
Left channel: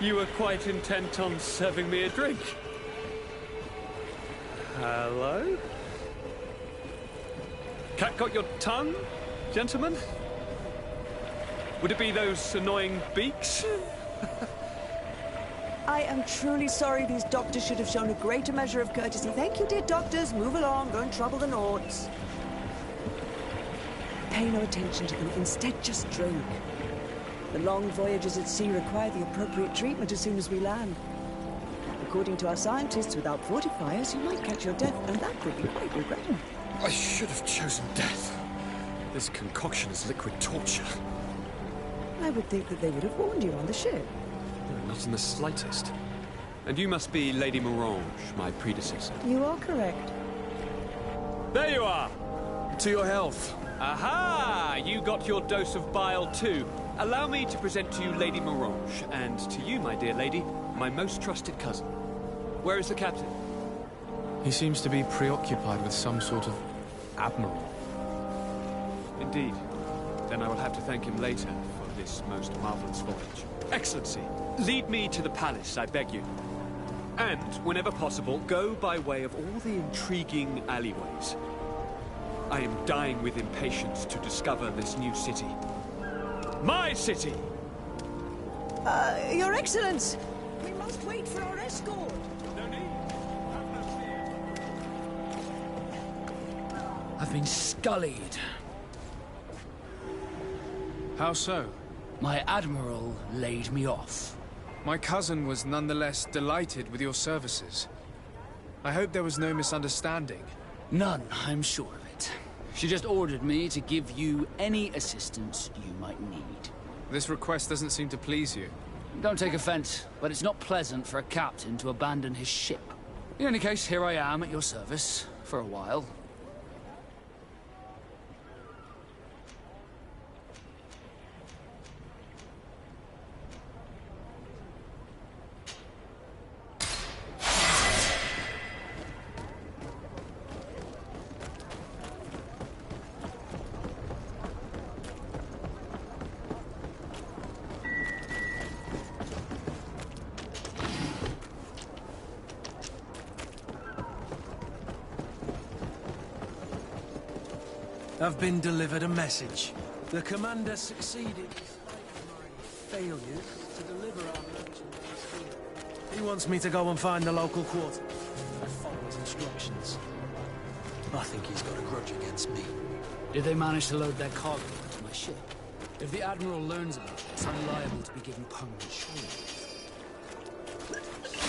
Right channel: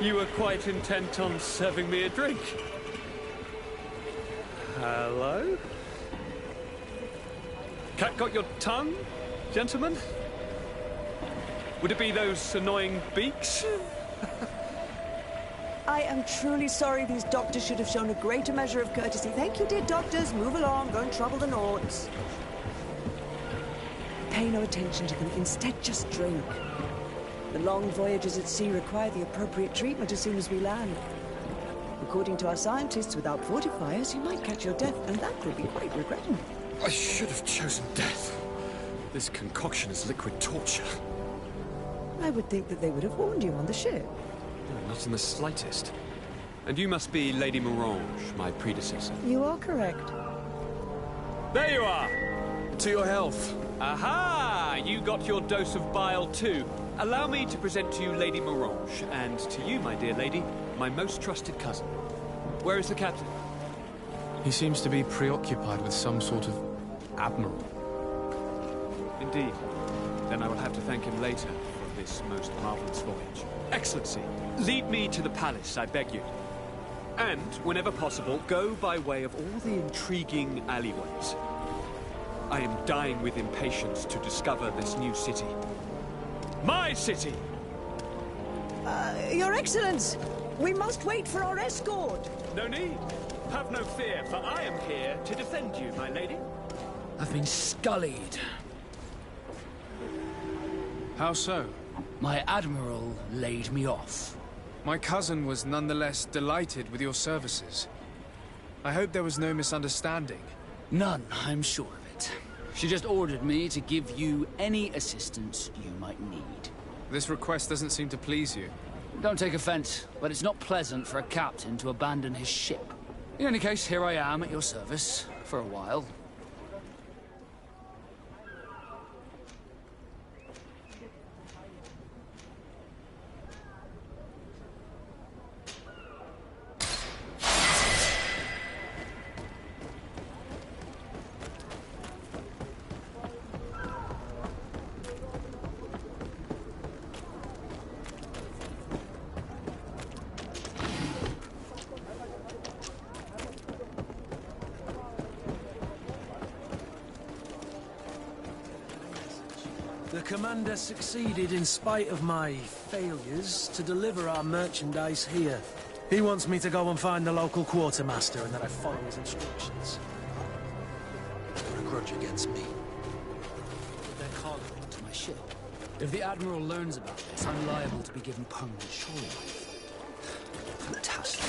you were quite intent on serving me a drink. Hello? Cat got your tongue, gentlemen? Would it be those annoying beaks? I am truly sorry. These doctors should have shown a greater measure of courtesy. Thank you, dear doctors. Move along. Don't trouble the Nords. Pay no attention to them. Instead, just drink. The long voyages at sea require the appropriate treatment as soon as we land. According to our scientists, without fortifiers, you might catch your death, and that would be quite regrettable. I should have chosen death. This concoction is liquid torture. I would think that they would have warned you on the ship. No, not in the slightest. And you must be Lady Morange, my predecessor. You are correct. There you are! To your health. Aha! You got your dose of bile too. Allow me to present to you Lady Morange, and to you, my dear lady, my most trusted cousin. Where is the captain? He seems to be preoccupied with some sort of admiral. Indeed. Then I will have to thank him later for this most marvelous voyage. Excellency, lead me to the palace, I beg you. And, whenever possible, go by way of all the intriguing alleyways. I am dying with impatience to discover this new city. My city! Your Excellence! We must wait for our escort! No need. Have no fear, for I am here to defend you, my lady. I've been scullied. How so? My admiral laid me off. My cousin was nonetheless delighted with your services. I hope there was no misunderstanding. None, I'm sure of it. She just ordered me to give you any assistance you might need. This request doesn't seem to please you. Don't take offense, but it's not pleasant for a captain to abandon his ship. In any case, here I am at your service, for a while. I've been delivered a message. The commander succeeded in spite of my failures to deliver our merchandise here. He wants me to go and find the local quartermaster and that I follow his instructions. I think he's got a grudge against me. Did they manage to load their cargo onto my ship? If the Admiral learns about this, I'm liable to be given permanent shore leave. Fantastic.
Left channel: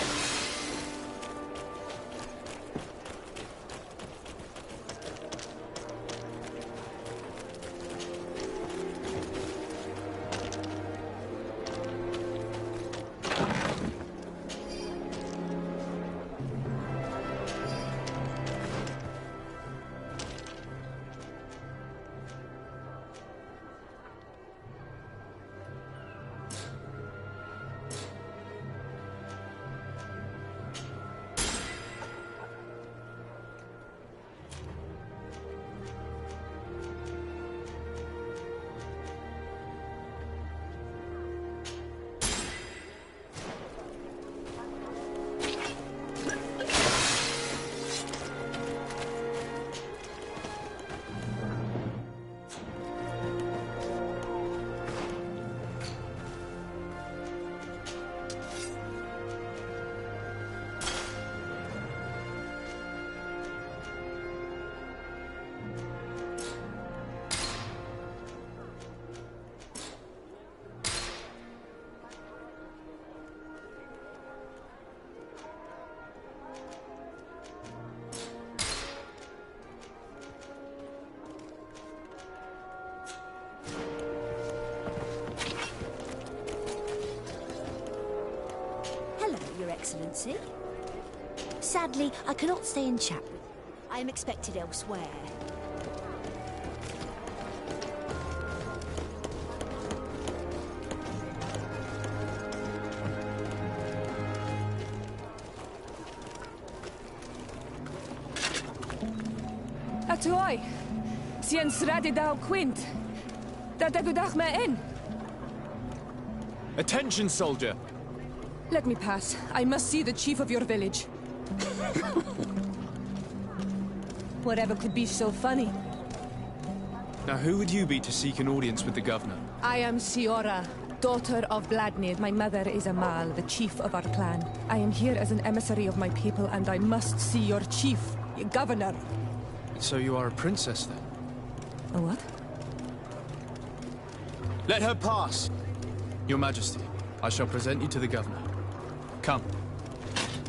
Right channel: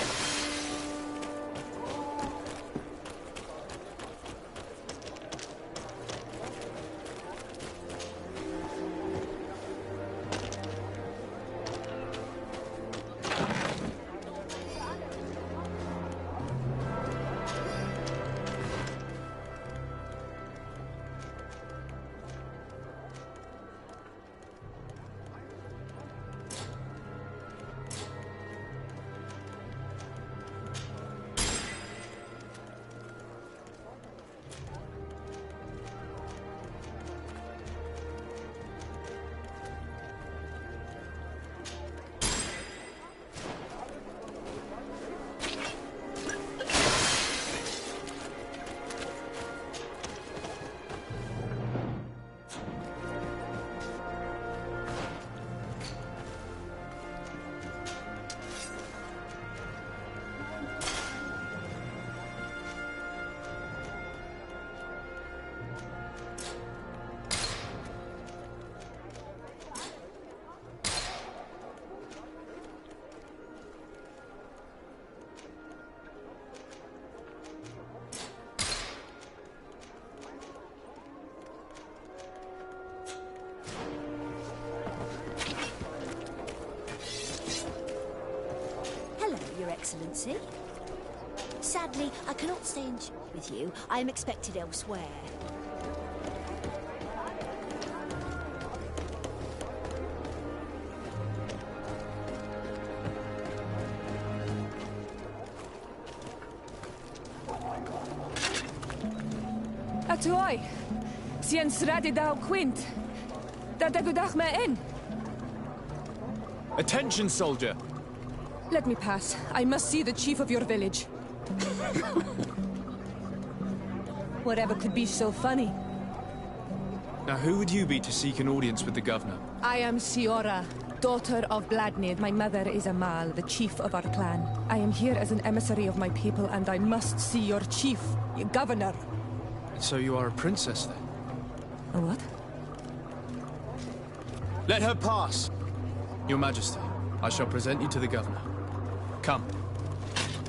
Excellency. Sadly, I cannot stay and chat with you. I am expected elsewhere. Atoy, sien sradi dau quint. Dadagudach me in. Attention, soldier! Let me pass. I must see the chief of your village. Whatever could be so funny? Now, who would you be to seek an audience with the governor? I am Siora, daughter of Vladnid. My mother is Amal, the chief of our clan. I am here as an emissary of my people, and I must see your chief, your governor. So you are a princess, then? A what? Let her pass! Your Majesty, I shall present you to the governor. Come.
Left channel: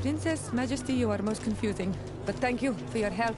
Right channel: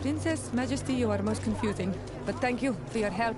Princess, Majesty, you are most confusing. But thank you for your help.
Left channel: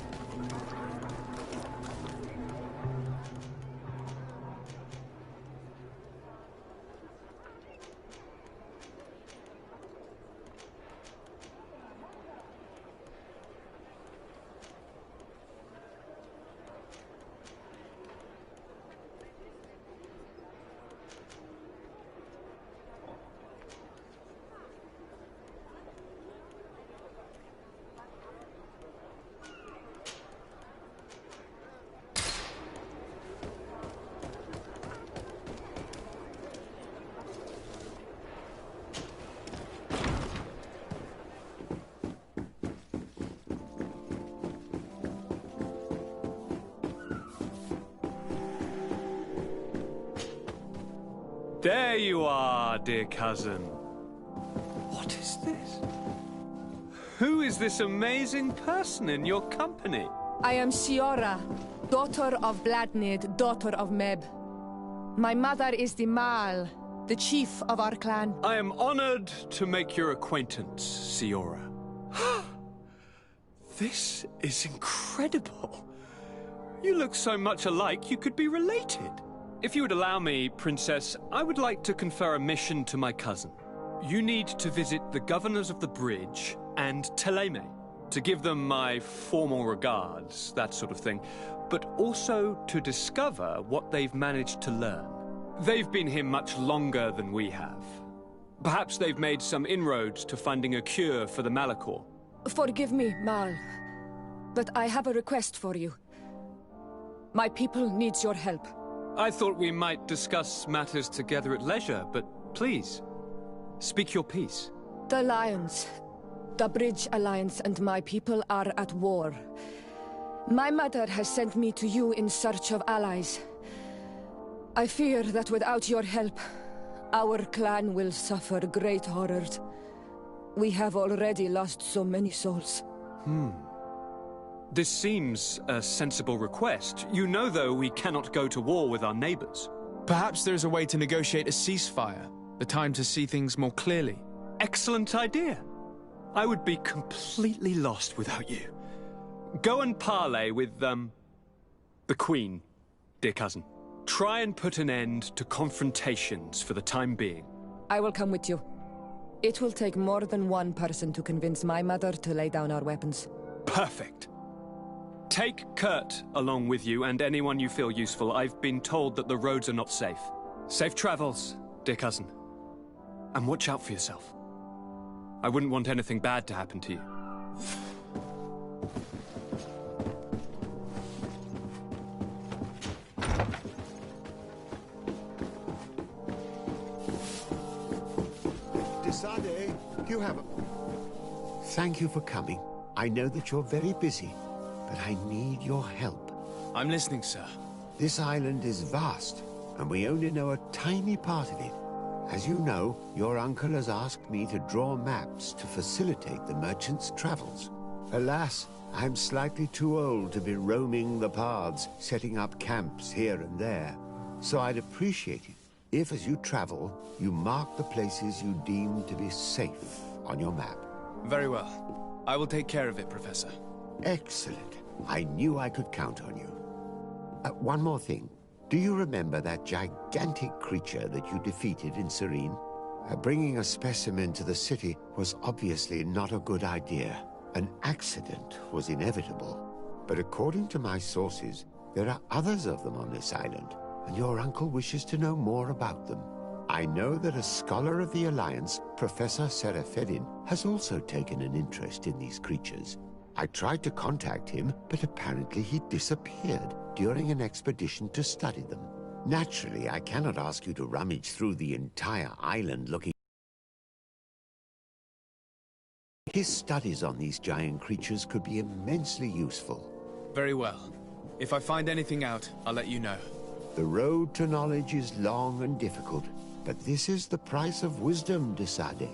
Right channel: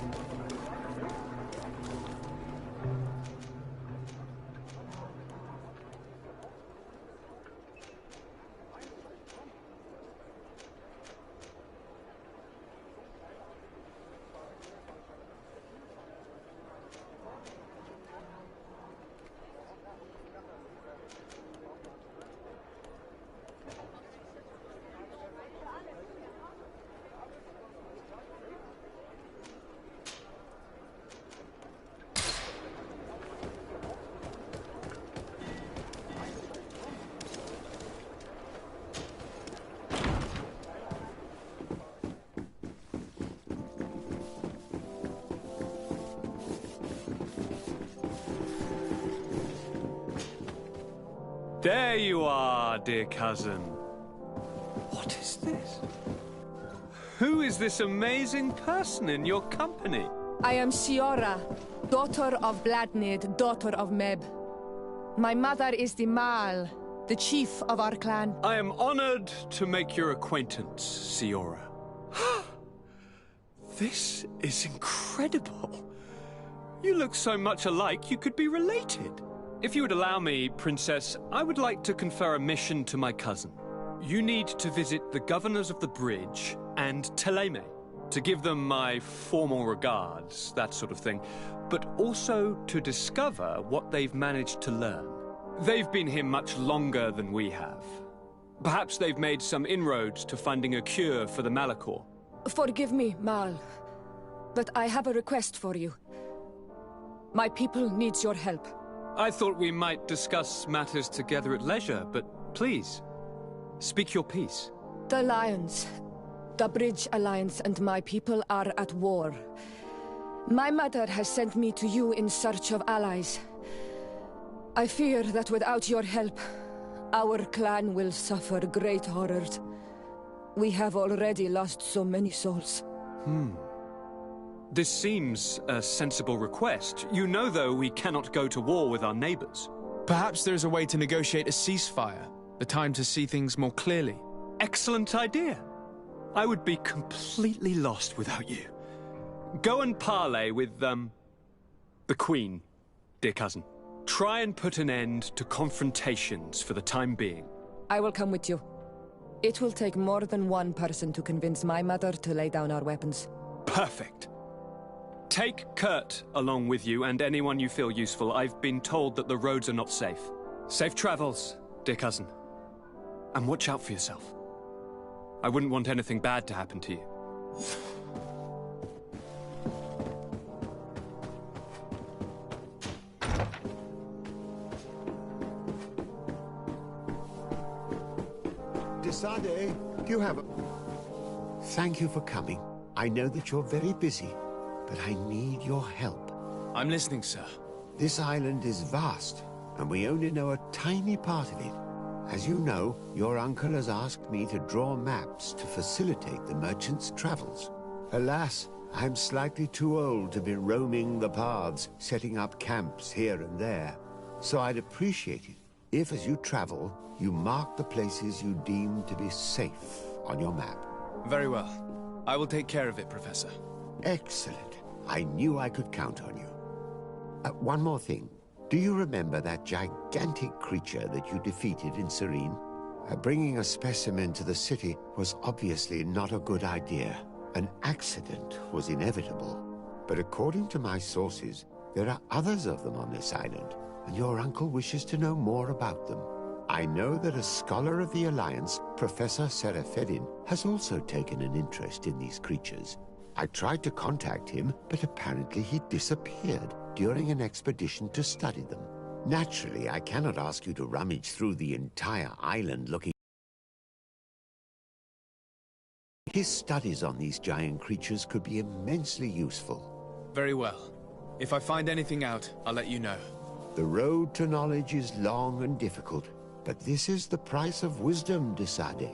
There you are, dear cousin. What is this? Who is this amazing person in your company? I am Siora, daughter of Vladnid, daughter of Meb. My mother is the Mal, the chief of our clan. I am honored to make your acquaintance, Siora. This is incredible. You look so much alike you could be related. If you would allow me, Princess, I would like to confer a mission to my cousin. You need to visit the governors of the bridge and Teleme, to give them my formal regards, that sort of thing, but also to discover what they've managed to learn. They've been here much longer than we have. Perhaps they've made some inroads to finding a cure for the Malachor. Forgive me, Mal, but I have a request for you. My people needs your help. I thought we might discuss matters together at leisure, but please, speak your piece. The Lions, the Bridge Alliance and my people are at war. My mother has sent me to you in search of allies. I fear that without your help, our clan will suffer great horrors. We have already lost so many souls. This seems a sensible request. You know, though, we cannot go to war with our neighbors. Perhaps there's a way to negotiate a ceasefire. The time to see things more clearly. Excellent idea. I would be completely lost without you. Go and parley with, the Queen, dear cousin. Try and put an end to confrontations for the time being. I will come with you. It will take more than one person to convince my mother to lay down our weapons. Perfect. Take Kurt along with you and anyone you feel useful. I've been told that the roads are not safe. Safe travels, dear cousin. And watch out for yourself. I wouldn't want anything bad to happen to you. Desade, you have a... Thank you for coming. I know that you're very busy, but I need your help. I'm listening, sir. This island is vast, and we only know a tiny part of it. As you know, your uncle has asked me to draw maps to facilitate the merchants' travels. Alas, I'm slightly too old to be roaming the paths, setting up camps here and there. So I'd appreciate it if, as you travel, you mark the places you deem to be safe on your map. Very well. I will take care of it, Professor. Excellent. I knew I could count on you. One more thing. Do you remember that gigantic creature that you defeated in Serene? Bringing a specimen to the city was obviously not a good idea. An accident was inevitable. But according to my sources, there are others of them on this island, and your uncle wishes to know more about them. I know that a scholar of the Alliance, Professor Serafedin, has also taken an interest in these creatures. I tried to contact him, but apparently he disappeared during an expedition to study them. Naturally, I cannot ask you to rummage through the entire island looking. His studies on these giant creatures could be immensely useful. Very well. If I find anything out, I'll let you know. The road to knowledge is long and difficult, but this is the price of wisdom, Desade.